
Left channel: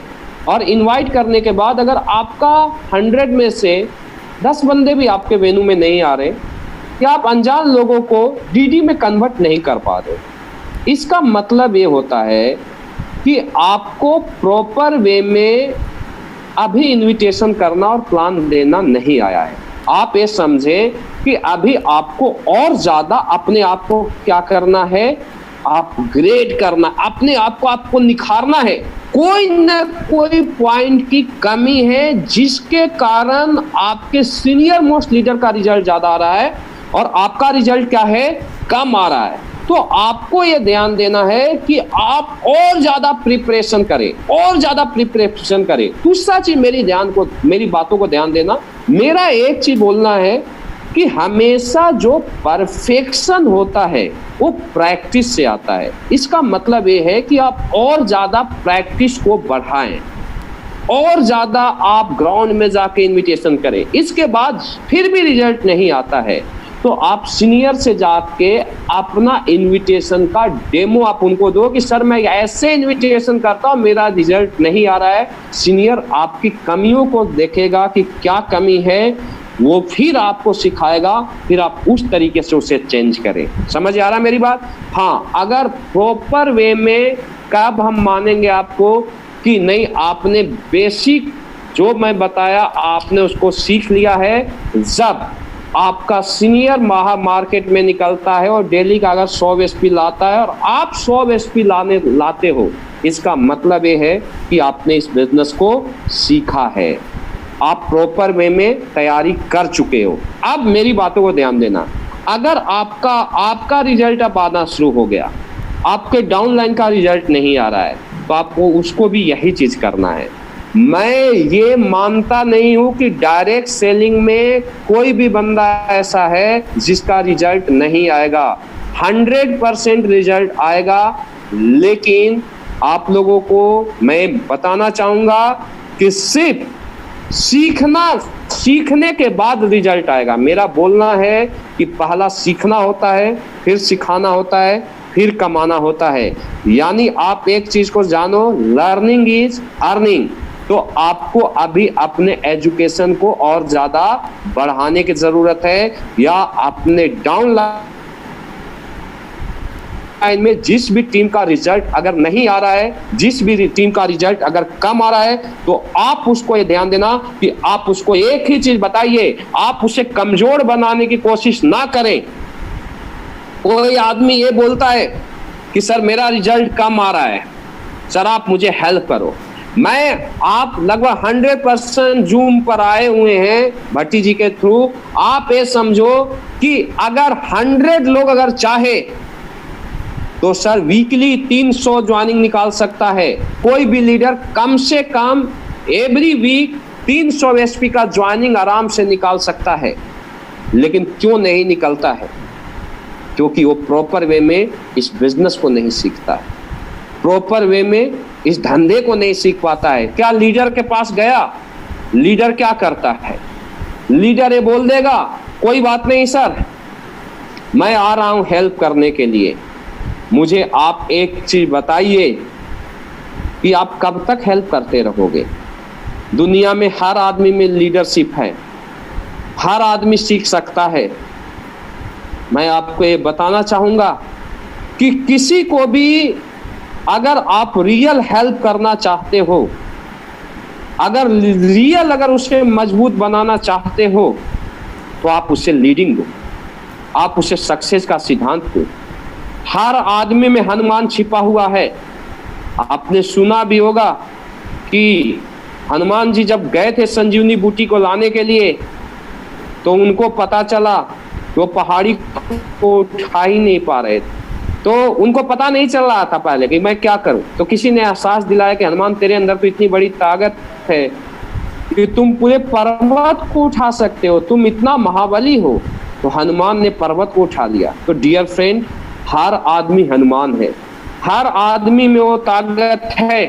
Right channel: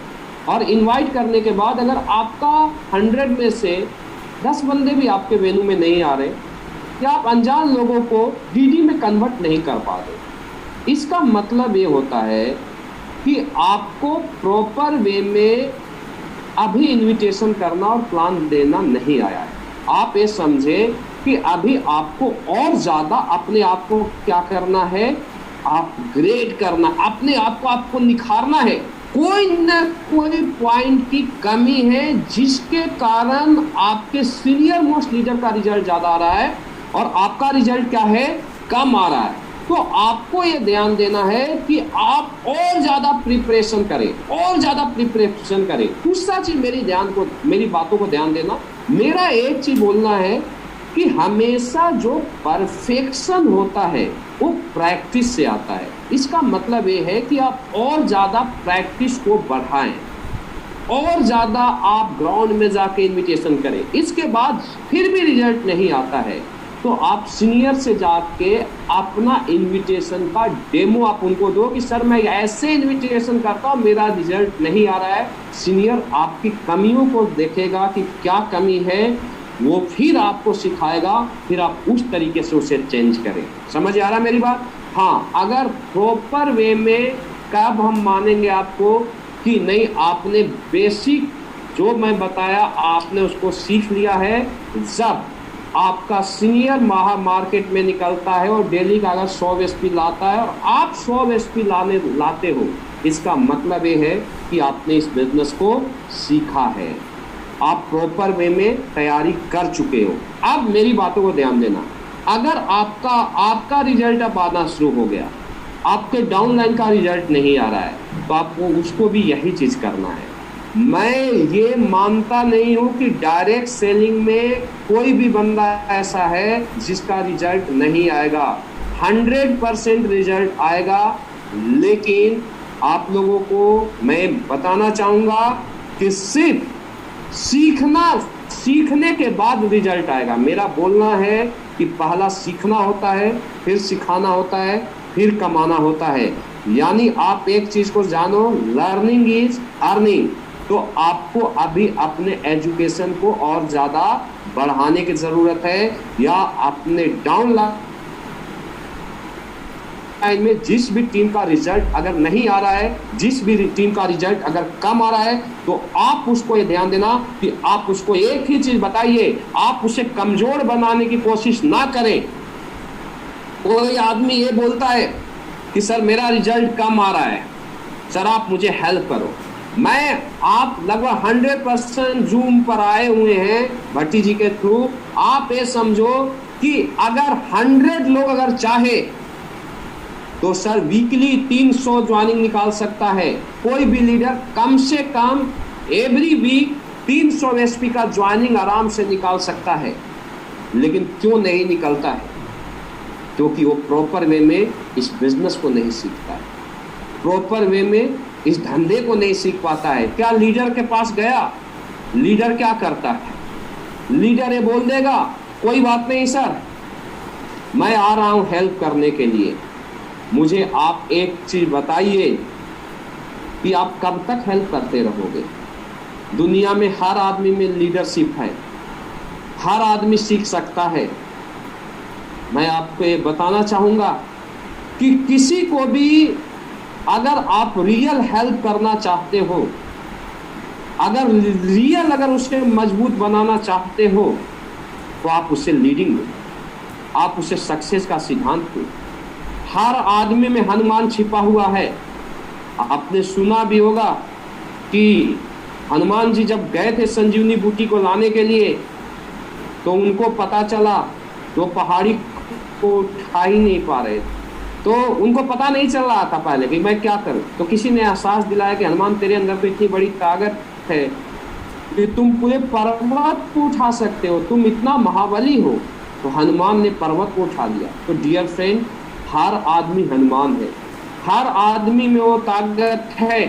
और इनवाइट करने के बाद अगर आपका 100 में से 10 बंदे भी आपके वेन्यू में नहीं आ रहे, कि आप अनजान लोगों को डीडी में कन्वर्ट नहीं कर पा रहे, इसका मतलब ये होता है कि आपको प्रॉपर वे में अभी इनविटेशन करना और प्लान देना नहीं आया है। आप ये समझे कि अभी आपको और ज़्यादा अपने आप को क्या करना है, अपग्रेड करना, अपने आप को आपको निखारना है। कोई न कोई पॉइंट की कमी है जिसके कारण आपके सीनियर मोस्ट लीडर का रिजल्ट ज़्यादा आ रहा है और आपका रिजल्ट क्या है, कम आ रहा है। तो आपको ये ध्यान देना है कि आप और ज़्यादा प्रिपरेशन करें, और ज़्यादा प्रिपरेशन करें। दूसरा चीज़ मेरी बातों को ध्यान देना, मेरा एक चीज़ बोलना है कि हमेशा जो परफेक्शन होता है वो प्रैक्टिस से आता है। इसका मतलब ये है कि आप और ज़्यादा प्रैक्टिस को बढ़ाएं, और ज़्यादा आप ग्राउंड में जाके इनविटेशन करें। इसके बाद फिर भी रिजल्ट नहीं आता है तो आप सीनियर से जाके अपना इनविटेशन का डेमो आप उनको दो कि सर मैं ऐसे इनविटेशन करता हूँ, मेरा रिजल्ट नहीं आ रहा है। सीनियर आपकी कमियों को देखेगा कि क्या कमी है, वो फिर आपको सिखाएगा, फिर आप उस तरीके से उसे चेंज करें। समझ आ रहा है मेरी बात? हाँ, अगर प्रॉपर वे में कब हम मानेंगे आपको कि नहीं आपने बेसिक जो मैं बताया आपने उसको सीख लिया है, जब आपका सीनियर मार्केट में निकलता है और डेली का अगर 100 एसपी लाता है और आप 100 एसपी लाते हो, इसका मतलब ये है कि आपने इस बिजनेस को सीखा है, आप प्रॉपर वे में तैयारी कर चुके हो। अब मेरी बातों को ध्यान देना, अगर आपका रिजल्ट अब आना शुरू हो गया, आपके डाउनलाइन का रिजल्ट नहीं आ रहा है, तो आपको उसको भी यही चीज़ करना है। मैं ये मानता नहीं हूँ कि डायरेक्ट सेलिंग में कोई भी बंदा ऐसा है जिसका रिजल्ट नहीं आएगा। 100% रिजल्ट आएगा, लेकिन आप लोगों को मैं बताना चाहूँगा कि सिर्फ सीखने के बाद रिजल्ट आएगा। मेरा बोलना है कि पहला सीखना होता है, फिर सिखाना होता है, फिर कमाना होता है। यानी आप एक चीज़ को जानो, लर्निंग इज अर्निंग। तो आपको अभी अपने एजुकेशन को और ज़्यादा बढ़ाने की ज़रूरत है, या अपने डाउन लाइन में जिस भी टीम का रिजल्ट अगर नहीं आ रहा है, जिस भी टीम का रिजल्ट अगर कम आ रहा है, तो आप उसको ये ध्यान देना कि आप उसको एक ही चीज़ बताइए, आप उसे कमज़ोर बनाने की कोशिश ना करें। कोई आदमी ये बोलता है कि सर मेरा रिजल्ट कम आ रहा है, सर आप मुझे हेल्प करो। आप लगभग 100% जूम पर आए हुए हैं भट्टी जी के थ्रू। आप ये समझो कि अगर 100 लोग अगर चाहे तो सर वीकली 300 ज्वाइनिंग निकाल सकता है। कोई भी लीडर कम से कम एवरी वीक 300 एसपी का ज्वाइनिंग आराम से निकाल सकता है। लेकिन क्यों नहीं निकलता है? क्योंकि वो प्रॉपर वे में इस बिजनेस को नहीं सीखता है, प्रॉपर वे में इस धंधे को नहीं सीख पाता है। क्या लीडर के पास गया, लीडर क्या करता है? लीडर ये बोल देगा कोई बात नहीं सर, मैं आ रहा हूं हेल्प करने के लिए, मुझे आप एक चीज बताइए कि आप कब तक हेल्प करते रहोगे? दुनिया में हर आदमी में लीडरशिप है, हर आदमी सीख सकता है। मैं आपको ये बताना चाहूँगा कि किसी को भी अगर आप रियल हेल्प करना चाहते हो, अगर उसे मजबूत बनाना चाहते हो, तो आप उसे लीडिंग दो, आप उसे सक्सेस का सिद्धांत दो। हर आदमी में हनुमान छिपा हुआ है। आपने सुना भी होगा कि हनुमान जी जब गए थे संजीवनी बूटी को लाने के लिए, तो उनको पता चला वो पहाड़ी को उठा ही नहीं पा रहे थे, तो उनको पता नहीं चल रहा था पहले कि मैं क्या करूं। तो किसी ने एहसास दिलाया कि हनुमान तेरे अंदर तो इतनी बड़ी ताकत है कि तुम पूरे पर्वत को उठा सकते हो, तुम इतना महाबली हो। तो हनुमान ने पर्वत को उठा लिया। तो डियर फ्रेंड, हर आदमी हनुमान है, हर आदमी में वो ताकत है,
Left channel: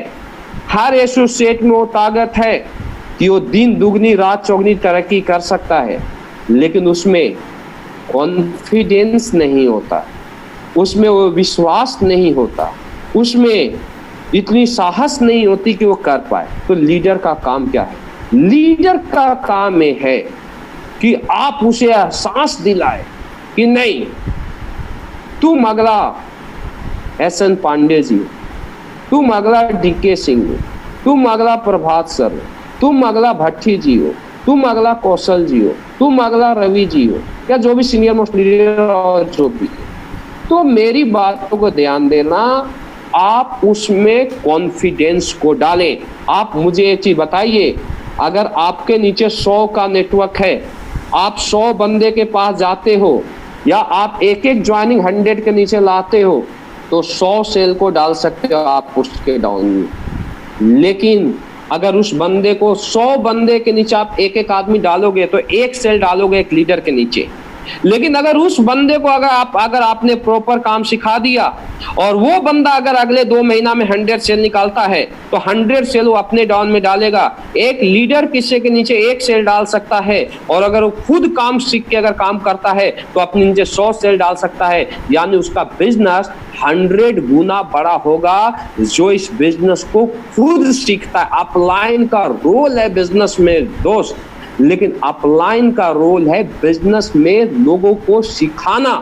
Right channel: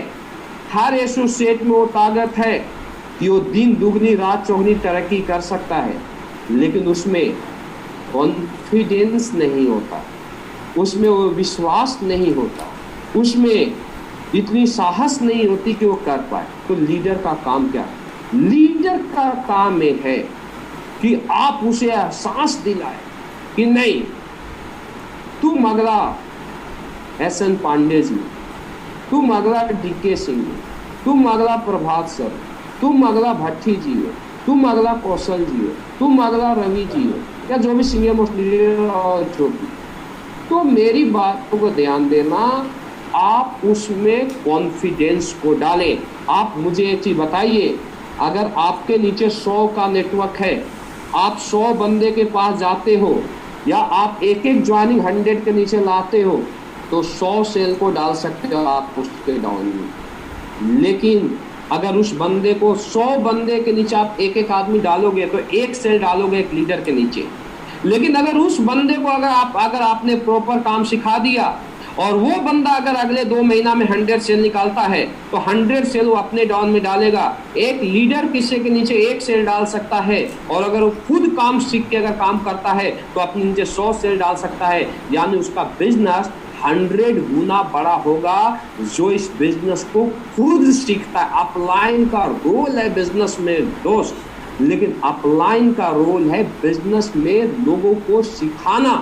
हर एसोसिएट में वो ताकत है कि वो दिन दुगनी रात चौगनी तरक्की कर सकता है, लेकिन उसमें कॉन्फिडेंस नहीं होता। उसमें वो विश्वास नहीं होता, उसमें इतनी साहस नहीं होती कि वो कर पाए। तो लीडर का काम क्या है? लीडर का काम ये है कि आप उसे एहसास दिलाए कि नहीं, तुम अगला एस.एन. पांडे जी हो, तुम अगला डी.के. सिंह हो, तुम अगला प्रभात सर हो, तुम अगला भट्टी जी हो, तुम अगला कौशल जी हो, तुम अगला रवि जी हो, या जो भी सीनियर मोस्ट लीडर और जो भी। तो मेरी बातों को ध्यान देना, आप उसमें कॉन्फिडेंस को डालें। आप मुझे एक चीज बताइए, अगर आपके नीचे 100 का नेटवर्क है, आप 100 बंदे के पास जाते हो, या आप एक एक ज्वाइनिंग 100 के नीचे लाते हो, तो 100 सेल को डाल सकते हो आप उसके डाउन में। लेकिन अगर उस बंदे को 100 बंदे के नीचे आप एक एक आदमी डालोगे तो एक सेल डालोगे एक लीडर के नीचे। लेकिन अगर उस बंदे को अगर आपने प्रॉपर काम सिखा दिया और वो बंदा अगर अगले 2 महीना में 100 सेल निकालता है तो 100 सेल वो अपने डाउन में डालेगा। एक लीडर किसी के नीचे एक सेल डाल सकता है, और अगर वो खुद काम सीख के अगर काम करता है तो अपने नीचे 100 सेल डाल सकता है। यानी उसका बिजनेस 100 गुना बड़ा होगा जो इस बिजनेस को खुद सीखता है। अपलाइन का रोल है बिजनेस में दोस्त, लेकिन अपलाइन का रोल है बिजनेस में लोगों को सिखाना।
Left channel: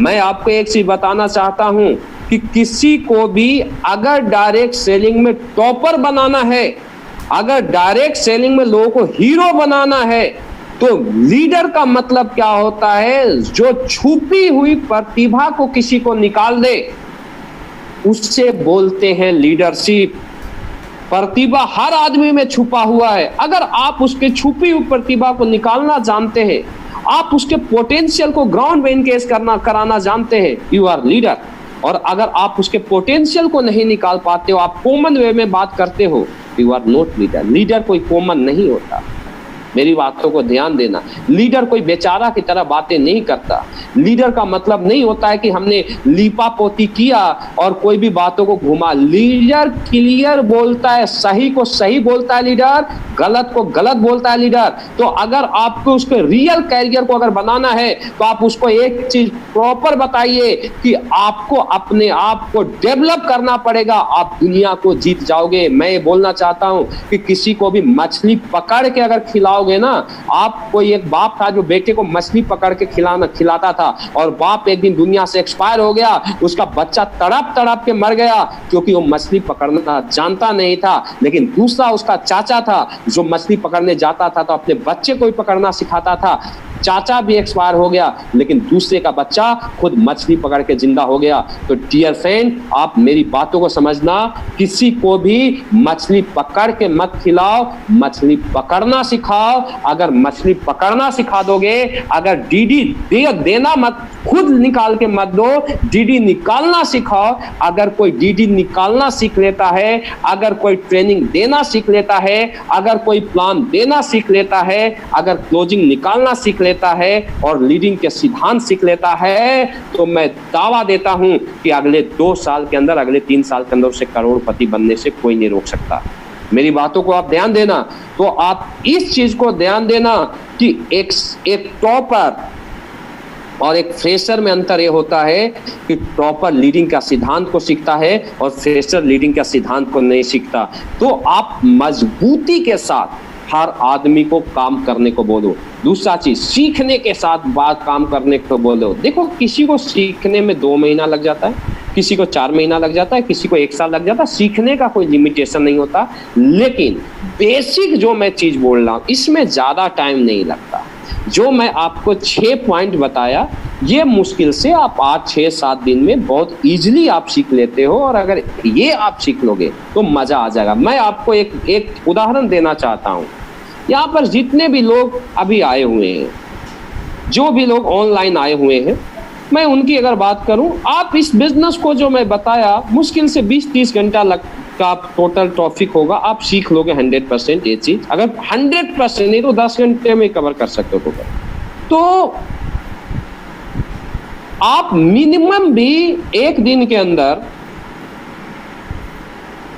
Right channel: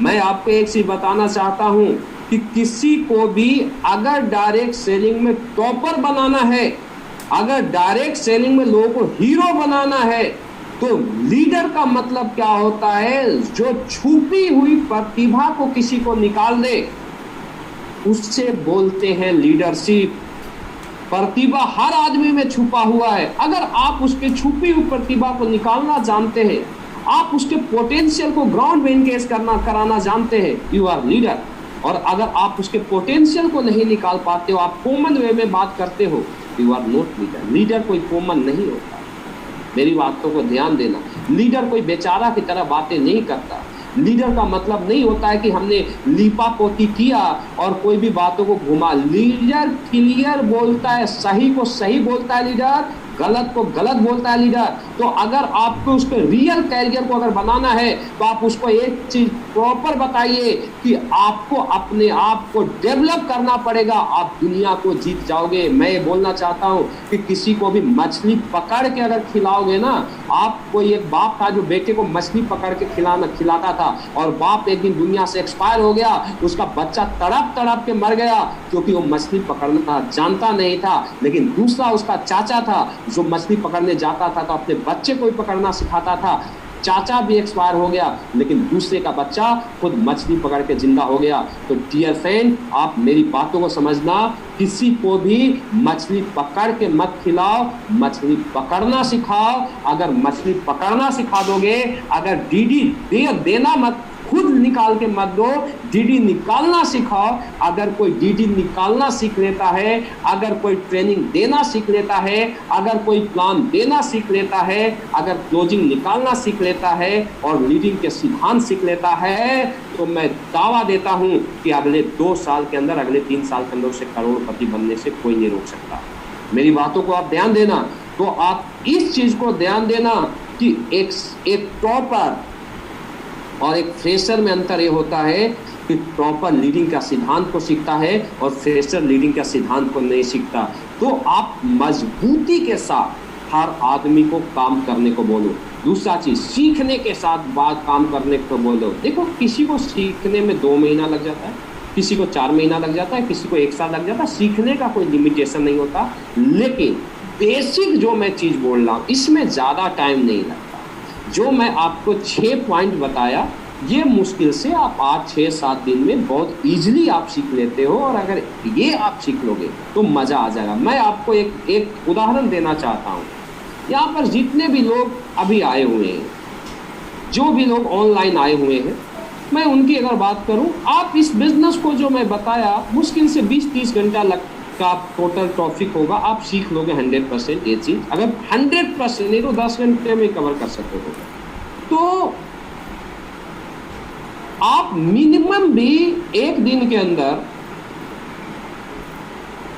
मैं आपको एक चीज बताना चाहता हूं कि किसी को भी अगर डायरेक्ट सेलिंग में टॉपर बनाना है, अगर डायरेक्ट सेलिंग में लोगों को हीरो बनाना है, तो लीडर का मतलब क्या होता है? जो छुपी हुई प्रतिभा को किसी को निकाल दे, उससे बोलते हैं लीडरशिप। प्रतिभा हर आदमी में छुपा हुआ है। अगर आप उसके छुपी हुई प्रतिभा को निकालना जानते हैं, आप उसके पोटेंशियल को ग्राउंड में एनगेज कराना जानते हैं, यू आर लीडर। और अगर आप उसके पोटेंशियल को नहीं निकाल पाते हो, आप कॉमन वे में बात करते हो, you are not leader. Leader कोई कॉमन नहीं होता, मेरी बातों को ध्यान देना। लीडर कोई बेचारा की तरह बातें नहीं करता। लीडर का मतलब नहीं होता है कि हमने लीपा पोती किया और कोई भी बातों को घुमा। लीडर क्लियर बोलता है, सही को सही बोलता है लीडर, गलत को गलत बोलता है लीडर। तो अगर आपको उसके रियल कैरियर को अगर बनाना है तो आप उसको एक चीज प्रॉपर बताइए कि आपको अपने आप को डेवलप करना पड़ेगा, आप दुनिया को जीत जाओगे। मैं ये बोलना चाहता हूं कि किसी को भी मछली पकड़ के अगर खिलाओगे ना, आप कोई एक बाप था जो बेटे को मछली पकड़ के खिलाता था, और बाप एक दिन दुनिया से एक्सपायर हो गया, उसका बच्चा तड़प तड़प के मर गया क्योंकि वो मछली पकड़ना जानता नहीं था। लेकिन दूसरा उसका चाचा था जो मछली पकड़ने जाता था तो अपने बच्चे को ही पकड़ना सिखाता था। चाचा भी एक्सपायर हो गया, लेकिन दूसरे का बच्चा खुद मछली पकड़ के जिंदा हो गया। तो डियर फ्रेंड, आप मेरी बातों को समझना, किसी को भी मछली पकड़ के मत खिलाओ, मछली पकड़ना सिखाओ। अगर मछली पकड़ना सिखा दोगे, अगर डीडी देना मत, खुद निकाल के मत दो, डीडी निकालना सिखाओ। अगर कोई डीडी निकालना सीख लेता है, अगर कोई ट्रेनिंग देना सीख लेता है, अगर कोई प्लान देना सीख लेता है, अगर क्लोजिंग निकालना सीख लेता है और लीडिंग के सिद्धांत सीख लेता है, तो मैं दावा देता हूं कि अगले 2 साल के अंदर, अगले 3 साल के अंदर उसे करोड़पति बनने से कोई नहीं रोक सकता। मेरी बातों को आप ध्यान देना। तो आप इस चीज को ध्यान देना कि एक टॉपर और एक फ्रेशर में अंतर ये होता है कि टॉपर लीडिंग का सिद्धांत को सीखता है और फ्रेशर लीडिंग का सिद्धांत को नहीं सीखता। तो आप मजबूती के साथ हर आदमी को काम करने को बोलो। दूसरा चीज, सीखने के साथ बात काम करने को बोलो। देखो, किसी को सीखने में 2 महीना लग जाता है, किसी को 4 महीना लग जाता है, किसी को 1 साल लग जाता है। सीखने का कोई लिमिटेशन नहीं होता, लेकिन बेसिक जो मैं चीज बोल रहा हूँ इसमें ज्यादा टाइम नहीं लगता। जो मैं आपको 6 पॉइंट बताया, ये मुश्किल से आप 8, 6, 7 दिन में बहुत इजीली आप सीख लेते हो, और अगर ये आप सीख लोगे तो मजा आ जाएगा। मैं आपको एक उदाहरण देना चाहता हूँ। यहाँ पर जितने भी लोग अभी आए हुए हैं, जो भी लोग ऑनलाइन आए हुए हैं, मैं उनकी अगर बात करूं, आप इस बिजनेस को जो मैं बताया, मुश्किल से 20-30 घंटा का टोटल टॉपिक होगा, आप सीख लोगे 100% ये चीज। अगर 100% नहीं तो 10 घंटे में कवर कर सकते हो। तो आप मिनिमम भी एक दिन के अंदर,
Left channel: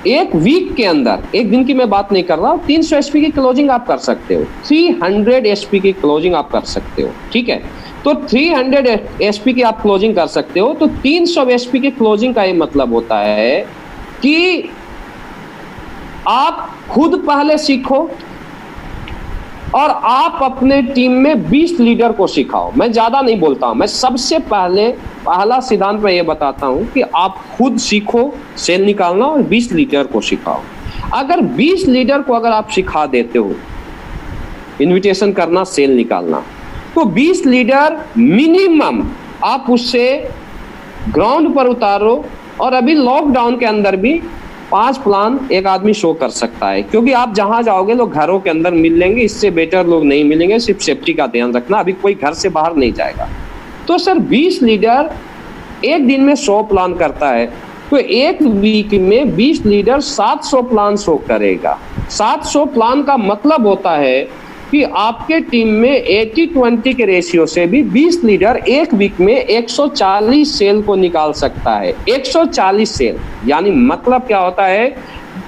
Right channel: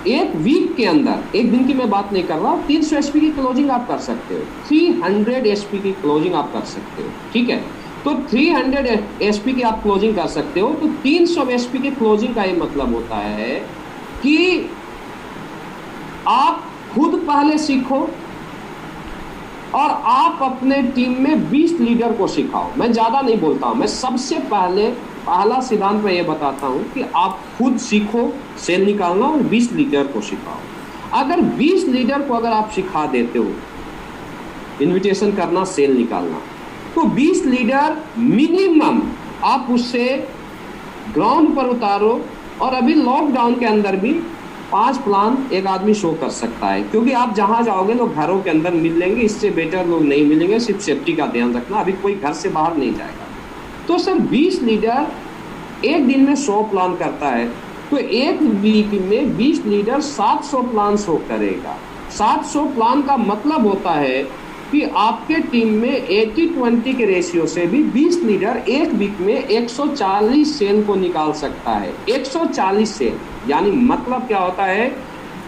एक वीक के अंदर, एक दिन की मैं बात नहीं कर रहा हूं, 300 एचपी की क्लोजिंग आप कर सकते हो, 300 एचपी की क्लोजिंग आप कर सकते हो, ठीक है। तो 300 एसपी की आप क्लोजिंग कर सकते हो। तो 300 एसपी की क्लोजिंग का ये मतलब होता है कि आप खुद पहले सीखो और आप अपने टीम में 20 लीडर को सिखाओ। मैं ज्यादा नहीं बोलता हूं, मैं सबसे पहला सिद्धांत मैं ये बताता हूं कि आप खुद सीखो सेल निकालना और 20 लीडर को सिखाओ। अगर 20 लीडर को अगर आप सिखा देते हो इनविटेशन करना, सेल निकालना, तो 20 लीडर मिनिमम आप उससे ग्राउंड पर उतारो। और अभी लॉकडाउन के अंदर भी 5 प्लान एक आदमी शो कर सकता है, क्योंकि आप जहां जाओगे लोग घरों के अंदर मिल लेंगे, इससे बेटर लोग नहीं मिलेंगे। सिर्फ सेफ्टी का ध्यान रखना, अभी कोई घर से बाहर नहीं जाएगा। तो सर 20 लीडर एक दिन में 100 प्लान करता है, तो एक वीक में 20 लीडर 700 प्लान शो करेगा। 700 प्लान का मतलब होता है कि आपके टीम में 80-20 के रेशियो से भी 20 लीडर एक वीक में 140 सेल को निकाल सकता है। 140 सेल यानी मतलब क्या होता है,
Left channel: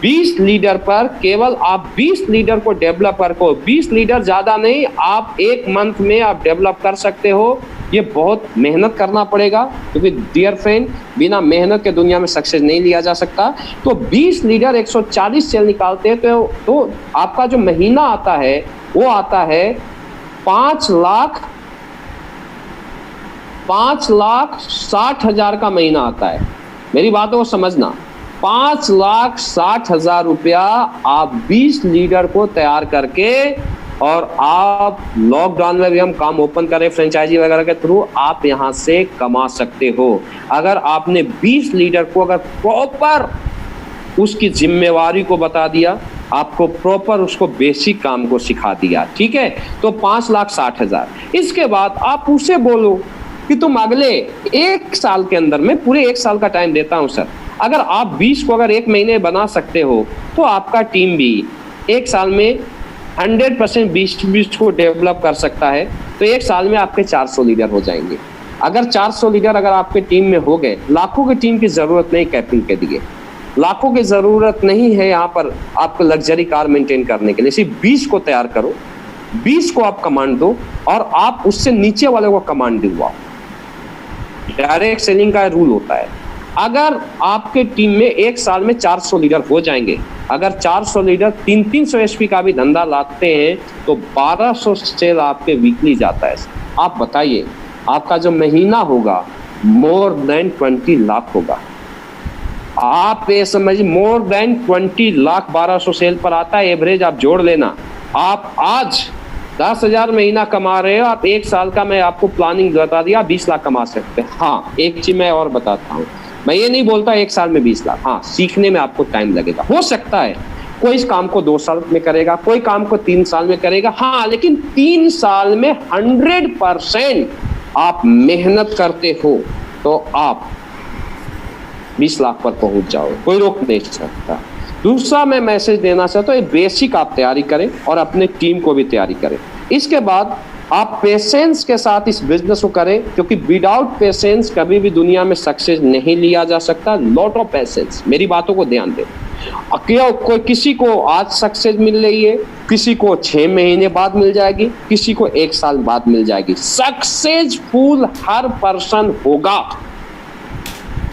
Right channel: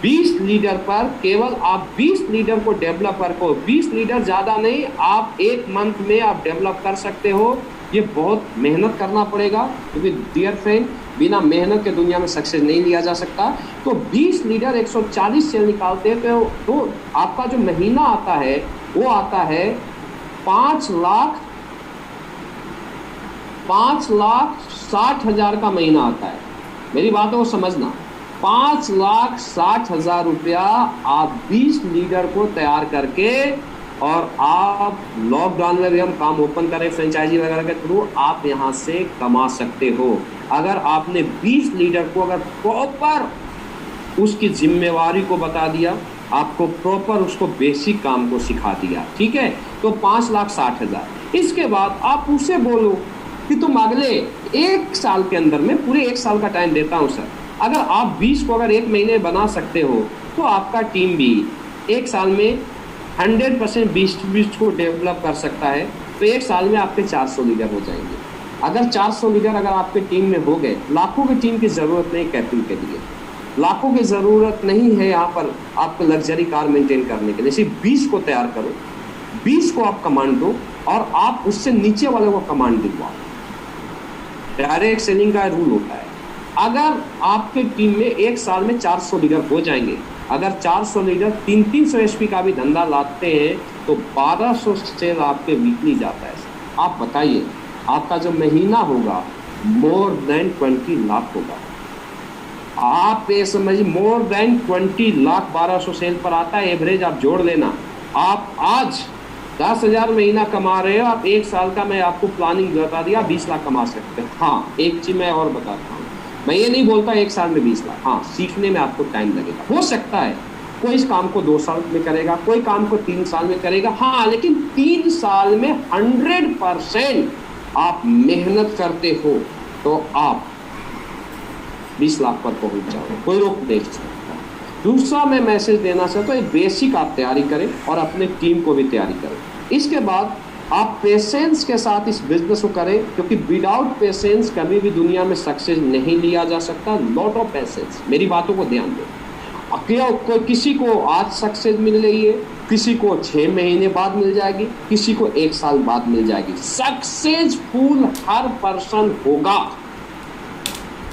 20 लीडर पर केवल आप 20 लीडर को डेवलपर को, 20 लीडर ज्यादा नहीं, आप एक मंथ में आप डेवलप कर सकते हो। ये बहुत मेहनत करना पड़ेगा, क्योंकि डियर फ्रेंड, बिना मेहनत के दुनिया में सक्सेस नहीं लिया जा सकता। तो 20 लीडर 140 सेल निकालते हैं, तो आपका जो महीना आता है वो आता है 5,60,000 का महीना आता है। मेरी बातों को समझना, 5,60,000 रुपया आप 20 लीडर को तैयार करके, और आप लॉकडाउन में भी हम काम ओपन करें फ्रेंचाइजी वगैरह के थ्रू, आप यहाँ से कमा सकते हो। अगर आपने 20 लीडर को अगर प्रॉपर उसकी जिम्मेवारी को बता दिया, आपको प्रॉपर उसको बेसिक काम को सिखा दिया, ठीक है, तो 5,60,000। इसके बाद आप उसे बोलो कि तुम अगले 1 साल के अंदर, मैं पूरे 1 साल का टाइम देता हूं सर, अगर आप 20 को अगर 1 महीने बना सकते हो, तो आपका टीम भी 1 साल में 100% 20 को डेवलप कर सकता है। तो 1 साल में आपके 400 लीडर हो जाएंगे। अगर 400 लीडर अगर आपके टीम में हो गए, लाखों की टीम की जरूरत नहीं कैपिंग के लिए, लाखों की जरूरत नहीं है यहाँ पर आपको लग्जरी कार मेंटेन करने के लिए। सिर्फ 20 को तैयार करो, 20 को आप कमांड दो और आप उससे नीचे वाले को कमांड दिलवाओ। डायरेक्ट सेलिंग का रूल होता है, अगर आपके टीम में 1 साल में 400 लीडर हो जाएंगे, अगर 400 लीडर 300 एसपी का भी धंधा लाते हैं, तो 1200 सेल आपके वीकली जाता है। आप बताइए, आपका जो महीना होगा मोर देन 20 लाख होगा। आप ये समझिए, मोर देन 20 लाख 1200 सेल पर आता है एवरेज। आप जोड़ लेना, आप आज 10,000 महीना कमा रहे हो, आप 1 साल का मैं आपको प्लानिंग बता दिया, 20 लाख कमा सकते हैं। हाँ, एक चीज मैं और बताता हूँ, मैं ये नहीं बोलता 1 साल में 20 लाख, हाँ, सीखने में आपको टाइम लगेगा। हो सकता है कोई इस काम को 2 साल में करेगा, कोई काम को 3 साल में करेगा, हाँ, लेकिन 3 साल में 100% आप मेहनत करते हो तो आप 20 लाख पर पहुंच जाओ, कोई रोक नहीं सकता। दूसरा मैं मैसेज देना चाहता हूँ, बेसिक आप तैयारी करें और अपने टीम को भी तैयारी करें। इसके बाद आप पेशेंस के साथ इस बिजनेस को करें, क्योंकि विदाउट पेशेंस कभी भी दुनिया में सक्सेस नहीं लिया जा सकता। लॉट ऑफ पेशेंस, मेरी बातों को ध्यान दें। कोई किसी को आज सक्सेस मिल रही है, किसी को 6 महीने बाद मिल जाएगी, किसी को 1 साल बाद मिल जाएगी। सक्सेसफुल हर पर्सन होगा,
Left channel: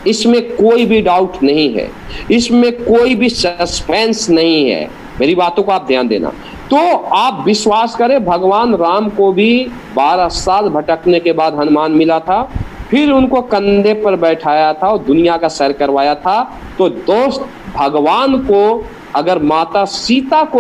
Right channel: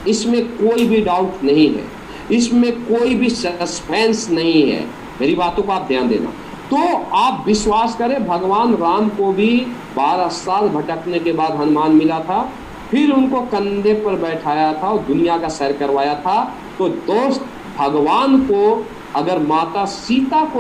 इसमें कोई भी डाउट नहीं है, इसमें कोई भी सस्पेंस नहीं है। मेरी बातों को आप ध्यान देना। तो आप विश्वास करें, भगवान राम को भी 12 साल भटकने के बाद हनुमान मिला था, फिर उनको कंधे पर बैठाया था और दुनिया का सैर करवाया था। तो दोस्त, भगवान को अगर माता सीता को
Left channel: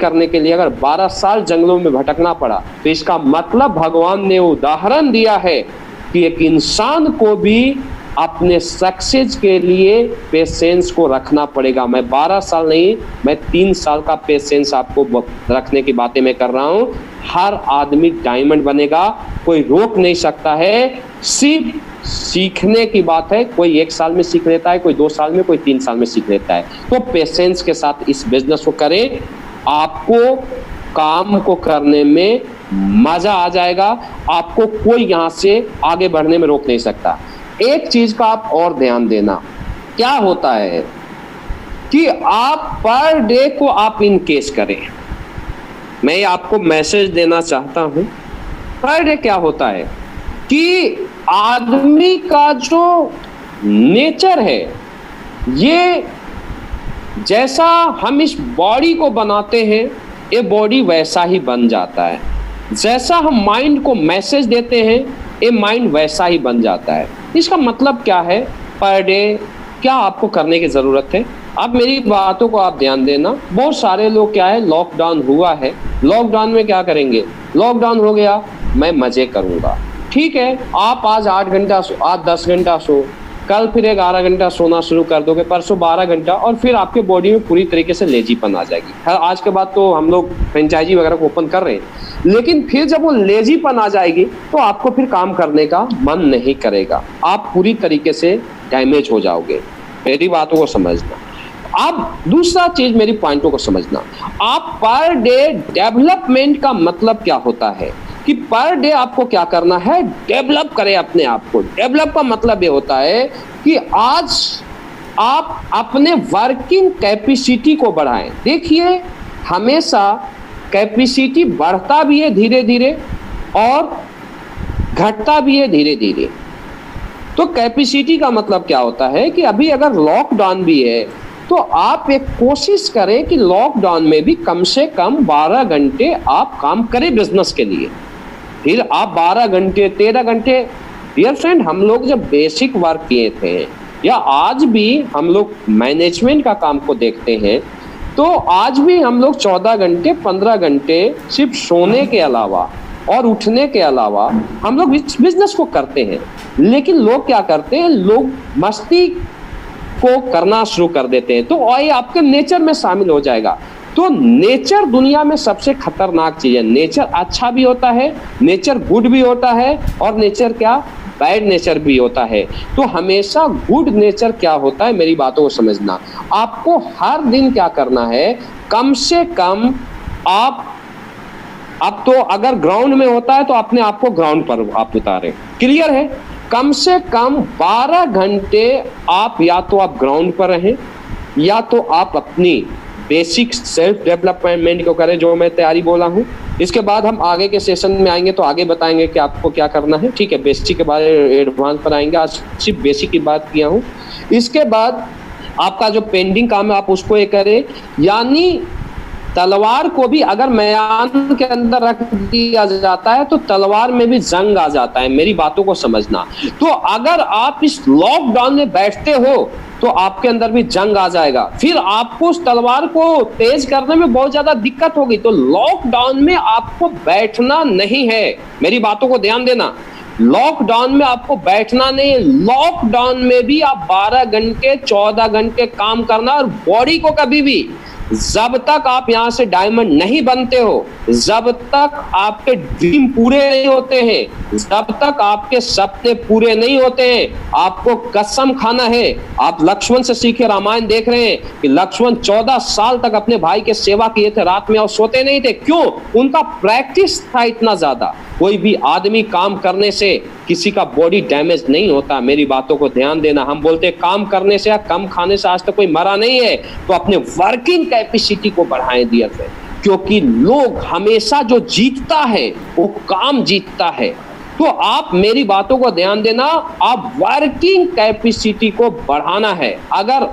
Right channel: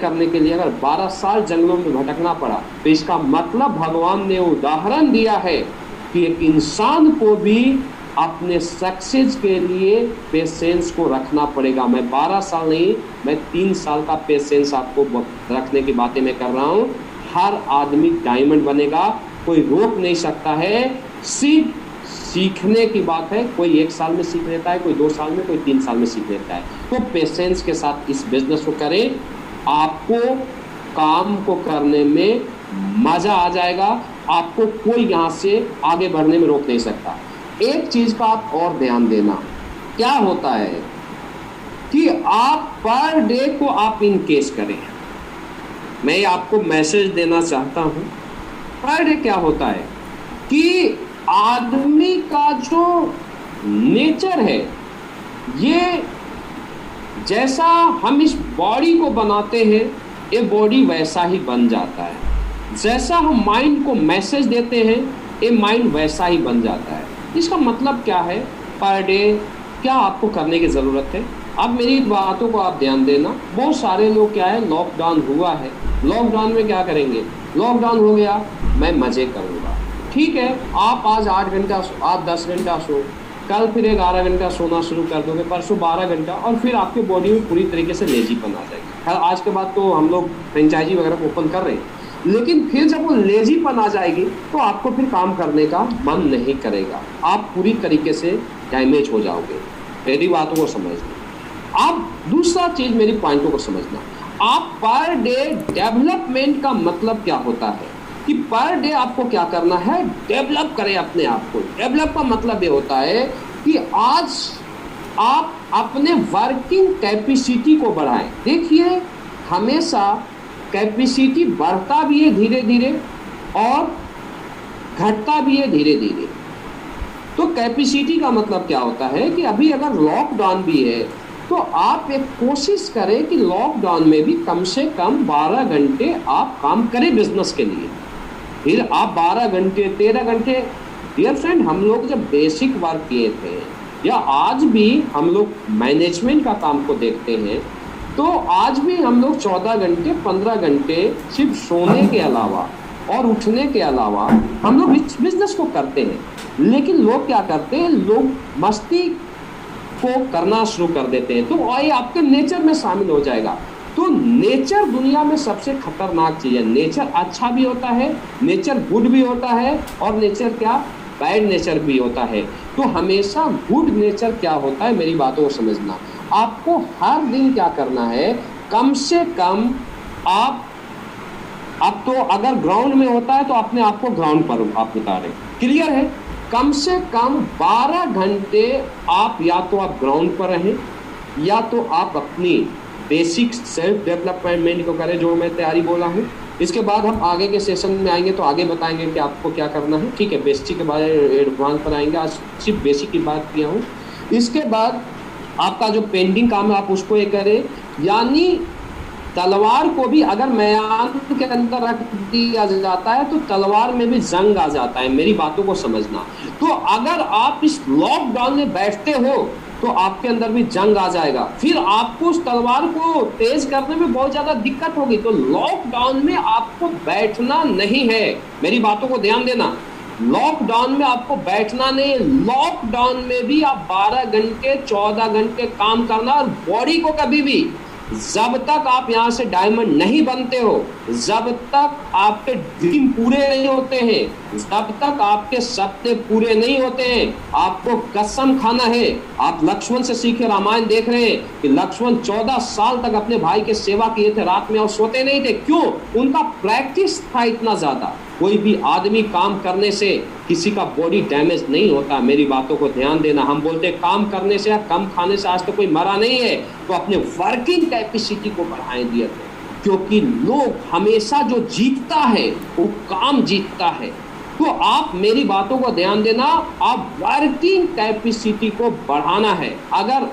करने के लिए अगर 12 साल जंगलों में भटकना पड़ा, तो इसका मतलब भगवान ने उदाहरण दिया है कि एक इंसान को भी अपने सक्सेस के लिए पेशेंस को रखना पड़ेगा। मैं 12 साल नहीं, मैं 3 साल का पेशेंस आपको रखने की बातें मैं कर रहा हूँ। हर आदमी डायमंड बनेगा, कोई रोक नहीं सकता है। सिर्फ सीखने की बात है, कोई 1 साल में सीख लेता है, कोई 2 साल में, कोई 3 साल में सीख लेता है। तो पेशेंस के साथ इस बिजनेस को करें, आपको काम को करने में मजा आ जाएगा। आपको कोई यहाँ से आगे बढ़ने में रोक नहीं सकता। एक चीज का आप और ध्यान देना, क्या होता है कि आप पर डे को आप इनकेस करें। मैं आपको मैसेज देना चाहता हूं, पर डे क्या होता है कि आदमी का जो नेचर है, ये जैसा हम इस बॉडी को बनाते हैं ये बॉडी वैसा ही बन जाता है, जैसा हम माइंड को मैसेज देते हैं ये माइंड वैसा ही बन जाता है। इसका मतलब क्या है, पर डे क्या आपको करने की ज़रूरत है। अब मेरी बातों को आप ध्यान देना। बहुत सारे लोग क्या है, लॉकडाउन हुआ है, लॉकडाउन में क्या करेंगे, लॉकडाउन हो गया मैं मज़े करूँगा। ठीक है, आप आज 8 घंटा सो, आज 10 घंटा सो, कल फिर 11 घंटा सोना शुरू कर दोगे, परसों 12 घंटा, और फिर आपके बॉडी में पूरी तरीके से लेजीपन आ जाएगी। खैर आज के बाद तो हम लोग फ्रेंचाइजी वगैरह को ओपन कर रहे हैं, लेकिन फिर जब वो लेजीपन आ जाएगी तो आपको फिर काम करने का मन नहीं करेगा, आप पूरी तरीके से डैमेज हो जाओगे। मेरी बातों को समझना। अब दूसरा चीज, मेरी पॉइंटों को समझना। आप पर डे डेवलपमेंट का मतलब क्या होता है कि पर डे आपको क्या करना है, डेवलप करें अपने आप को। डेवलप का मतलब ये होता है कि आज आप अपने वर्किंग कैपेसिटी को बढ़ाएं। देखिए हमेशा कैपेसिटी बढ़ता भी है धीरे धीरे और घटता भी है धीरे धीरे। तो कैपेसिटी का मतलब क्या होता है कि अभी अगर लॉकडाउन भी है तो आप एक कोशिश करें कि लॉकडाउन में भी कम से कम 12 घंटे आप काम करें बिजनेस के लिए। फिर आप 12 घंटे 13 घंटे, डियर फ्रेंड हम लोग जब बेसिक वर्क किए थे या आज भी हम लोग मैनेजमेंट का काम को देखते हैं तो आज भी हम लोग 14 घंटे 15 घंटे सिर्फ सोने के अलावा और उठने के अलावा हम लोग बिजनेस को करते हैं। लेकिन लोग क्या करते हैं, लोग मस्ती को करना शुरू कर देते हैं, तो ये आपके नेचर में शामिल हो जाएगा। तो नेचर दुनिया में सबसे खतरनाक चीज है। नेचर अच्छा भी होता है, नेचर गुड भी होता है, और नेचर क्या, बैड नेचर भी होता है। तो हमेशा गुड नेचर क्या होता है, मेरी बातों को समझना। आपको हर दिन क्या करना है, कम से कम आप, अब तो अगर ग्राउंड में होता है तो अपने आप को ग्राउंड पर आप उतारे, क्लियर है। कम से कम 12 घंटे आप या तो आप ग्राउंड पर रहें या तो आप अपनी बेसिक सेल्फ डेवलपमेंट को करें, जो मैं तैयारी बोला हूँ। इसके बाद हम आगे के सेशन में आएंगे तो आगे बताएंगे कि आपको क्या करना है, ठीक है। बेसिक के बाद एडवांस पर आएंगे, आज सिर्फ बेसिक की बात किया हूँ। इसके बाद आपका जो पेंडिंग काम है आप उसको ये करें, यानी तलवार को भी अगर मैदान के अंदर रख दिया जाता है तो तलवार में भी जंग आ जाता है, मेरी बातों को समझना। तो अगर आप इस लॉकडाउन में बैठते हो तो आपके अंदर भी जंग आ जाएगा, फिर आपको उस तलवार को तेज करने में बहुत ज्यादा दिक्कत होगी। तो लॉकडाउन में आपको बैठना नहीं है, मेरी बातों को ध्यान देना। लॉकडाउन में आपको बैठना नहीं है, लॉकडाउन में भी आप 12 घंटे 14 घंटे काम करना। और बॉडी को कभी भी, जब तक आप यहां से डायमंड नहीं बनते हो, जब तक आपके ड्रीम पूरे नहीं होते हैं, जब तक आपके सपने पूरे नहीं होते हैं, आपको कसम खाना है। आप लक्ष्मण से सीखे, रामायण देख रहे हैं कि लक्ष्मण 14 साल तक अपने भाई के सेवा किए थे, रात में और सोते नहीं थे। क्यों? उनका प्रैक्टिस था इतना ज्यादा। कोई भी आदमी काम करने से किसी का बॉडी डैमेज नहीं होता, मेरी बातों को ध्यान देना। हम बोलते हैं काम करने से या कम खाने से आज तक कोई मरा नहीं है। तो अपने वर्किंग कैपेसिटी को बढ़ाएं दिया थे, क्योंकि लोग हमेशा जो जीतता है वो काम जीतता है। तो आप मेरी बातों को ध्यान देना, आप वर्किंग कैपेसिटी को बढ़ाना है। अगर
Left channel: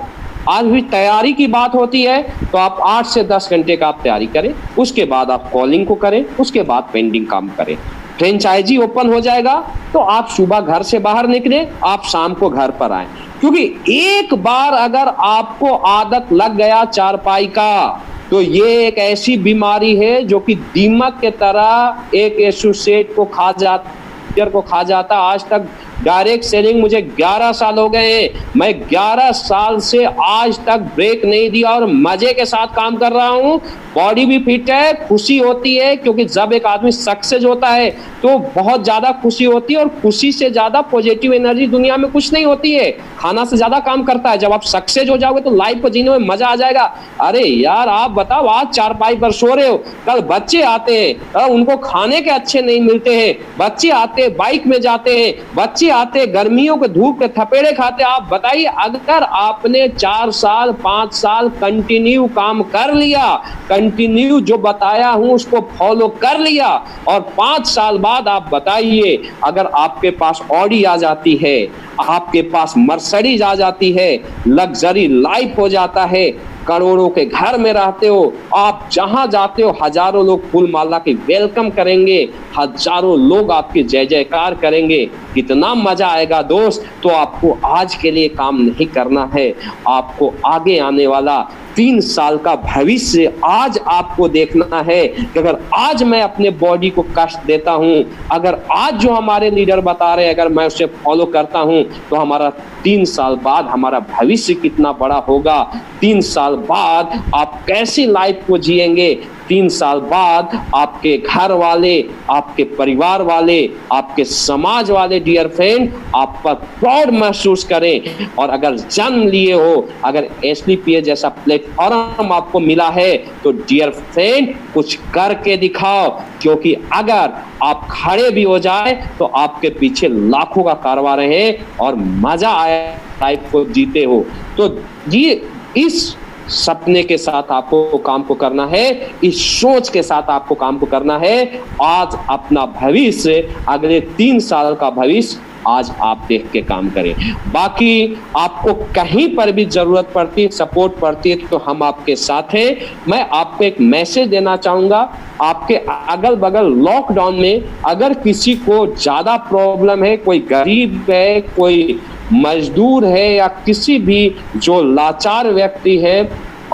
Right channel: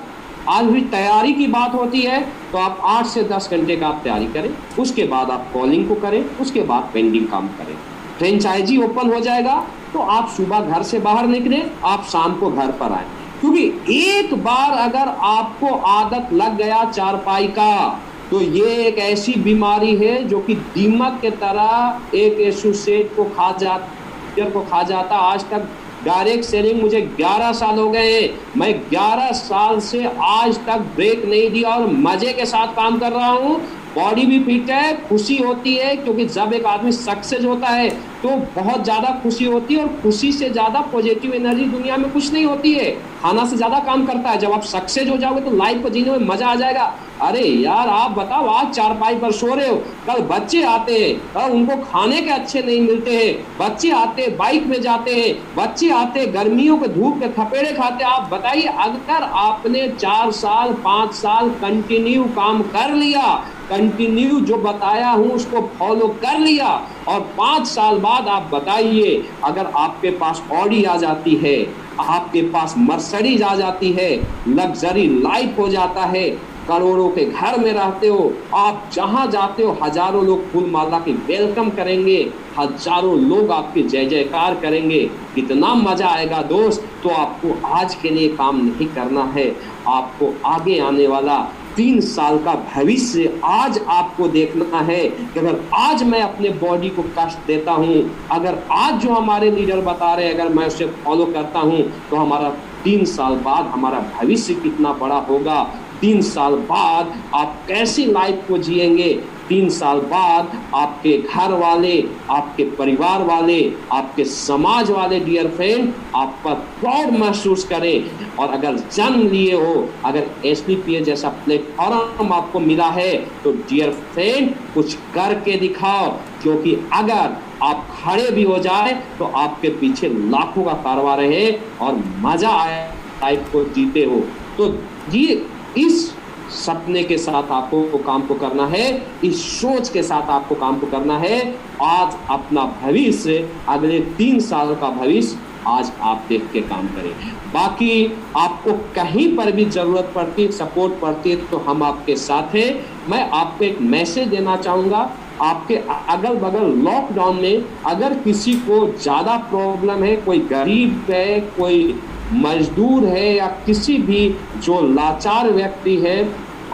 आज भी तैयारी की बात होती है तो आप 8 से 10 घंटे का आप तैयारी करें, उसके बाद आप कॉलिंग को करें, उसके बाद पेंडिंग काम करें। फ्रेंचाइजी ओपन हो जाएगा तो आप सुबह घर से बाहर निकले, आप शाम को घर पर आए। क्योंकि एक बार अगर आपको आदत लग गया चारपाई का तो ये एक ऐसी बीमारी है जो कि दीमक के तरह एक एसोसिएट को खा जाता। आज तक डायरेक्ट सेलिंग मुझे 11 साल हो गए हैं, मैं 11 साल से आज तक ब्रेक नहीं दिया और मजे के साथ काम कर रहा हूँ। बॉडी भी फिट है, खुशी होती है, क्योंकि जब एक आदमी सक्सेस होता है तो बहुत ज़्यादा खुशी होती है, और खुशी से ज़्यादा पॉजिटिव एनर्जी दुनिया में कुछ नहीं होती है। खाना से ज़्यादा काम करता है। जब आप सक्सेस हो जाओगे तो लाइफ को जीने में मज़ा आ जाएगा। अरे यार आप बताओ, आज चारपाई पर सो रहे हो, कल बच्चे आते हैं उनको खाने के अच्छे नहीं मिलते हैं, बच्चे आते बाइक में जाते हैं, बच्चे आते गर्मियों के धूप के थपेड़े खाते। आप बताइए, अगर आपने 4 साल 5 साल कंटिन्यू काम कर लिया, कंटिन्यू जो बताया हूं उसको फॉलो कर लिया, और 5 साल बाद बाद आप बताइए, अगर आपके पास ऑडी आ जाती है, आपके पास मर्सिडीज आ जाती है, लग्जरी लाइफ हो जाता है, करोड़ों के घर में रहते हो, आप जहां जाते हो हजारों लोग फूल माला की वेलकम करेंगे, हजारों लोग आपकी जय जयकार करेंगे, कितना मजा आएगा दोस्त। तो आपको आज के लिए काम नहीं करना है, आपको आगे आने वाला 3 साल का भविष्य आज आपको देखना है कि अगर आज मैं अपने बॉडी को कष्ट देता हूं, अगर आज जो हमारे लीडर बता रहे हैं अगर मैं उसे फॉलो करता हूं, तो हमारा 3 साल बाद हमारा भविष्य कितना बड़ा होगा, 3 साल बाद आप कैसी लाइफ को जिएंगे, 3 साल बाद आपके घर वाले, आपके परिवार वाले, आपके समाज वाले डियर फ्रेंड आप पर प्राउड महसूस करें। और अगर जन्म लिए हो, अगर SLPS जैसा प्लेटफॉर्म आपको मिला है, तो डियर फ्रेंड कुछ करके दिखाओ, क्योंकि अगर आप खड़े भी हो जाए तो आपके पीछे लाखों का कारवां है और मजा आए लाइफ को जीते हो। तो ये इस सपने के साथ आपको काम को करना है, इस सोच के साथ आपको काम को करना है। आज अपना भविष्य, अगले 3 साल का भविष्य आज आप देख के काम करें। बाकी आपको कहीं पर भी जरूरत पड़ती है, सपोर्ट पड़ती है, तो हम आपके साथ हैं। मैं आपको एक मैसेज देना चाहूंगा, आपके अगल बगल लॉकडाउन में अगर किसी को ज्यादा प्रॉब्लम है, कोई गरीब है, कोई मजदूर है, या किसी भी जो लाचार व्यक्ति है,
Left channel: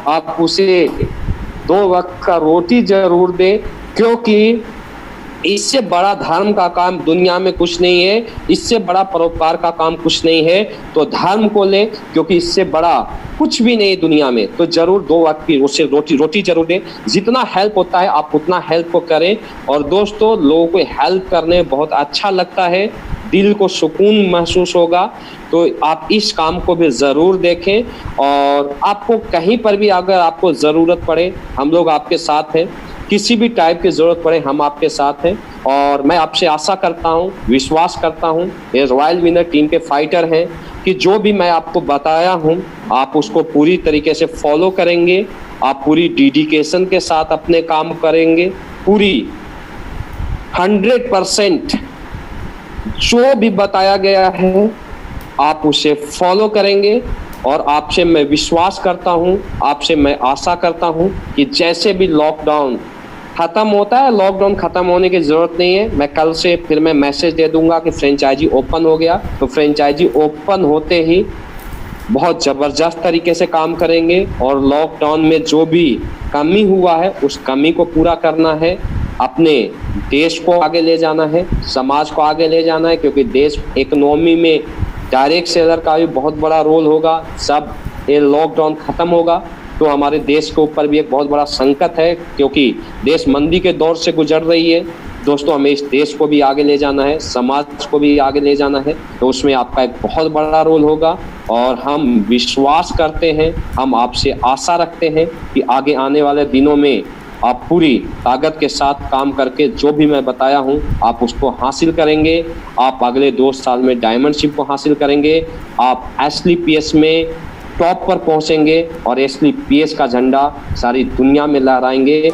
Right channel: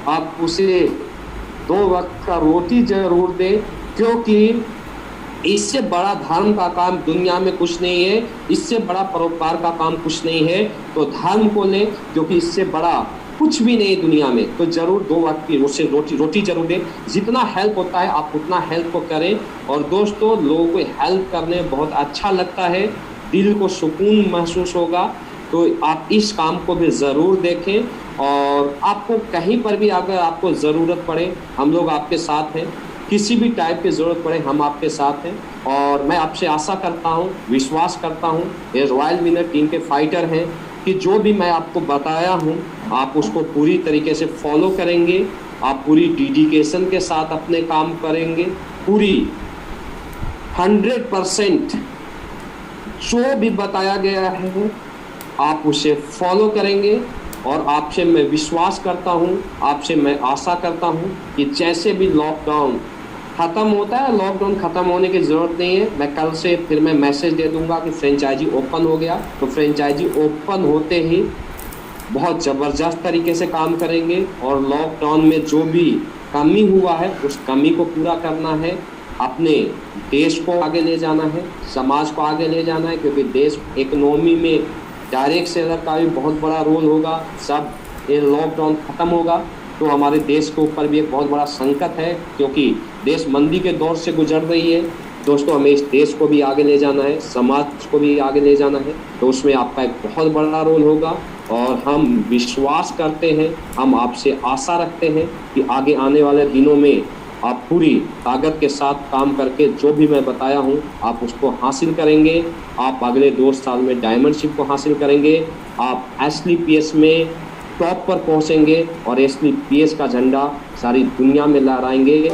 आप उसे 2 वक्त का रोटी जरूर दें, क्योंकि इससे बड़ा धर्म का काम दुनिया में कुछ नहीं है, इससे बड़ा परोपकार का काम कुछ नहीं है। तो धर्म को लें, क्योंकि इससे बड़ा कुछ भी नहीं दुनिया में। तो जरूर 2 वक्त की उसे रोटी जरूर दें, जितना हेल्प होता है आप उतना हेल्प को करें। और दोस्तों, लोगों को हेल्प करने बहुत अच्छा लगता है, दिल को सुकून महसूस होगा, तो आप इस काम को भी ज़रूर देखें। और आपको कहीं पर भी अगर आपको ज़रूरत पड़े, हम लोग आपके साथ हैं, किसी भी टाइप की ज़रूरत पड़े हम आपके साथ हैं। और मैं आपसे आशा करता हूं, विश्वास करता हूं, ये रॉयल विनर टीम के फाइटर हैं, कि जो भी मैं आपको बताया हूं आप उसको पूरी तरीके से फॉलो करेंगे, आप पूरी डेडिकेशन के साथ अपने काम करेंगे, पूरी 100% जो भी बताया गया है आप उसे फॉलो करेंगे। और आपसे मैं विश्वास करता हूं, आपसे मैं आशा करता हूं कि जैसे भी लॉकडाउन खत्म होता है, लॉकडाउन खत्म होने की जरूरत नहीं है, मैं कल से फिर मैं मैसेज दे दूंगा कि फ्रेंचाइजी ओपन हो गया, तो फ्रेंचाइजी ओपन होते ही बहुत ज़बरदस्त तरीके से काम करेंगे। और लॉकडाउन में जो भी कमी हुआ है उस कमी को पूरा करना है, अपने देश को आगे ले जाना है, समाज को आगे ले जाना है, क्योंकि देश इकोनॉमी में डायरेक्ट सेलर का भी बहुत बड़ा रोल होगा। सब ये लॉकडाउन खत्म होगा तो हमारे देश के ऊपर भी एक बहुत बड़ा संकट है, क्योंकि देश मंदी के दौर से गुजर रही है। दोस्तों, हमें इस देश को भी आगे ले जाना है, समाज को भी आगे ले जाना है, तो उसमें आपका एक बहुत बड़ा रोल होगा। और हम विश्वास करते हैं, हम आपसे आशा रखते हैं कि आगे आने वाले दिनों में आप पूरी ताकत के साथ काम करके जो भी मैं बताया हूं आप उसको हासिल करेंगे। आप अगले 2 साल में डायमंडशिप को हासिल करेंगे, आप SLPS में टॉप पर पहुंचेंगे और SLPS का झंडा सारी दुनिया में लहराएंगे।